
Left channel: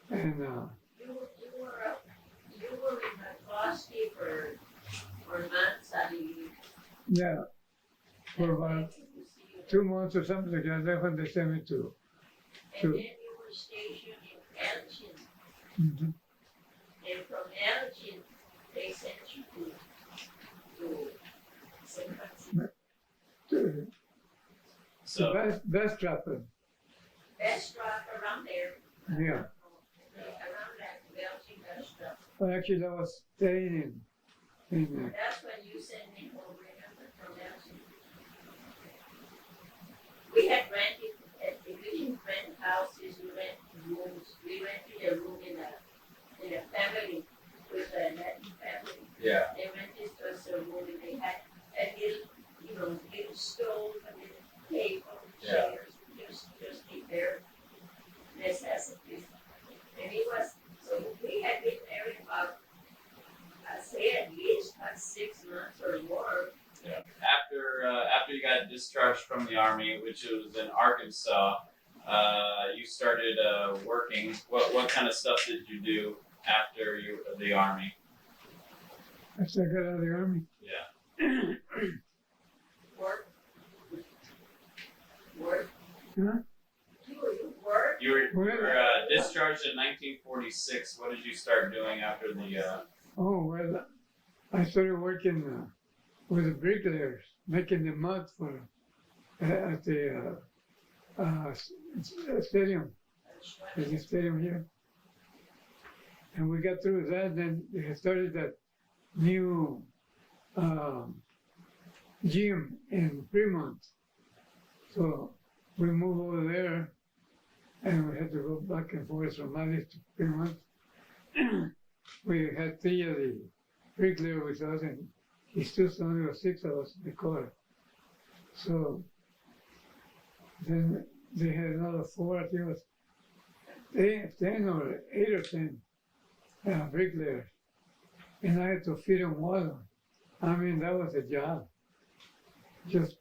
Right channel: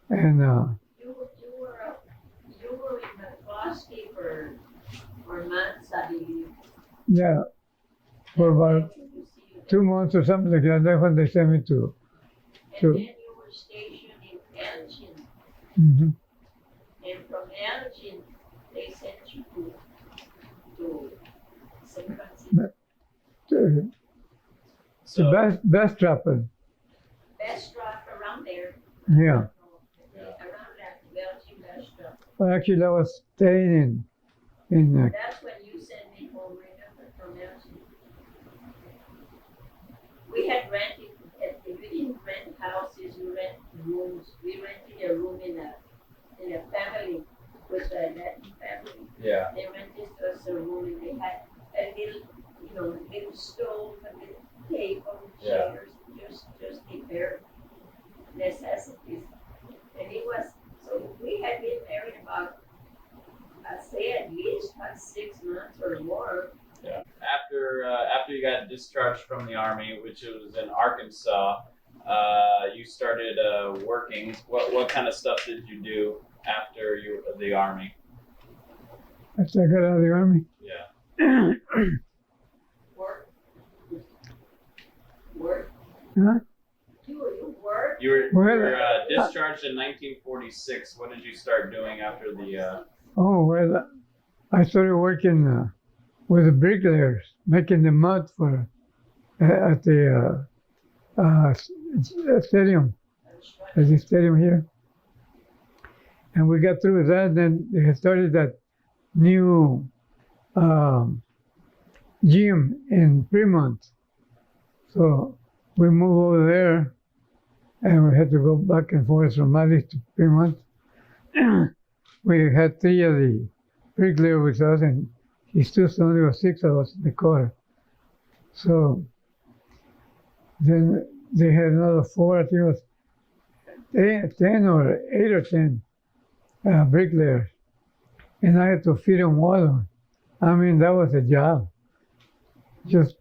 And You were in the custody for months, I believe. yeah, for about 2 months or something like that. That's when they sent me to. And then you were stationed in Elgin. Mm-hmm. And from Elgin, they sent you to San Francisco. So Best trapper. Best drop around there. Yeah. Around that Belgian best drop. Well, actually, I was staying in That's when you sent me home, remember, from Belgium. We had rented, we didn't rent houses, we rent rooms. We rented a room in a family, with a Latin family. yeah. They rented us a room, and they had a little stove, a little table, Yeah. chairs, just the bare necessities. And it was, so we had been married about, I'd say at least about 6 months or more. Yeah. After you got discharged from the army, which was in Arkansas, you started working. What kind of stuff did you do after the army? After I got out of the army. Yeah. Work. Work. Huh? You work. You were, Well, you were discharged in 1946. What did you start doing after the? Oh, well, I started working with the bricklayers, making the mud for at the stadium. There's a stadium here. And we got through with that, then they had started that new gym in Fremont. So we moved over there, and we had to go back and forth from Mali to Fremont. We had 3 of the bricklayer with us, and he still only was 6 of us in the car. So then they had another 4, I think it was 10 or 8 or 10 bricklayers, and I had to feed them water. I mean, that was a job. Just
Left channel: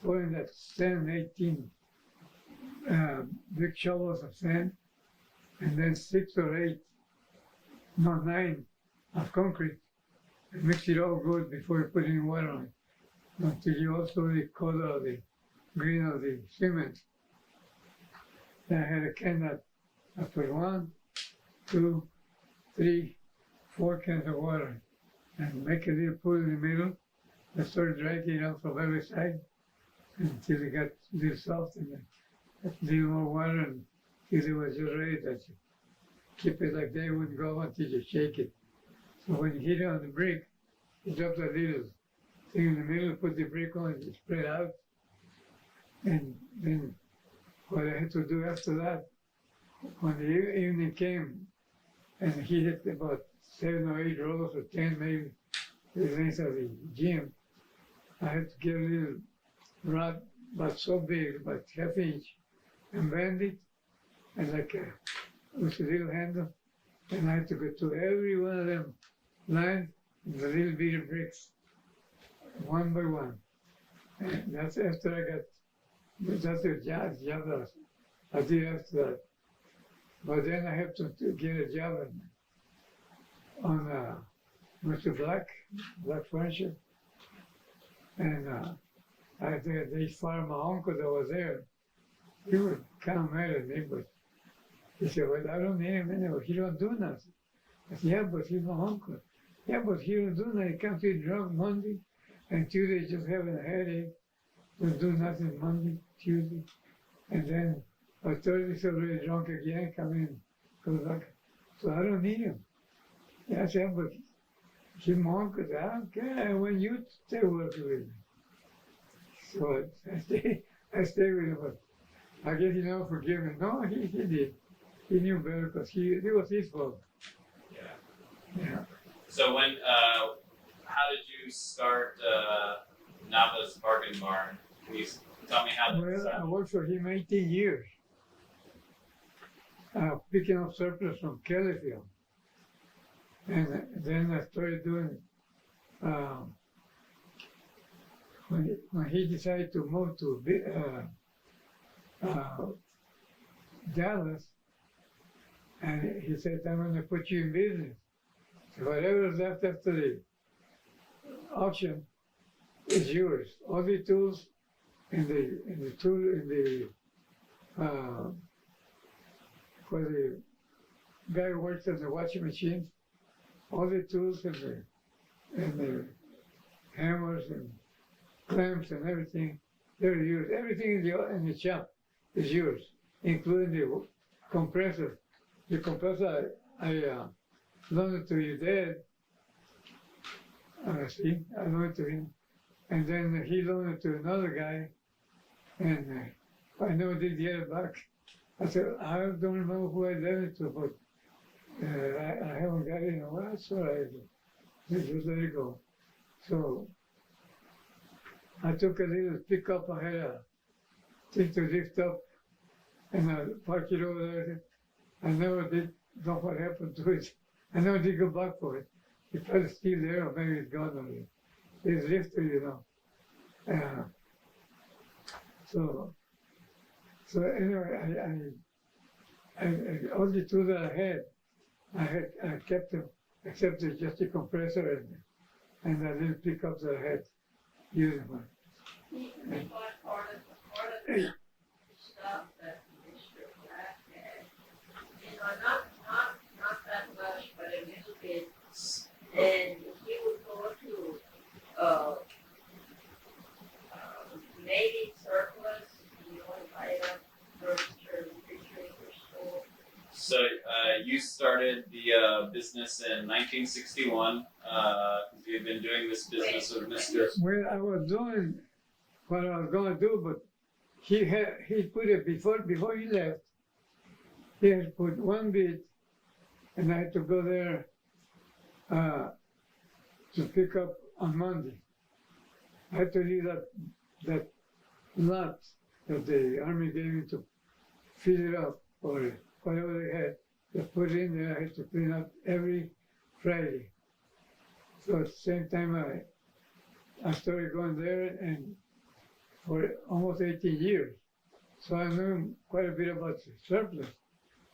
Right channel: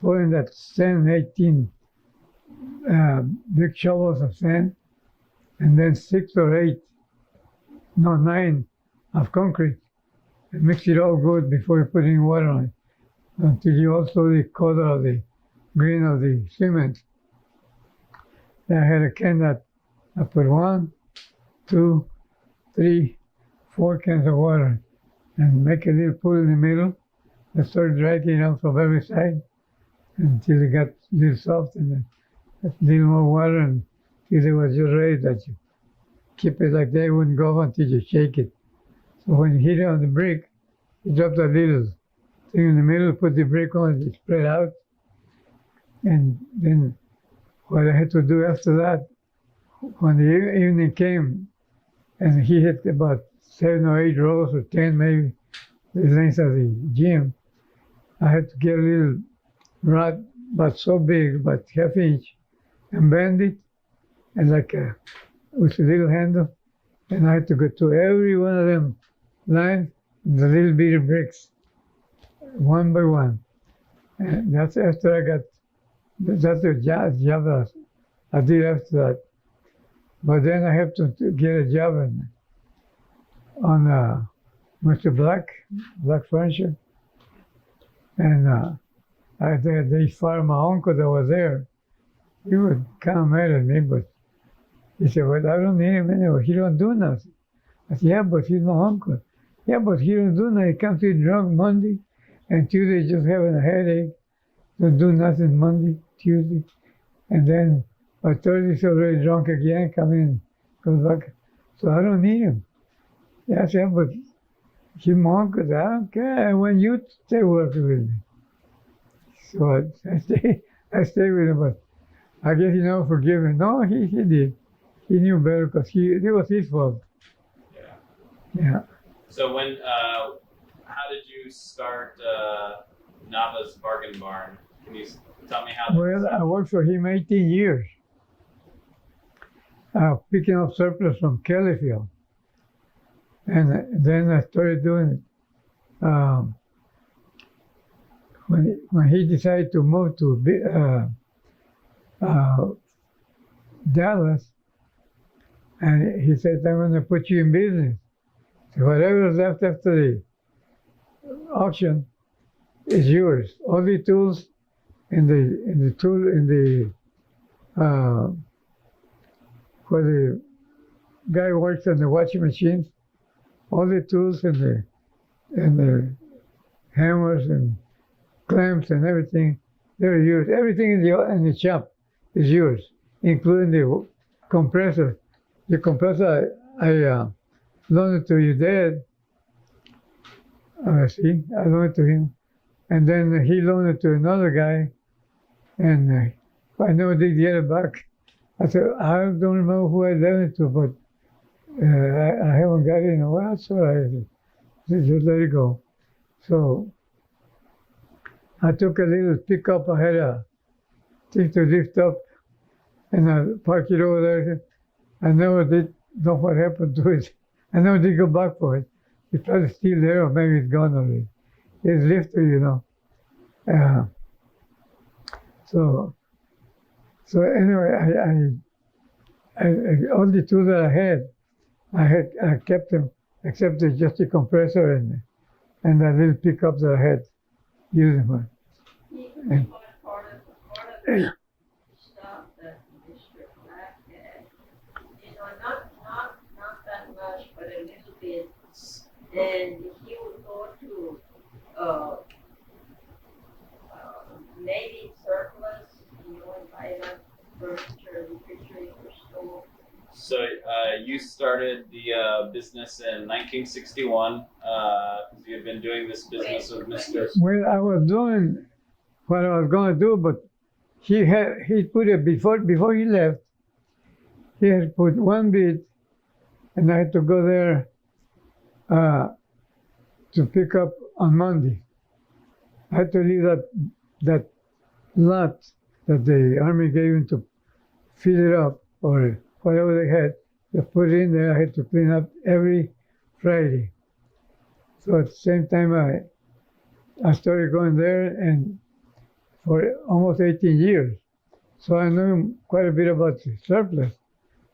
putting that 10, 18 big shovels of sand, and then 6 or 8, no 9 of concrete, and mix it all good before you put any water on it, until you also the color of the green of the cement. Then I had a can that I put 1, 2, 3, 4 cans of water, and make a little pool in the middle. I started dragging it out from every side until it got a little soft, and then a little more water, and till it was just ready that you keep it like that. It wouldn't go until you shake it. So when you hit it on the brick, you drop that little thing in the middle, put the brick on, it spread out. And then what I had to do after that, when the evening came, and he hit about 7 or 8 rows or 10 maybe, the length of the gym, I had to get a little rod, about so big, about half inch, and bend it, and with a little handle, and I had to go to every one of them lines, the little bitty bricks, one by one. And that's after I got, that's the job that I did after that. But then I have to get a job on Mr. Black Furniture, and they fired my uncle that was there. He was kind of mad at me, but he said, well, I don't need him anyway. He don't do nothing. I said, yeah, but he's my uncle. Yeah, but he don't do nothing. He comes in drunk Monday, and Tuesday just having a headache. Don't do nothing Monday, Tuesday. And then by Thursday he's already drunk again, come in, goes back. So I don't need him. Yeah, I said, but he's my uncle. I don't care. I want you to stay working with me. So I stay with him, but I guess he never forgave me. No, he did. He knew better because it was his fault. Yeah. So how did you start Nava's Bargain Barn? Can you tell me how? Well, I worked for him 18 years, picking up surplus from Kellyfield. And then I started doing, when he decided to move to Dallas, and he said, I'm going to put you in business. So whatever is left after the auction is yours. All the tools where the guy works on the washing machines, all the tools and the hammers and clamps and everything, they're yours. Everything in the shop is yours, including the compressor. The compressor I loaned it to your dad. I loaned it to him, and then he loaned it to another guy, and I never did get it back. I said, I don't remember who I loaned it to, but I haven't got it in a while, so I just let it go. So I took a little pickup. I had a thing to lift up, and I parked it over there. I never did know what happened to it. I never did go back for it. It's probably still there, or maybe it's gone already. It's lifted, you know. So anyway, I all the tools that I had, I kept them, except it's just a compressor and that little pickup that I had using one. He bought part of the stuff that Mr. Black had. Not that much, but a little bit. And he would go to maybe surplus, and buy up furniture, refrigerator, stove. So you started the business in 1961. You've been doing this business with Mr. Well, I was doing what I was going to do, but he put it before he left. He had put one bid, and I had to go there to pick up on Monday. I had to leave that lot that the army gave him to fill it up or whatever they had. Just put it in there. I had to clean up every Friday. So at the same time, I started going there, and for almost 18 years. So I knew quite a bit about the surplus.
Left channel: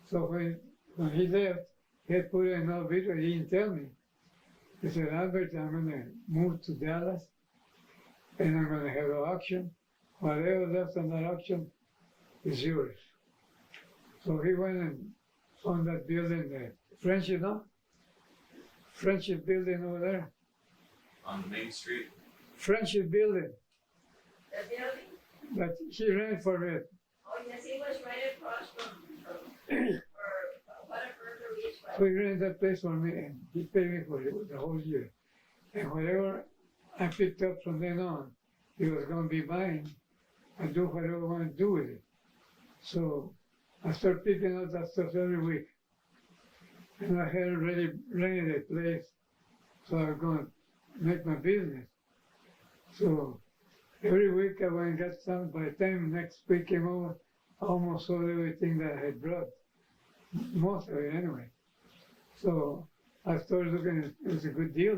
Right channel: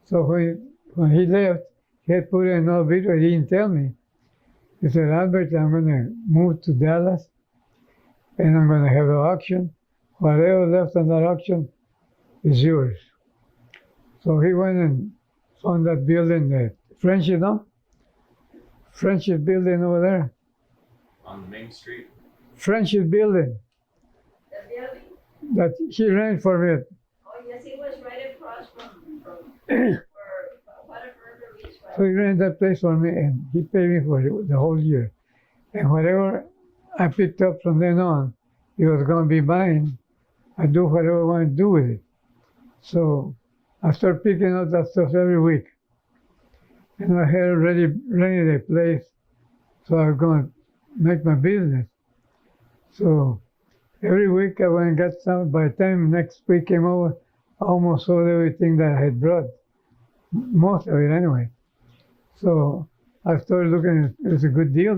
So when he left, he had put in another bid, but he didn't tell me. He said, Albert, I'm going to move to Dallas, and I'm going to have an auction. Whatever left on that auction is yours. So he went and found that building, the Friendship, no? Friendship building over there. On Main Street. Friendship building The building, that he rented for me. oh yes, it was right across from or whatever the lease So was. he rented that place for me, and he paid me for it the whole year. And whatever I picked up from then on, it was going to be mine. I do whatever I want to do with it. So I started picking up that stuff every week. And I had already rented a place, so I was going to make my business. So every week I went and got some. By the time next week came over, I almost sold everything that I had brought. Most of it anyway. So I started looking at it was a good deal,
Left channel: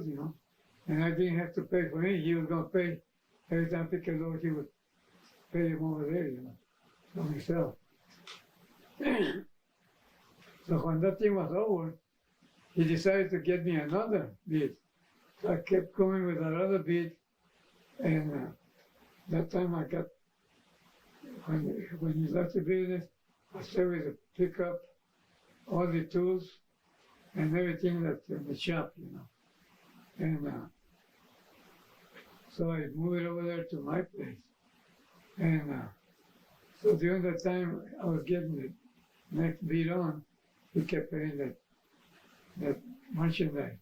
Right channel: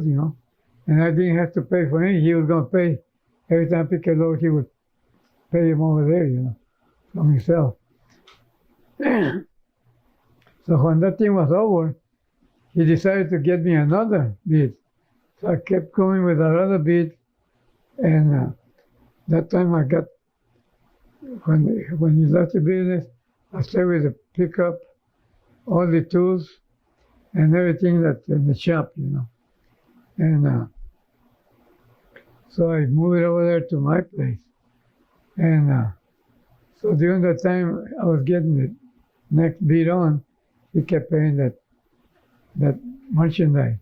and I didn't have to pay for anything. He was going to pay every time I picked a load. He would pay him over there, from himself. So when that thing was over, he decided to get me another bid. So I kept going with that other bid, and that time I got when he left the business, I stayed with the pickup, all the tools, and everything that's in the shop, And so I moved it over there to my place. And so during that time I was getting the next bid on, he kept paying that merchandise.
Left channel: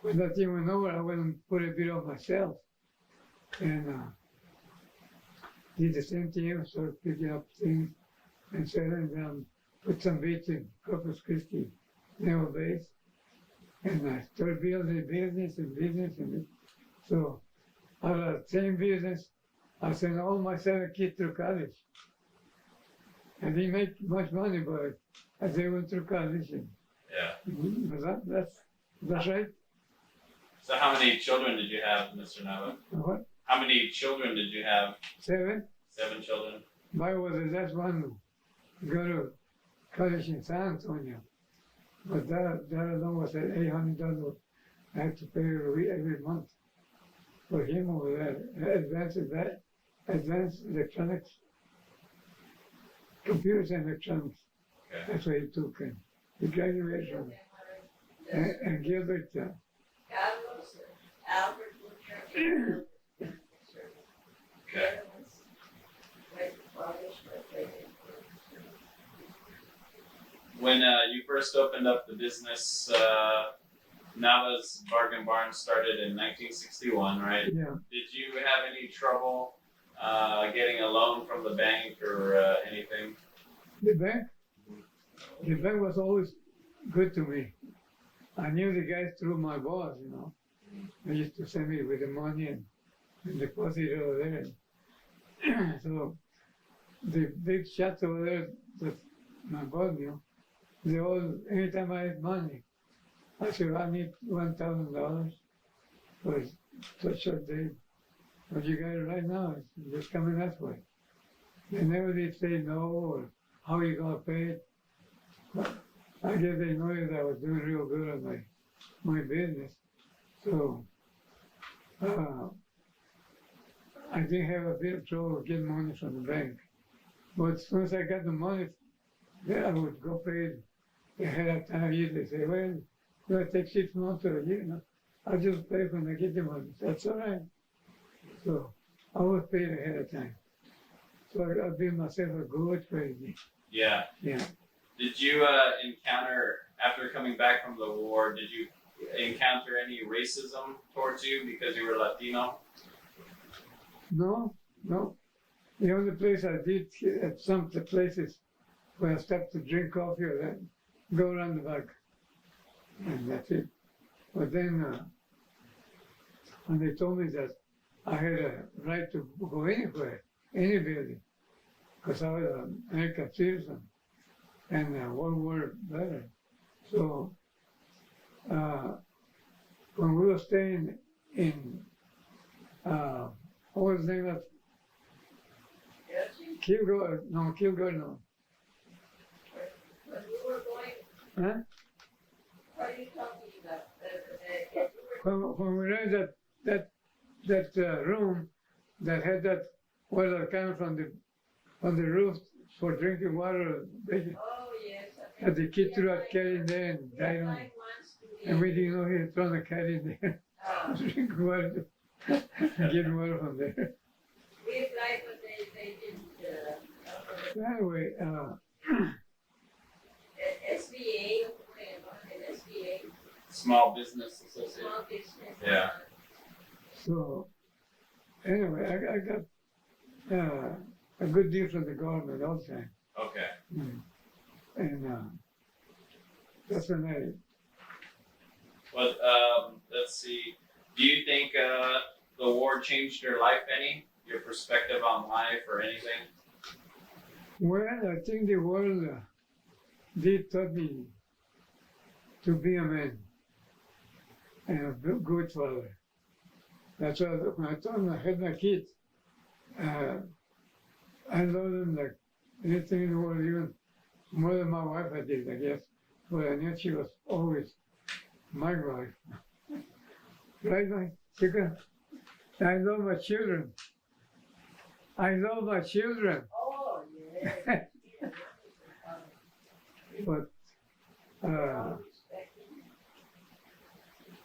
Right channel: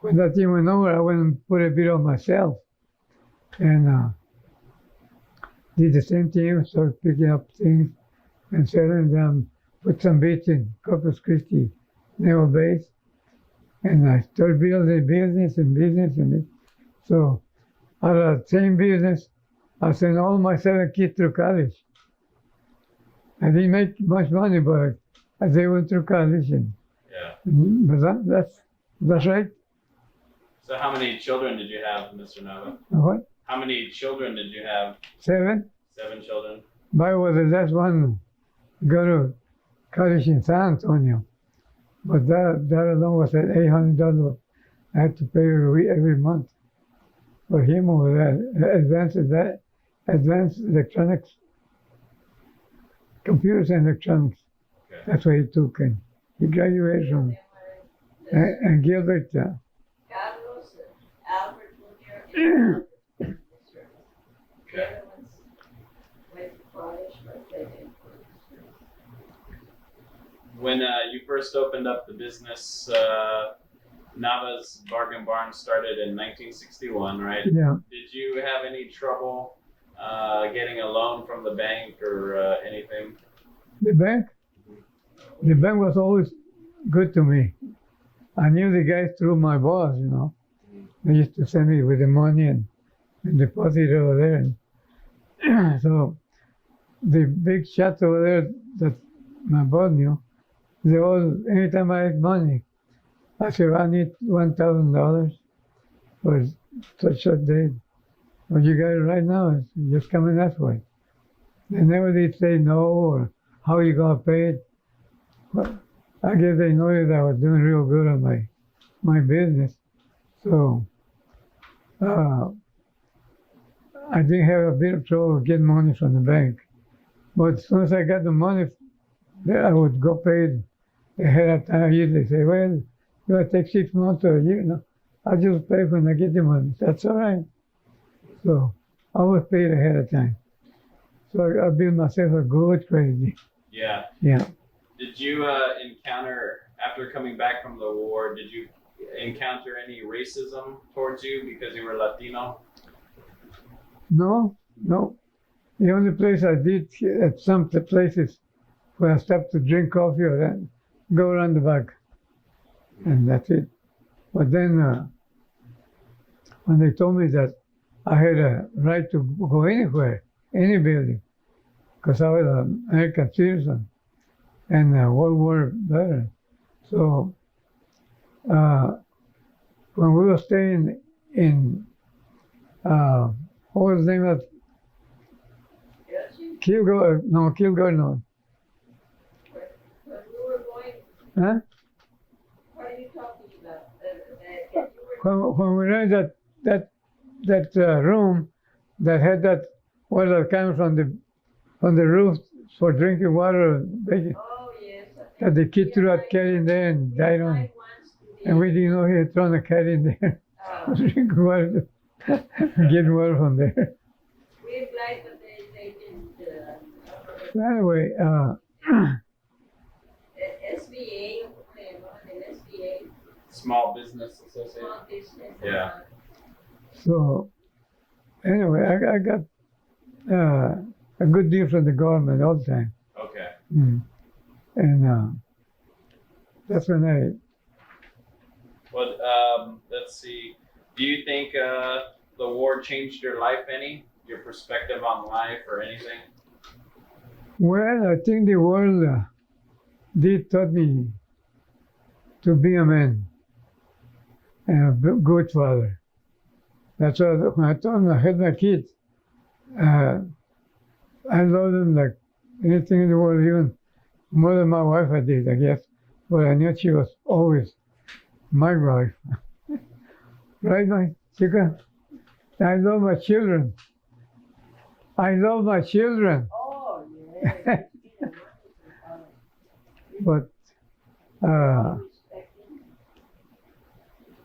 When that thing went over, I went and put a bid on myself. And did the same thing, started picking up things and selling them, put some bids in Corpus Christi naval base. And I started building business. And so out of the same business, I sent all my 7 kids through college. I didn't make much money, but they went through college. And, Yeah. but that's right. So how many children did you have, Mr. Nava? What? How many children did you have? 7? 7 children. I was the last one to go to college in San Antonio. But that alone was at $800 I had to pay every month for him over there. Advanced electronics, computers and electronics. Okay. That's what he took, and he graduated from. And Gilbert, Carlos, Albert Jr., and the other ones went to college, but they didn't. When you first opened up the business, Nava's Bargain Barn started in 1961, right? Yeah. Did you have any trouble getting a loan from the bank or anything? The bank was always good to me. I knew the guys through my boss, They used to send me with the money and deposit it over there. And so the big shots over there that my boss knew, they all, anytime I had money, I said, I need $1,000 for such a day. Well, you got it right now, it's just coming that way. They never did say no or how you going to pay it. But I guess they noticed I was doing real good on my business. So I didn't have a bit of trouble getting money from the bank. But as soon as I got the money, I would go pay it ahead of time. Usually say, well, do I take 6 months or a year? No, I just pay when I get the money. That's all right. So I was paid ahead of time. So I built myself a good credit. Yeah. Yeah. Did you encounter, after coming back from the war, did you encounter any racism towards you because you were Latino? No. The only place I did at some places where I stopped to drink coffee or then go around the back. And that's it. But then when they told me that I had a right to go anywhere, any building, because I was an American citizen and a World War veteran. So when we were staying in, what was the name of Kilgore? No, Kilgore, no. When you were going, Huh? what are you talking about? When we were in that room that had that water coming from the roof for drinking water, baking, Oh, yes. that the kid threw that cat in there and died on it. And we didn't know he had thrown a cat in there. Drinking water, getting water from there. We applied, but they didn't. So anyway, SBA, an SBA, Small Business Association. small business. Yeah. so anyway, I got a good deal from the government all the time. Okay. And that's when Well, let's see. Do you think the war changed your life any? Your perspective on life or anything? well, I think the world did taught me to be a man and a good father. That's why when I told them I had my kids, I loved them like anything in the world, even more than my wife I did, I guess. But I knew she was always my wife. Right, my chica? I love my children. I love my children. Oh, yeah. But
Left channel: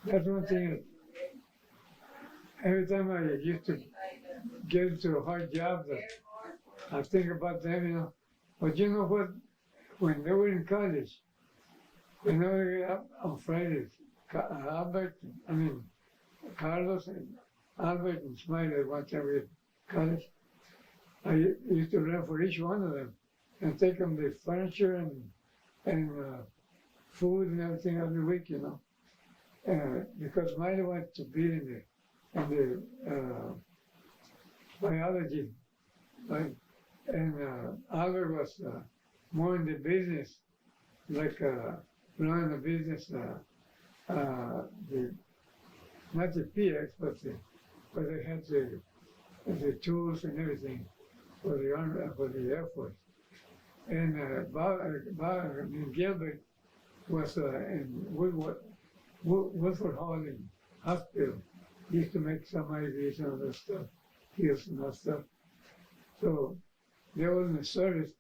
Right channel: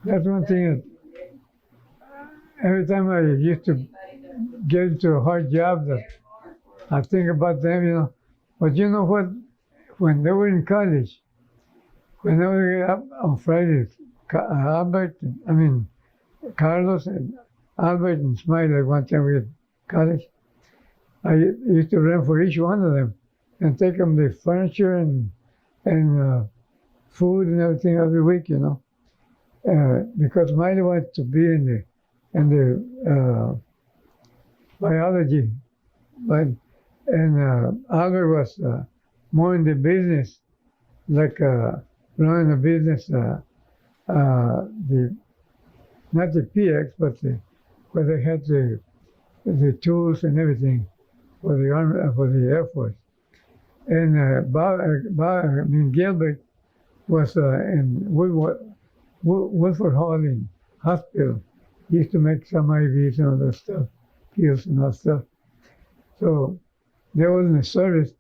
that's one thing. Every time I used to get into a hard job, that I think about them, But you know what? When they were in college, when they were up on Fridays, Carlos and Albert and Smiley, one time we had college, I used to rent for each one of them and take them the furniture and food and everything every week, because Smiley wanted to be in the biology, and Albert was more in the business, like running a business, not the PX, but where they had the tools and everything for the army, for the Air Force. And Gilbert was in Woodford Hall in hospital. He used to make some IVs and other stuff, pills and all stuff. So they were in the service,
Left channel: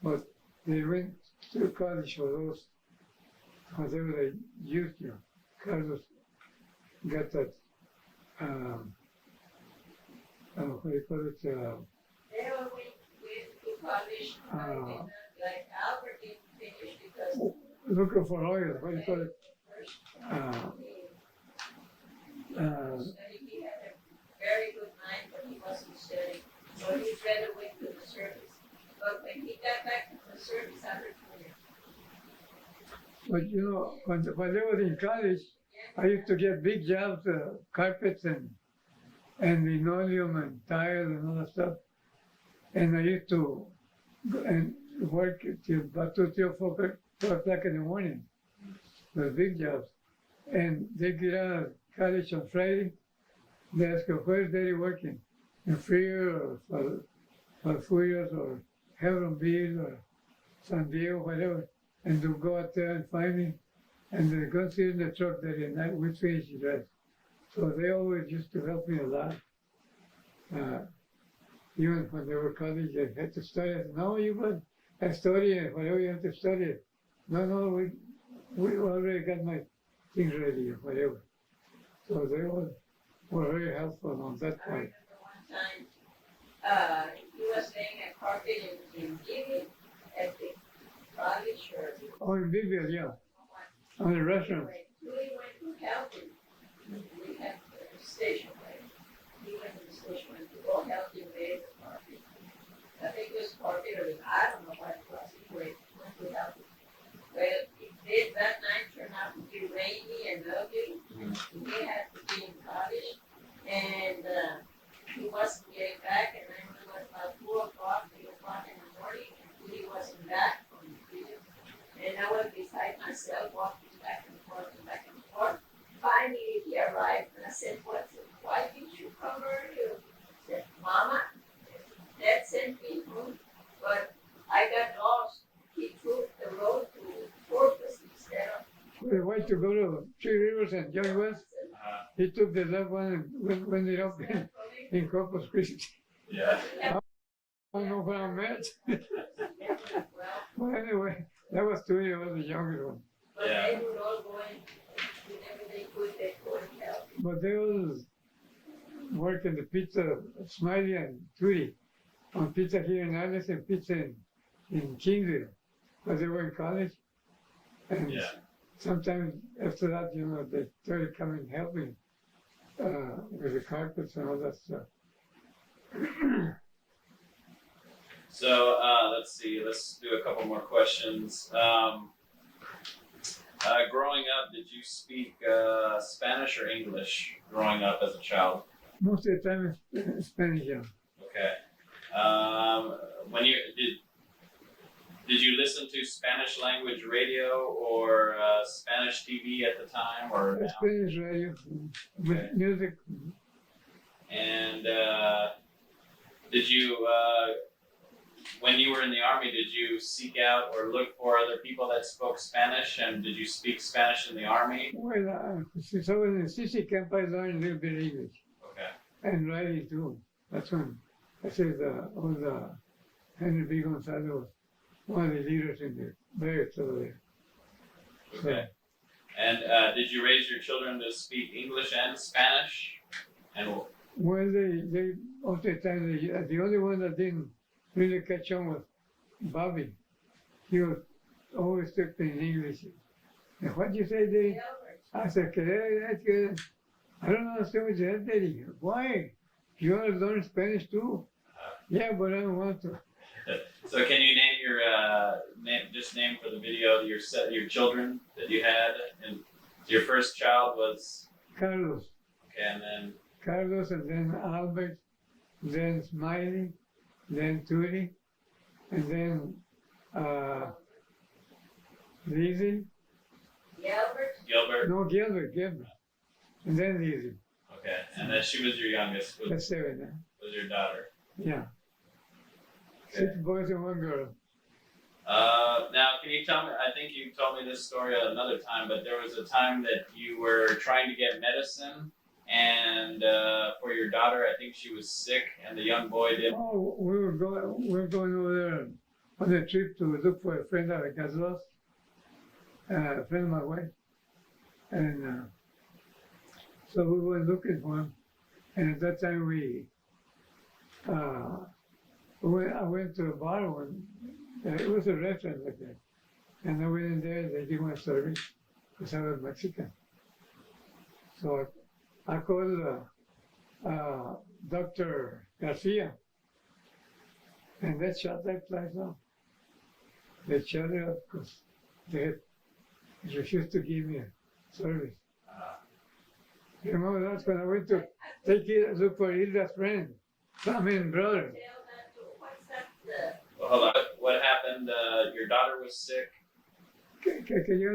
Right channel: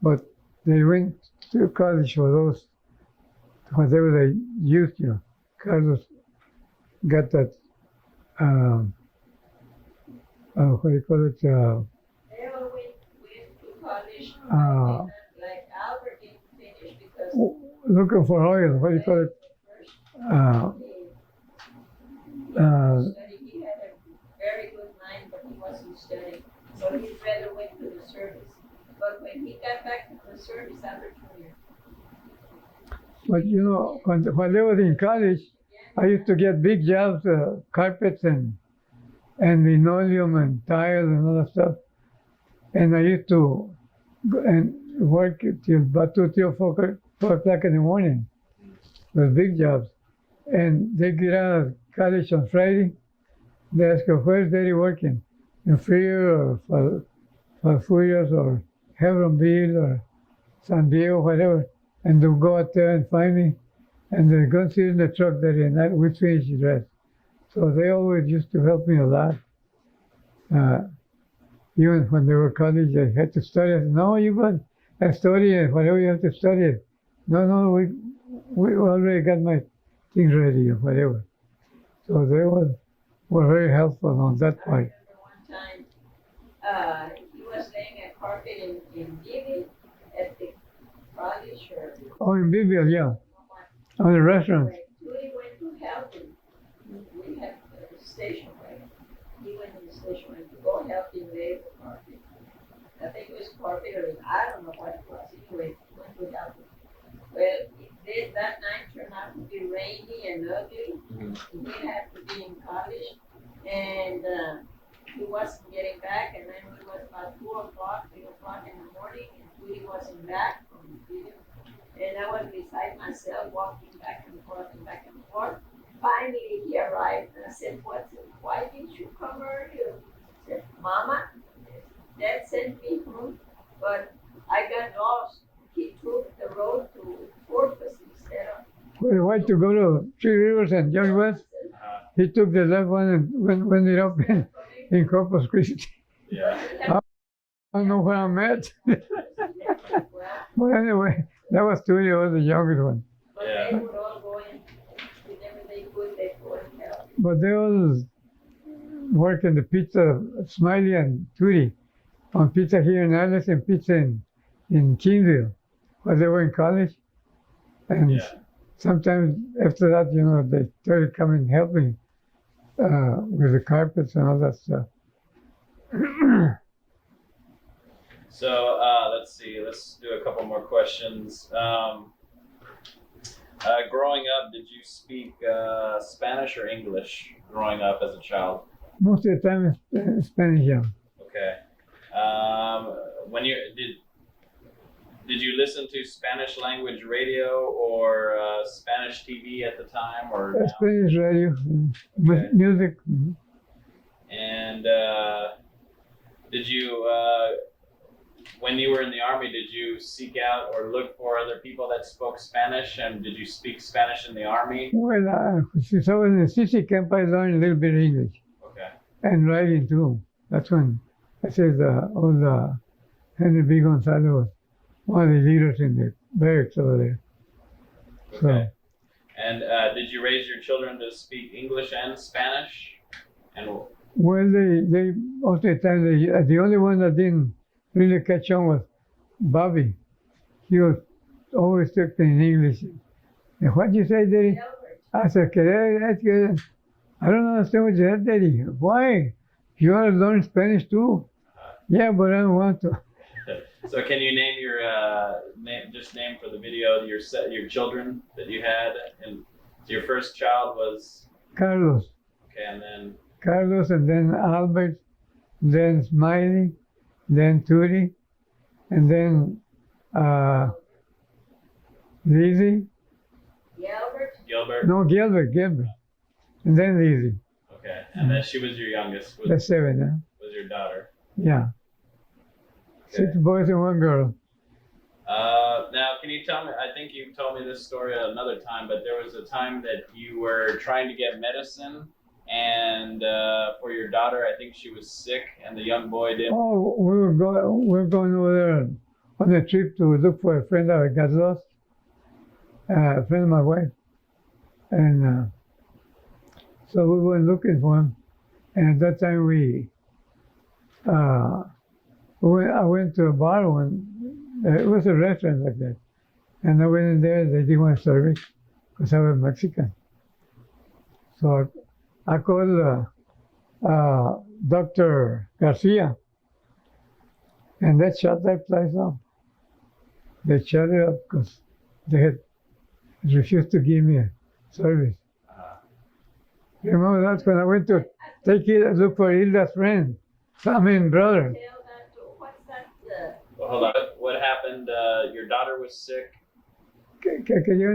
but they went to college for those, whatever they used, Carlos got that, what do you call it? They all went to college, like Albert didn't finish because Looking for oil, what do you call it? he had a very good mind, but he wasn't studying. So he rather went to the service. But when he got back to the service, Albert told him, But when they were in college, I used to get big jobs, carpets and linoleum and tile and all that stuff. And I used to go and work till about 2, 3, or 4 o'clock in the morning with big jobs. And they get out of college on Friday. They ask her, where's Daddy working? In Frio or Falfurrias or Hebronville or San Diego, whatever. and they'll go out there and find me, and they're going to sit in the truck that night. We finish the dress. So they always used to help me a lot. Even when they were college, they had to study. I said, no, you got to study it. Whatever you have to study it. No, we already got my things ready or whatever. So they were very helpful on that I part. remember one time, he was laying a carpet in Giving at the college or Oh, in Biblia, yeah, on the restaurant. when we went to help him. We had a station, right? He went to the station and to go help him lay the carpet. I think it was carpet or I don't know what it was. Anyway, went to help him. Well, that night turned out to be rainy and ugly. He had to be in college, and he wasn't getting back. And then it was about 2 o'clock, 3 o'clock in the morning, and he wasn't back from the field. And I was beside myself, walking back and forth and back and forth. Finally, he arrived, and I said, why didn't you come earlier? He said, Mama, Dad sent me home, but I got lost. He took the road to Corpus instead of. We went to go to Three Rivers and Young West. He took the left one and went it up in Corpus Christi. Yeah. I don't know where I'm at. But anyway, that was 2 years old, the youngest one. But Yeah. they would all go in, whenever they could, they go and help. But they always work in the pizza, Smiley and Tootie, on pizza here in Alice and pizza in Kingsville, where they were in college. And Yeah. sometimes after that, they started coming helping with the carpets and all that stuff. So let's see. Let's do a couple more questions. Growing up, did you speak Spanish or English growing up as a child? Most of the time it's Spanish, yeah. Okay. When you did you listen to Spanish language radio or Spanish TV at the time, or now? Spanish radio, Okay. music. And did you, when you were in the army, did you seek out or look for other people that spoke Spanish? And did you speak Spanish in the army? Well, since I was in the CC camp, I learned a little bit of English Okay. and writing too. That's when I said old Henry B. Gonzalez was one of the leaders in the barracks over there. Okay. And did you raise your children to speak English and Spanish? And Well, they most of the time, the only one that didn't really catch on was Bobby. He was always talking in English. And what you say, Daddy? I said, I don't understand what you said, Daddy. Why? You want to learn Spanish too? Yeah, but I don't want to. so, can you name your name for the video your children that you had? And your first child was Carlos. okay, and then Carlos, and then Albert, then Smiley, then Tootie, and then Lizzie. Gilbert, Gilbert. Gilbert. And then Lizzie. Okay, and then she was your youngest. That's 7, huh? Was your daughter? Yeah. Okay. 6 boys and 1 girl. Now, can you tell me? I think you told me this story at another time, but there was a time that you were trying to get medicine, and for your daughter, I think she was sick, and the young boy did. Oh, we were going over there on a trip to look for a friend that got lost, a friend of my wife, and so we were looking for him. And at that time, I went to a bar when it was a restaurant like that, and I went in there. They didn't want service because I was Mexican, so I called Dr. Garcia, and they shut that place up. They shut it up because they had refused to give me a service. Remember that when I went to look for Hilda's friend, brother. what's that? Well, hold on. What happened? Your daughter was sick. Que quería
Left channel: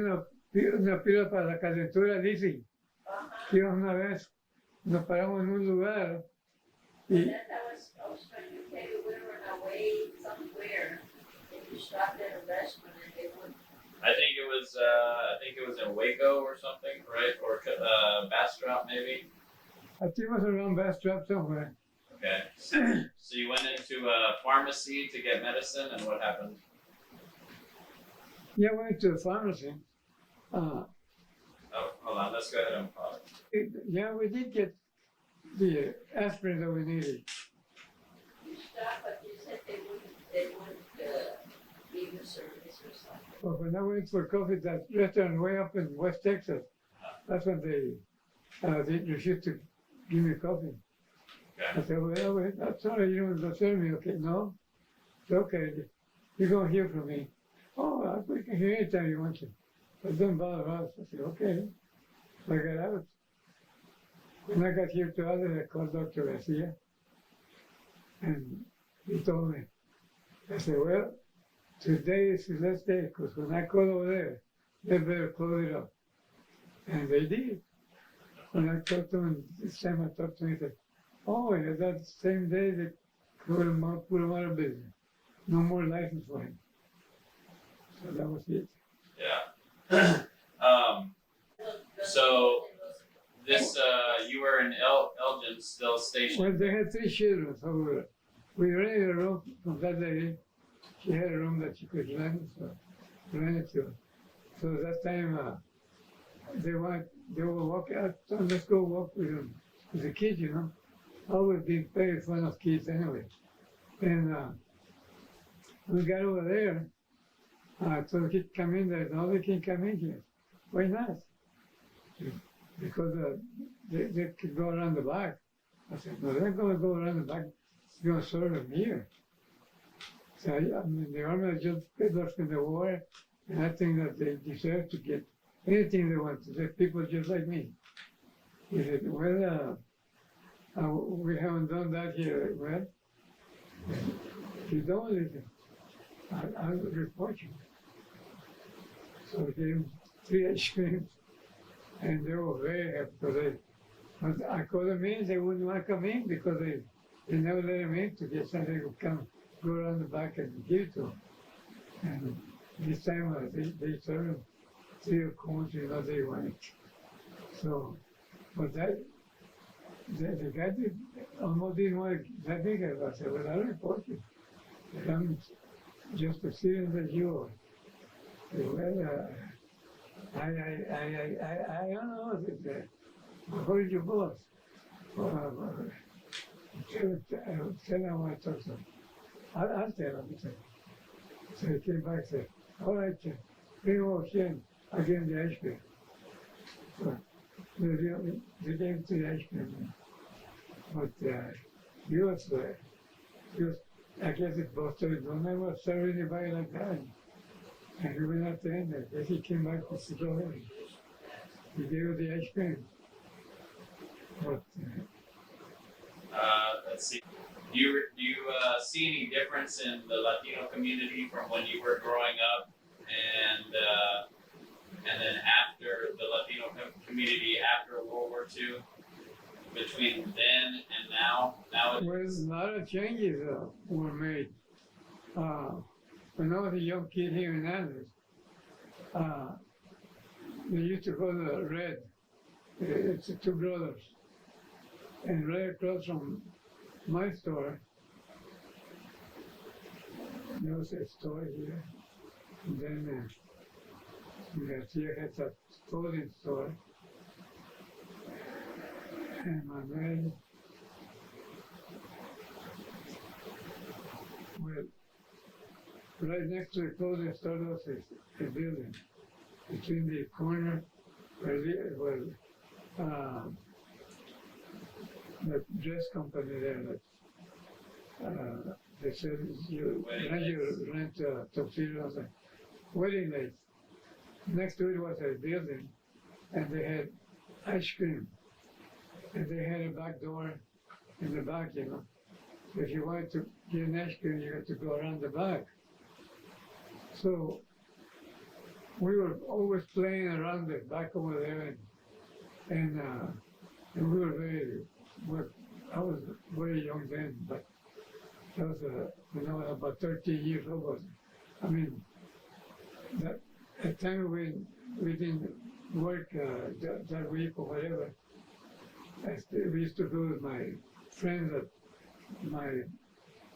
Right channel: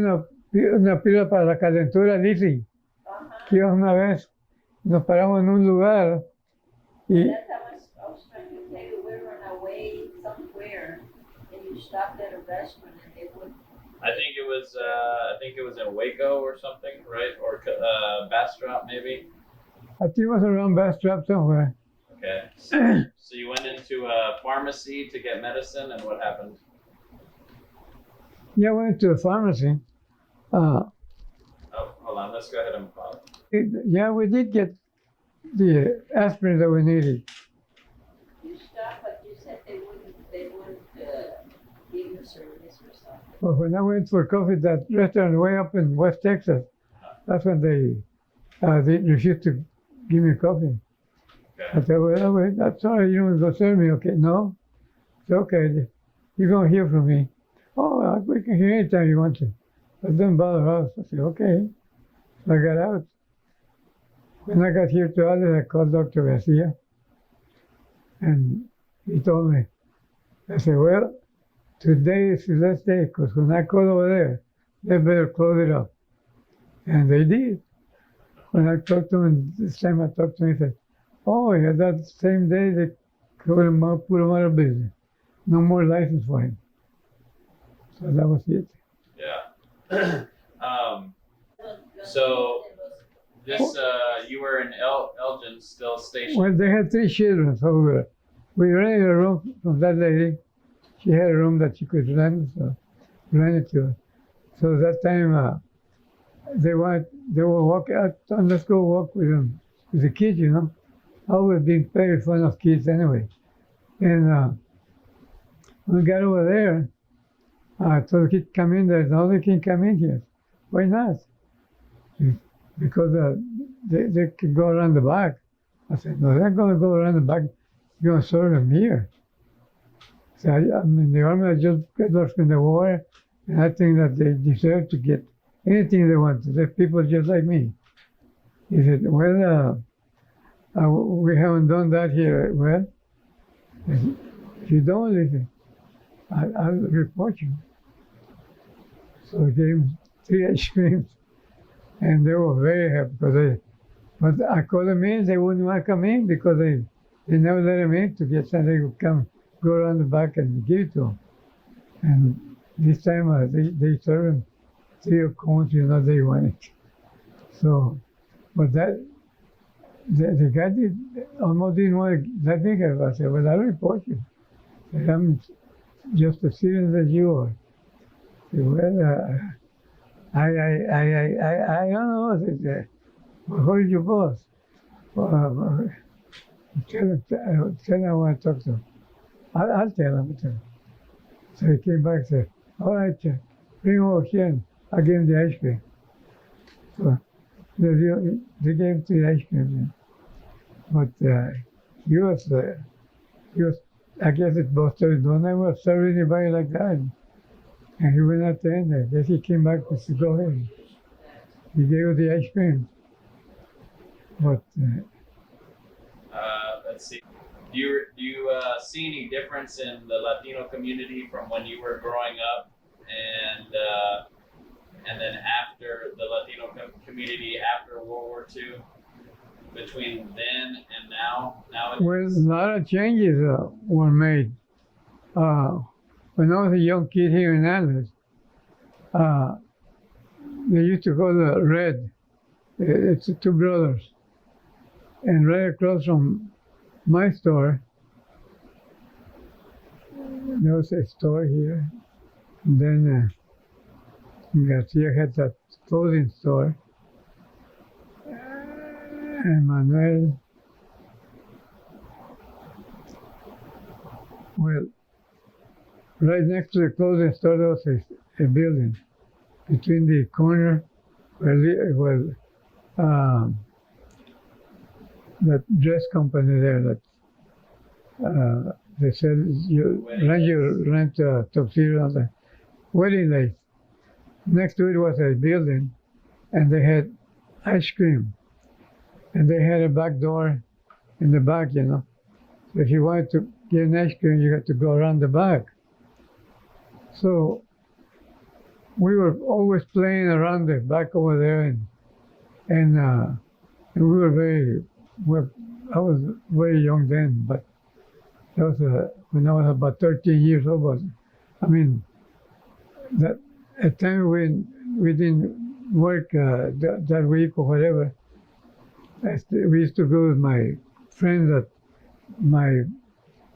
una pila para la calentura, Lizzie. Que iba una vez, nos paramos en un lugar y That I was trying to tell you, we were on our way somewhere, and you stopped at a restaurant, and they put I think it was in Waco or something, right? Or Bastrop maybe. I think it was around Bastrop somewhere. Okay. So you went into a pharmacy to get medicine, and what happened? Yeah, I went to a pharmacy. Uh, Oh, hold on. Let's go ahead and pause. yeah, we did get the aspirin that we needed. You stopped, but you said they wouldn't give you service or something. But when I went for coffee, that restaurant way up in West Texas, that's when they refused to give me coffee. I Okay. said, well, wait, I'm sorry, you don't go serve me. Okay, no, it's okay. You're going to hear from me. Oh, we can hear anytime you want to. But don't bother us. I said, okay. I got out. When I got here to Alice, I called Dr. Garcia, and he told me, I said, well, today is the last day, because when I called over there, they better close it up. And they did. When I talked to him, this time I talked to him, he said, oh, yeah, that same day they put him out of business. No more license for him. So that was it. Yeah. So this you were in Elgin still stationed. Well, they had 3 children, so we rented a room from that lady. She had a room that she could rent, so rented to her. So that time they were walking out, let's go walk with them, with the kids, you know. I always been very fond of kids anyway. And when we got over there, I told the kid, come in there. No, they can't come in here. Why not? Because they could go around the back. I said, no, they're going to go around the back. You're going to serve them here. So I mean, the army just got lost in the war, and I think that they deserve to get anything they want. They're people just like me. He said, well, we haven't done that here. Well, if you don't listen, I'll report you. So I gave them 3 ice creams, and they were very happy because but I called them in, they wouldn't want to come in because they never let them in to get something. They would come, go around the back and give it to them. And this time they served them 3 of cones, you know, they wanted. So, but the guy almost didn't want to let me have. I said, well, I'll report you. And I'm just as serious as you are. I said, well, I don't know. I said, well, who's your boss? Tell him I want to talk to him. I'll tell him. So he came back and said, all right, bring him over here. And I gave him the ice cream. So they gave him 3 ice creams. But he was, I guess it's both sides. Don't ever serve anybody like that. And he went out there and I guess he came back and said, go ahead. He gave her the ice cream. But Let's see. Do you see any difference in the Latino community from when you were growing up, and then after the Latino community after World War II, between then and now? well, a lot of changes were made. When I was a young kid here in Alice, they used to go to Red. It's 2 brothers. And right across from my store, there was a store here. And then Garcia had that clothing store. And Manuel, well, right next to the clothing store, there was a building. Between the corner where that dress company there that they sell you rent tuxedo on the wedding lace. Next to it was a building, and they had ice cream, and they had a back door in the back, you know. So if you wanted to get an ice cream, you had to go around the back. So we were always playing around the back over there, and we were I was very young then, but that was when I was about 13 years old. I mean, that at times when we didn't work that week or whatever, we used to go with my friends that my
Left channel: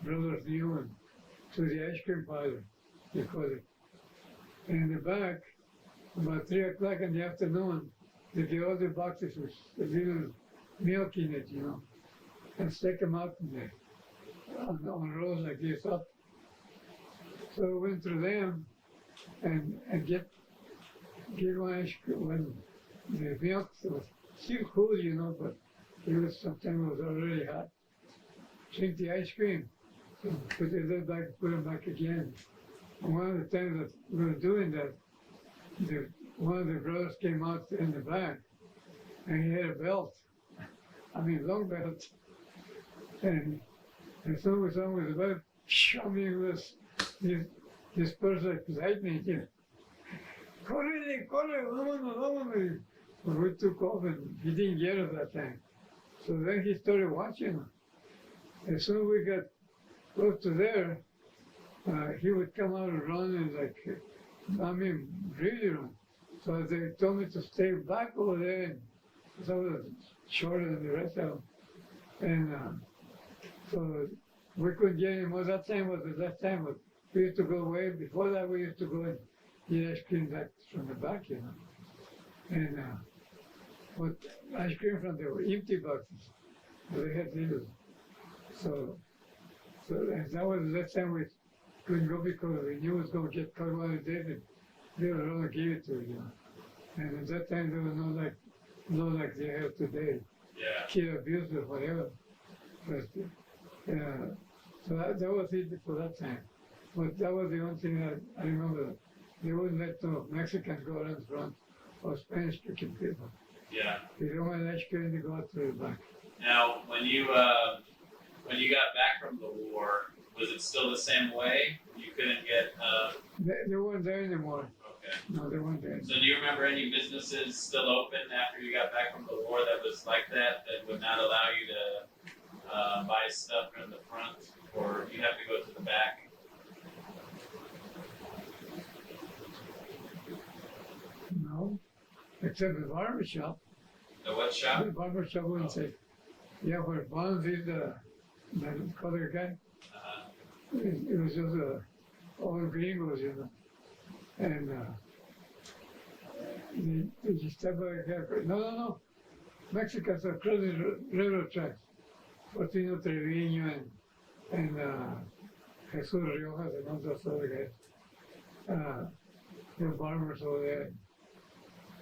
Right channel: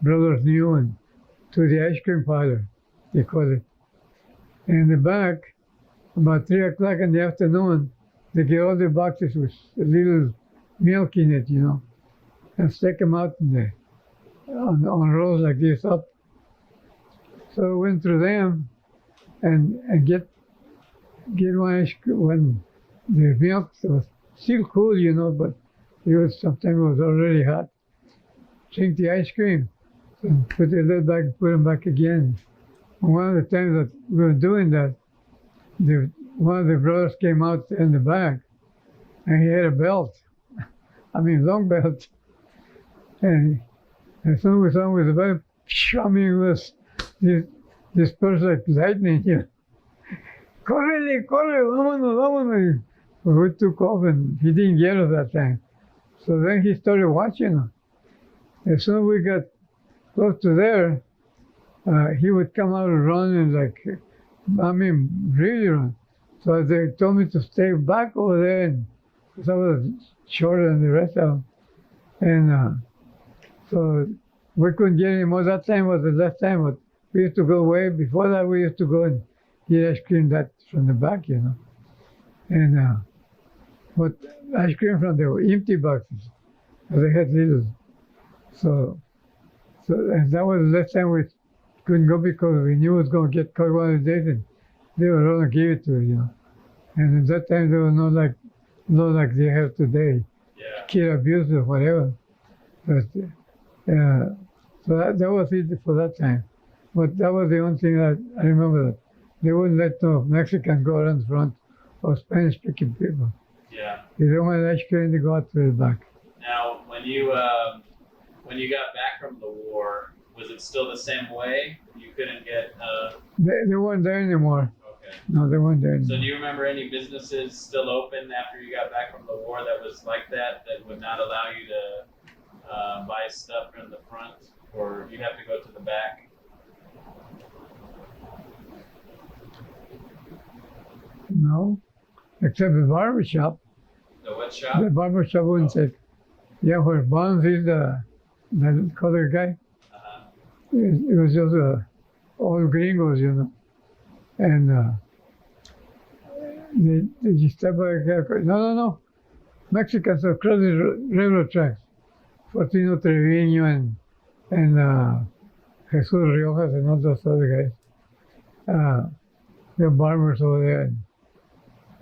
brothers knew and to the ice cream parlor, they call it. And in the back, about 3 o'clock in the afternoon, they get all the boxes with a little milk in it, and stick them out in there on rows like this up. So I went through them and get when the milk was still cool, but sometimes it was already hot. Drink the ice cream, and put the lid back, put them back again. And one of the times that we were doing that, one of the brothers came out in the back, and he had a belt. I mean, long belt. And as soon as we saw him with the belt, it was this person like lightning, Corre, vámonos. Well, we took off and he didn't get us that time. So then he started watching us. As soon as we got close to there, he would come out and run and really run. So they told me to stay back over there, and because I was shorter than the rest of them. And so we couldn't get any more. That time was the last time, but we used to go away. Before that, we used to go and get ice cream that from the back, And but ice cream from the empty boxes. They had little. So and that was the last time we couldn't go because we knew it was going to get cold one of the days, and they were going to give it to us, And at that time, there was no like they have today, kid abuse or whatever. But so that was it for that time. But that was the only thing that I remember. That they wouldn't let no Mexican go around the front or Spanish-speaking people. Yeah. They don't want ice cream to go out to the back. Now, when you got back from the war, was it still the same way? You couldn't get. They weren't there anymore. Okay. No, they weren't there anymore. So do you remember any businesses still open after you got back from the war that was like that would not allow you to buy stuff from the front, or you have to go to the back? No, except the barber shop. The what shop? The barber shop wouldn't say. Yeah, where Bonds is the colored guy. It was just all gringos, And they just step by the guy. No. Mexicans across the railroad tracks. Fortino Trevino and Jesus Riojas and all those other guys. They're barbers over there.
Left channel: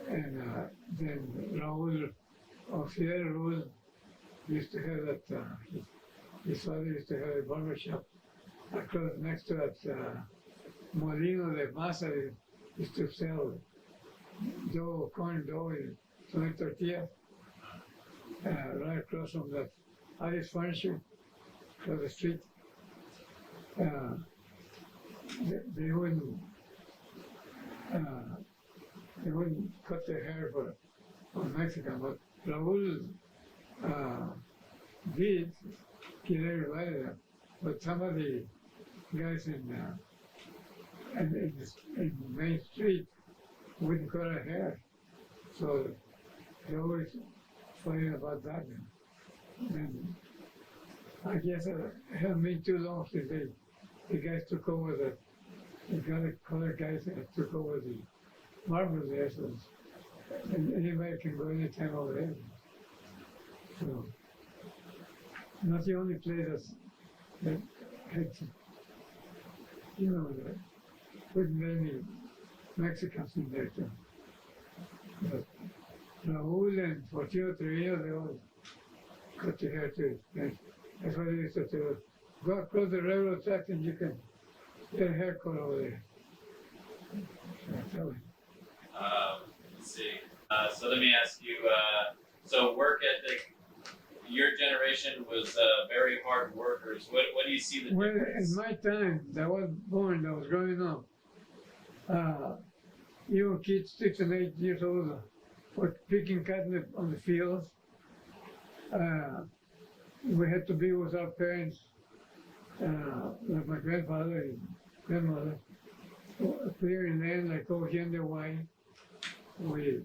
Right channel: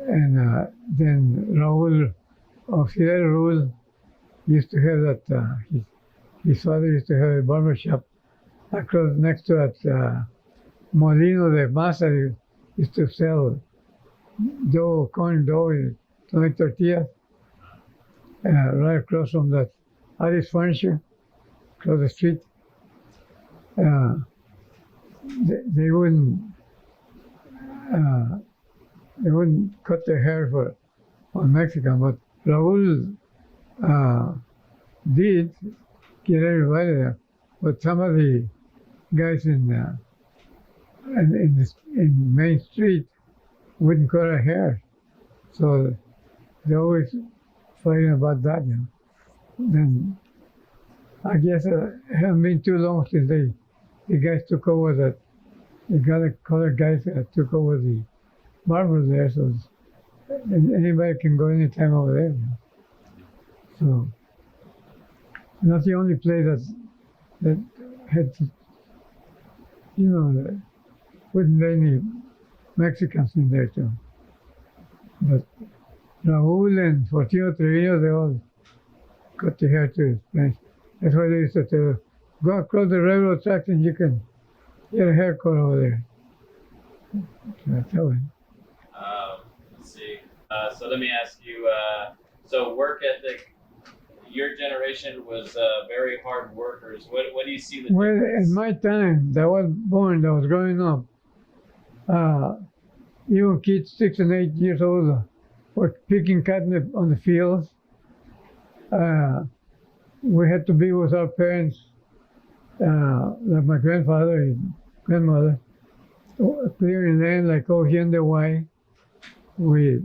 And then Raul, Auxiliary Raul, used to have that, his father used to have a barber shop across next to that Molino de Masa. He used to sell corn dough, to make tortillas, right across from that Alice Furniture, across the street. They wouldn't cut their hair on Mexican, but Raul did get everybody there. But some of the guys in Main Street wouldn't cut their hair, so they always fighting about that. Then I guess it hasn't been too long since the guys took over that. The colored guys took over the barbers there, so anybody can go anytime over there. So not the only place that had, that wouldn't let any Mexicans in there too. But Raul and Fortino Trevino, they all cut their hair too. That's why they used to tell, go across the railroad tracks and you can get a haircut over there. So that's how it. Let's see. So let me ask you. So work ethic. Your generation was very hard workers. What do you see the Well, difference? in my time, that was growing up, even kids 6 and 8 years old were picking cotton on the fields. We had to be with our parents, like my grandfather and grandmother, clearing land like over here in the Y. We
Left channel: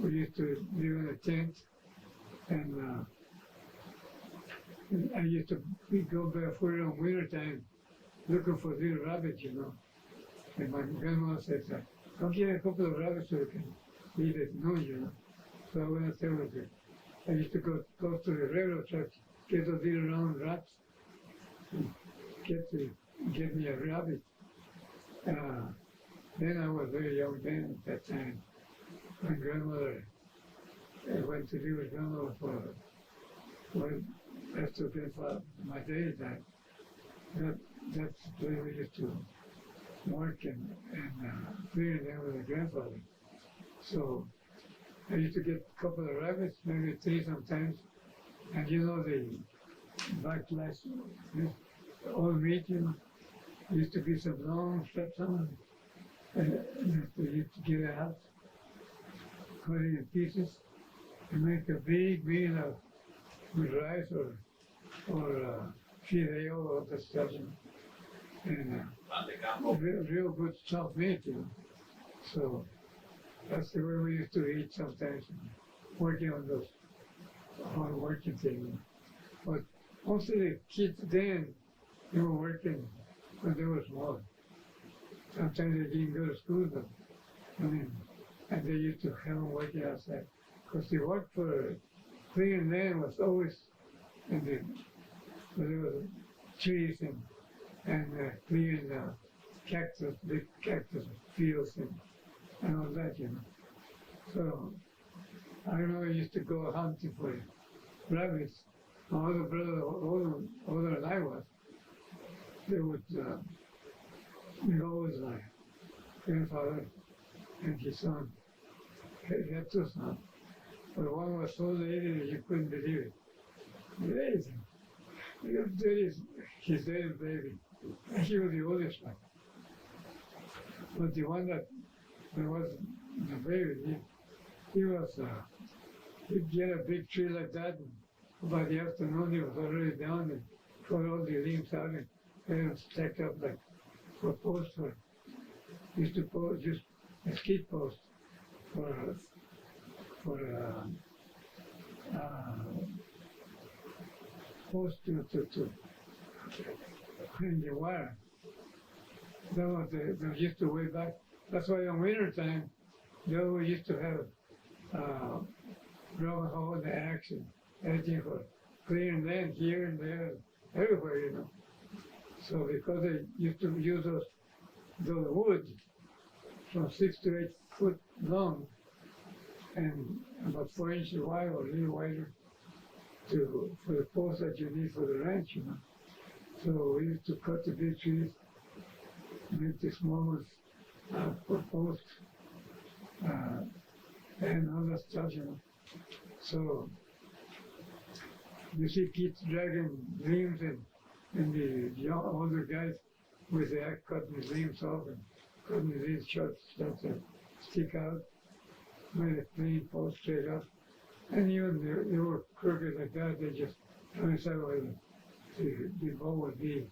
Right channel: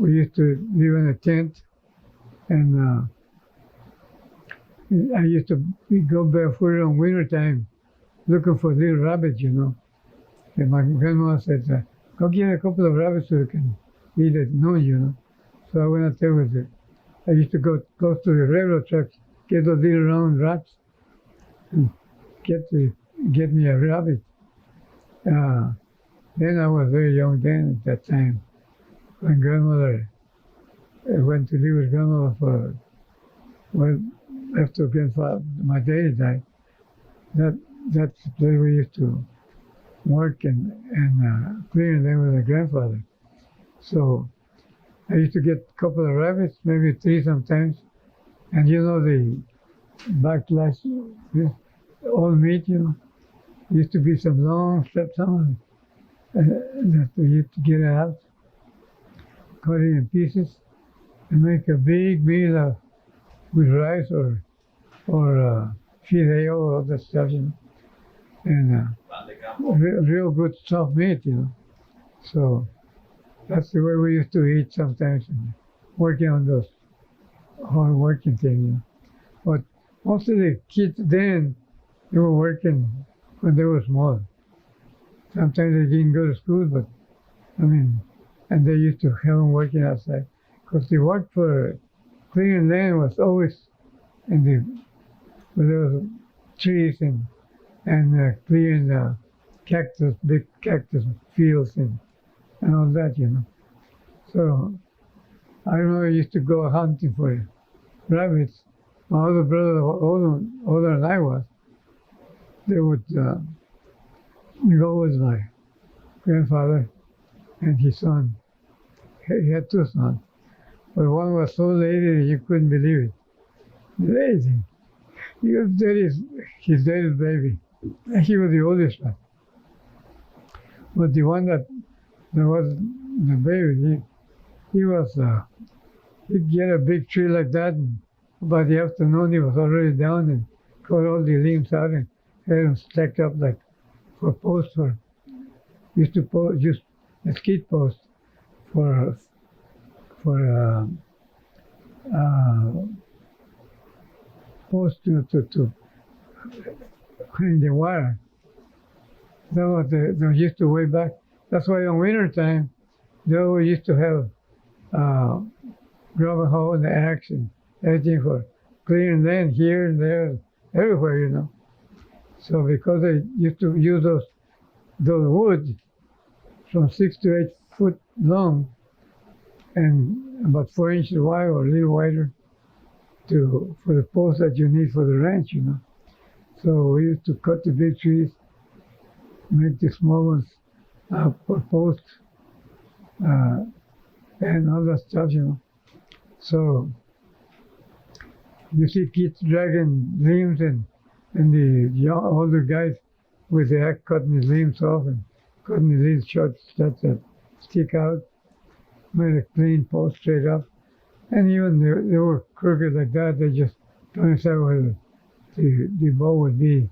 used to live in a tent, and I used to go barefoot on winter time looking for little rabbits, you know. And my grandma said, go get a couple of rabbits so you can eat at noon, you know. So I went out there with it. I used to go close to the railroad tracks, get those little round rats, and get me a rabbit. Then I was very young then at that time. My grandmother went to live with grandmother for, well, after grandfather, my daddy died. That's where we used to work and clear them with my grandfather. So I used to get a couple of rabbits, maybe 3 sometimes. And you know the backlash, all meat, you know. Used to be some long steps on that we used to get out, cut it in pieces, and make a big meal with rice or fideo or other stuff, you know. And real good soft meat, you know. So that's the way we used to eat sometimes, working on those hard working things. You know. But most of the kids then, they were working when they were small. Sometimes they didn't go to school, but I mean, and they used to have them working outside. Because the work for clearing land was always in where there was trees and clearing the cactus, big cactus fields and all that, you know. So I remember I used to go hunting for rabbits. My other brother, older than I was, they would go with my grandfather and his son. He had 2 sons, but one was so lazy that you couldn't believe it. Lazy. He was his daddy's baby. And he was the oldest one. But the one that was the baby, he was, he'd get a big tree like that, and by the afternoon he was already down and cut all the limbs out and had them stacked up like for posts used to use mesquite posts for posts to clean the water. That was they used to way back. That's why in winter time they always used to have grab a hoe and the axe and everything for clearing land here and there, everywhere, you know. So because they used to use those woods from 6 to 8 foot long and about 4 inches wide or a little wider for the posts that you need for the ranch, you know. So we used to cut the big trees, make the small ones for posts, and all that stuff, you know. So you see kids dragging limbs and the older guys with the axe cutting the limbs off and cutting the little short stuff that stick out, made a clean post straight up. And even they were crooked like that, they just coincided where the bow would be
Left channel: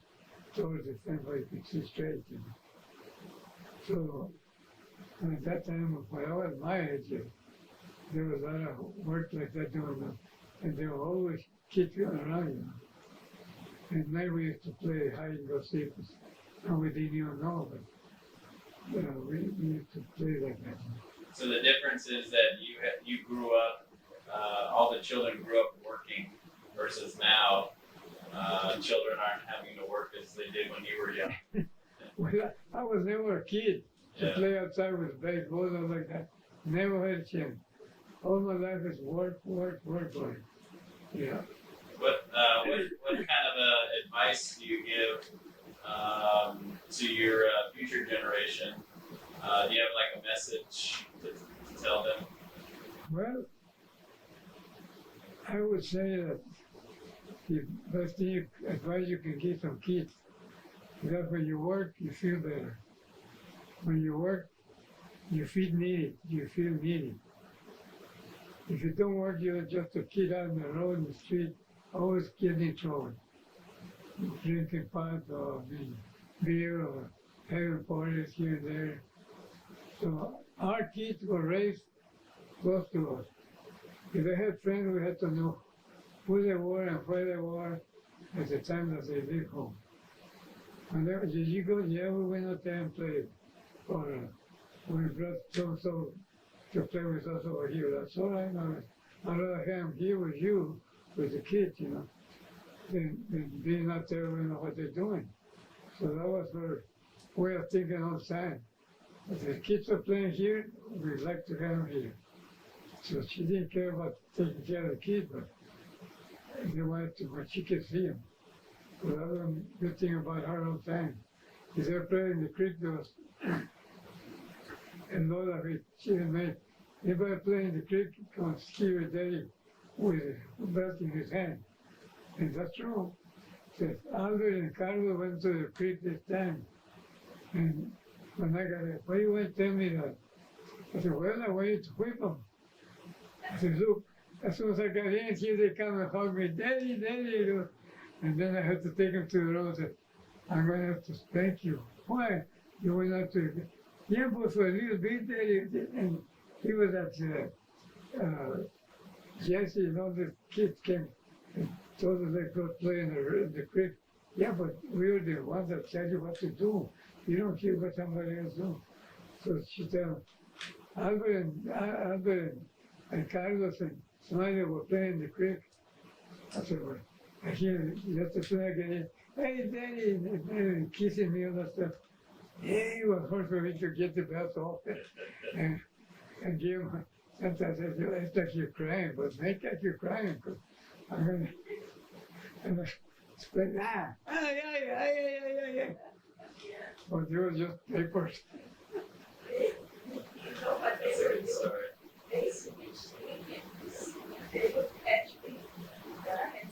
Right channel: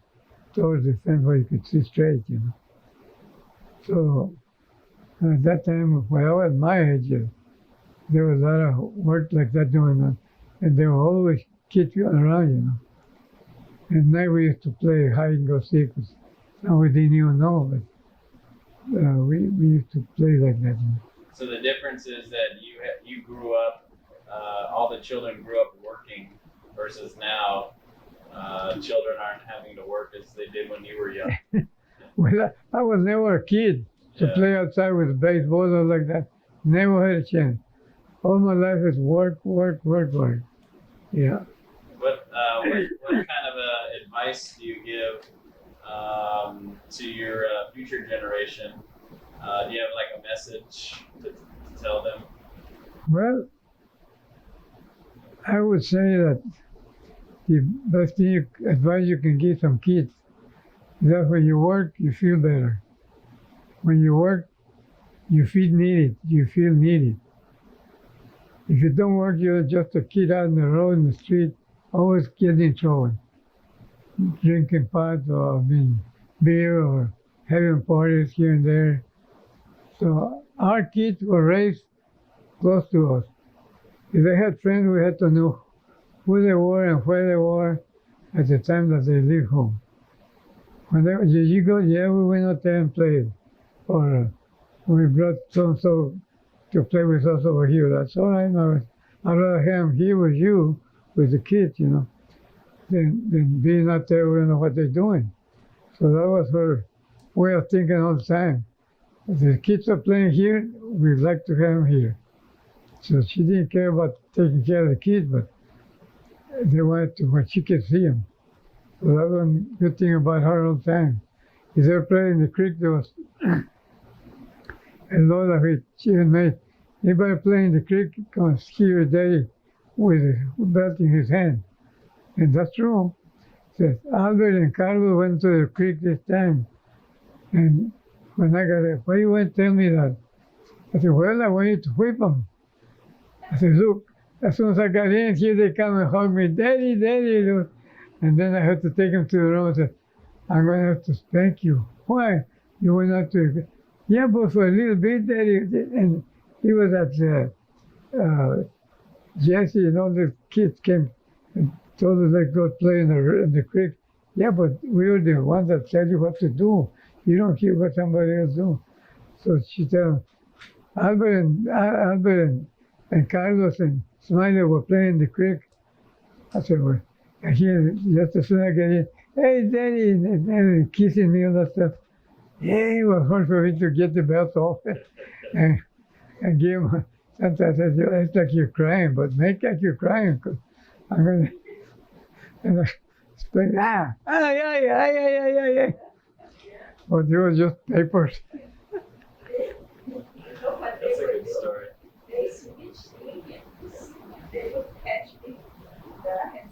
towards the fence where you could see straight, you know. So at that time, when I was my age, there was a lot of work like that going on. And there were always kids around, you know. And night we used to play hide and go seek. Now we didn't even know, but we used to play like that. You know. So the difference is that you grew up, all the children grew up working, versus now, children aren't having to work as they did when you were young. Well, I was never a kid to play outside with baseball or like that. Never had a chance. All my life is work. Yeah. What kind of advice do you give to your future generation? Do you have like a message to tell them? Well, I would say that the best advice you can give some kids is that when you work, you feel better. When you work, you feel needed. If you don't work, you're just a kid out in the road, in the street, always getting in trouble. Drinking pot or beer or having parties here and there. So our kids were raised close to us. If they had friends, we had to know who they were and where they were at the time that they leave home. When they, did you go? Yeah, we went out there and played. Or we brought so-and-so to play with us over here. That's all right. No, I'd rather have them here with you, with the kids, you know, than being out there, we don't know what they're doing. So that was her way of thinking all the time. If the kids are playing here, we'd like to have them here. So she didn't care about taking care of the kids, but they wanted to when she could see them. So that was a good thing about her all the time. If they were playing in the creek, there was a lot of it. She even made anybody playing in the creek can see your daddy with a belt in his hand. And that's true. Says Albert and Carlos went to the creek this time. And when I got there, why you went to tell me that? I said, well, I want you to whip them. I said, look, as soon as I got in, here they come and hug me, Daddy, Daddy. You know. And then I had to take them to the room and said, I'm going to have to spank you. Why? You went out to, yeah, but for a little bit, Daddy. And he was at Jesse and all the kids came and told us they go play in the creek. Yeah, but we were the ones that tell you what to do. You don't hear what somebody else do. So she told Albert and Carlos and Smiley were playing in the creek. I said, well, and he just as soon as I get in, hey, Daddy, and kissing me and that stuff. Yeah, it was hard for me to get the belt off and give him. Sometimes I said, it's like you're crying, but make like you're crying, because I'm going to, and I explain, but they were just papers. You know what That's they a were good doing? story. They would catch me, that I had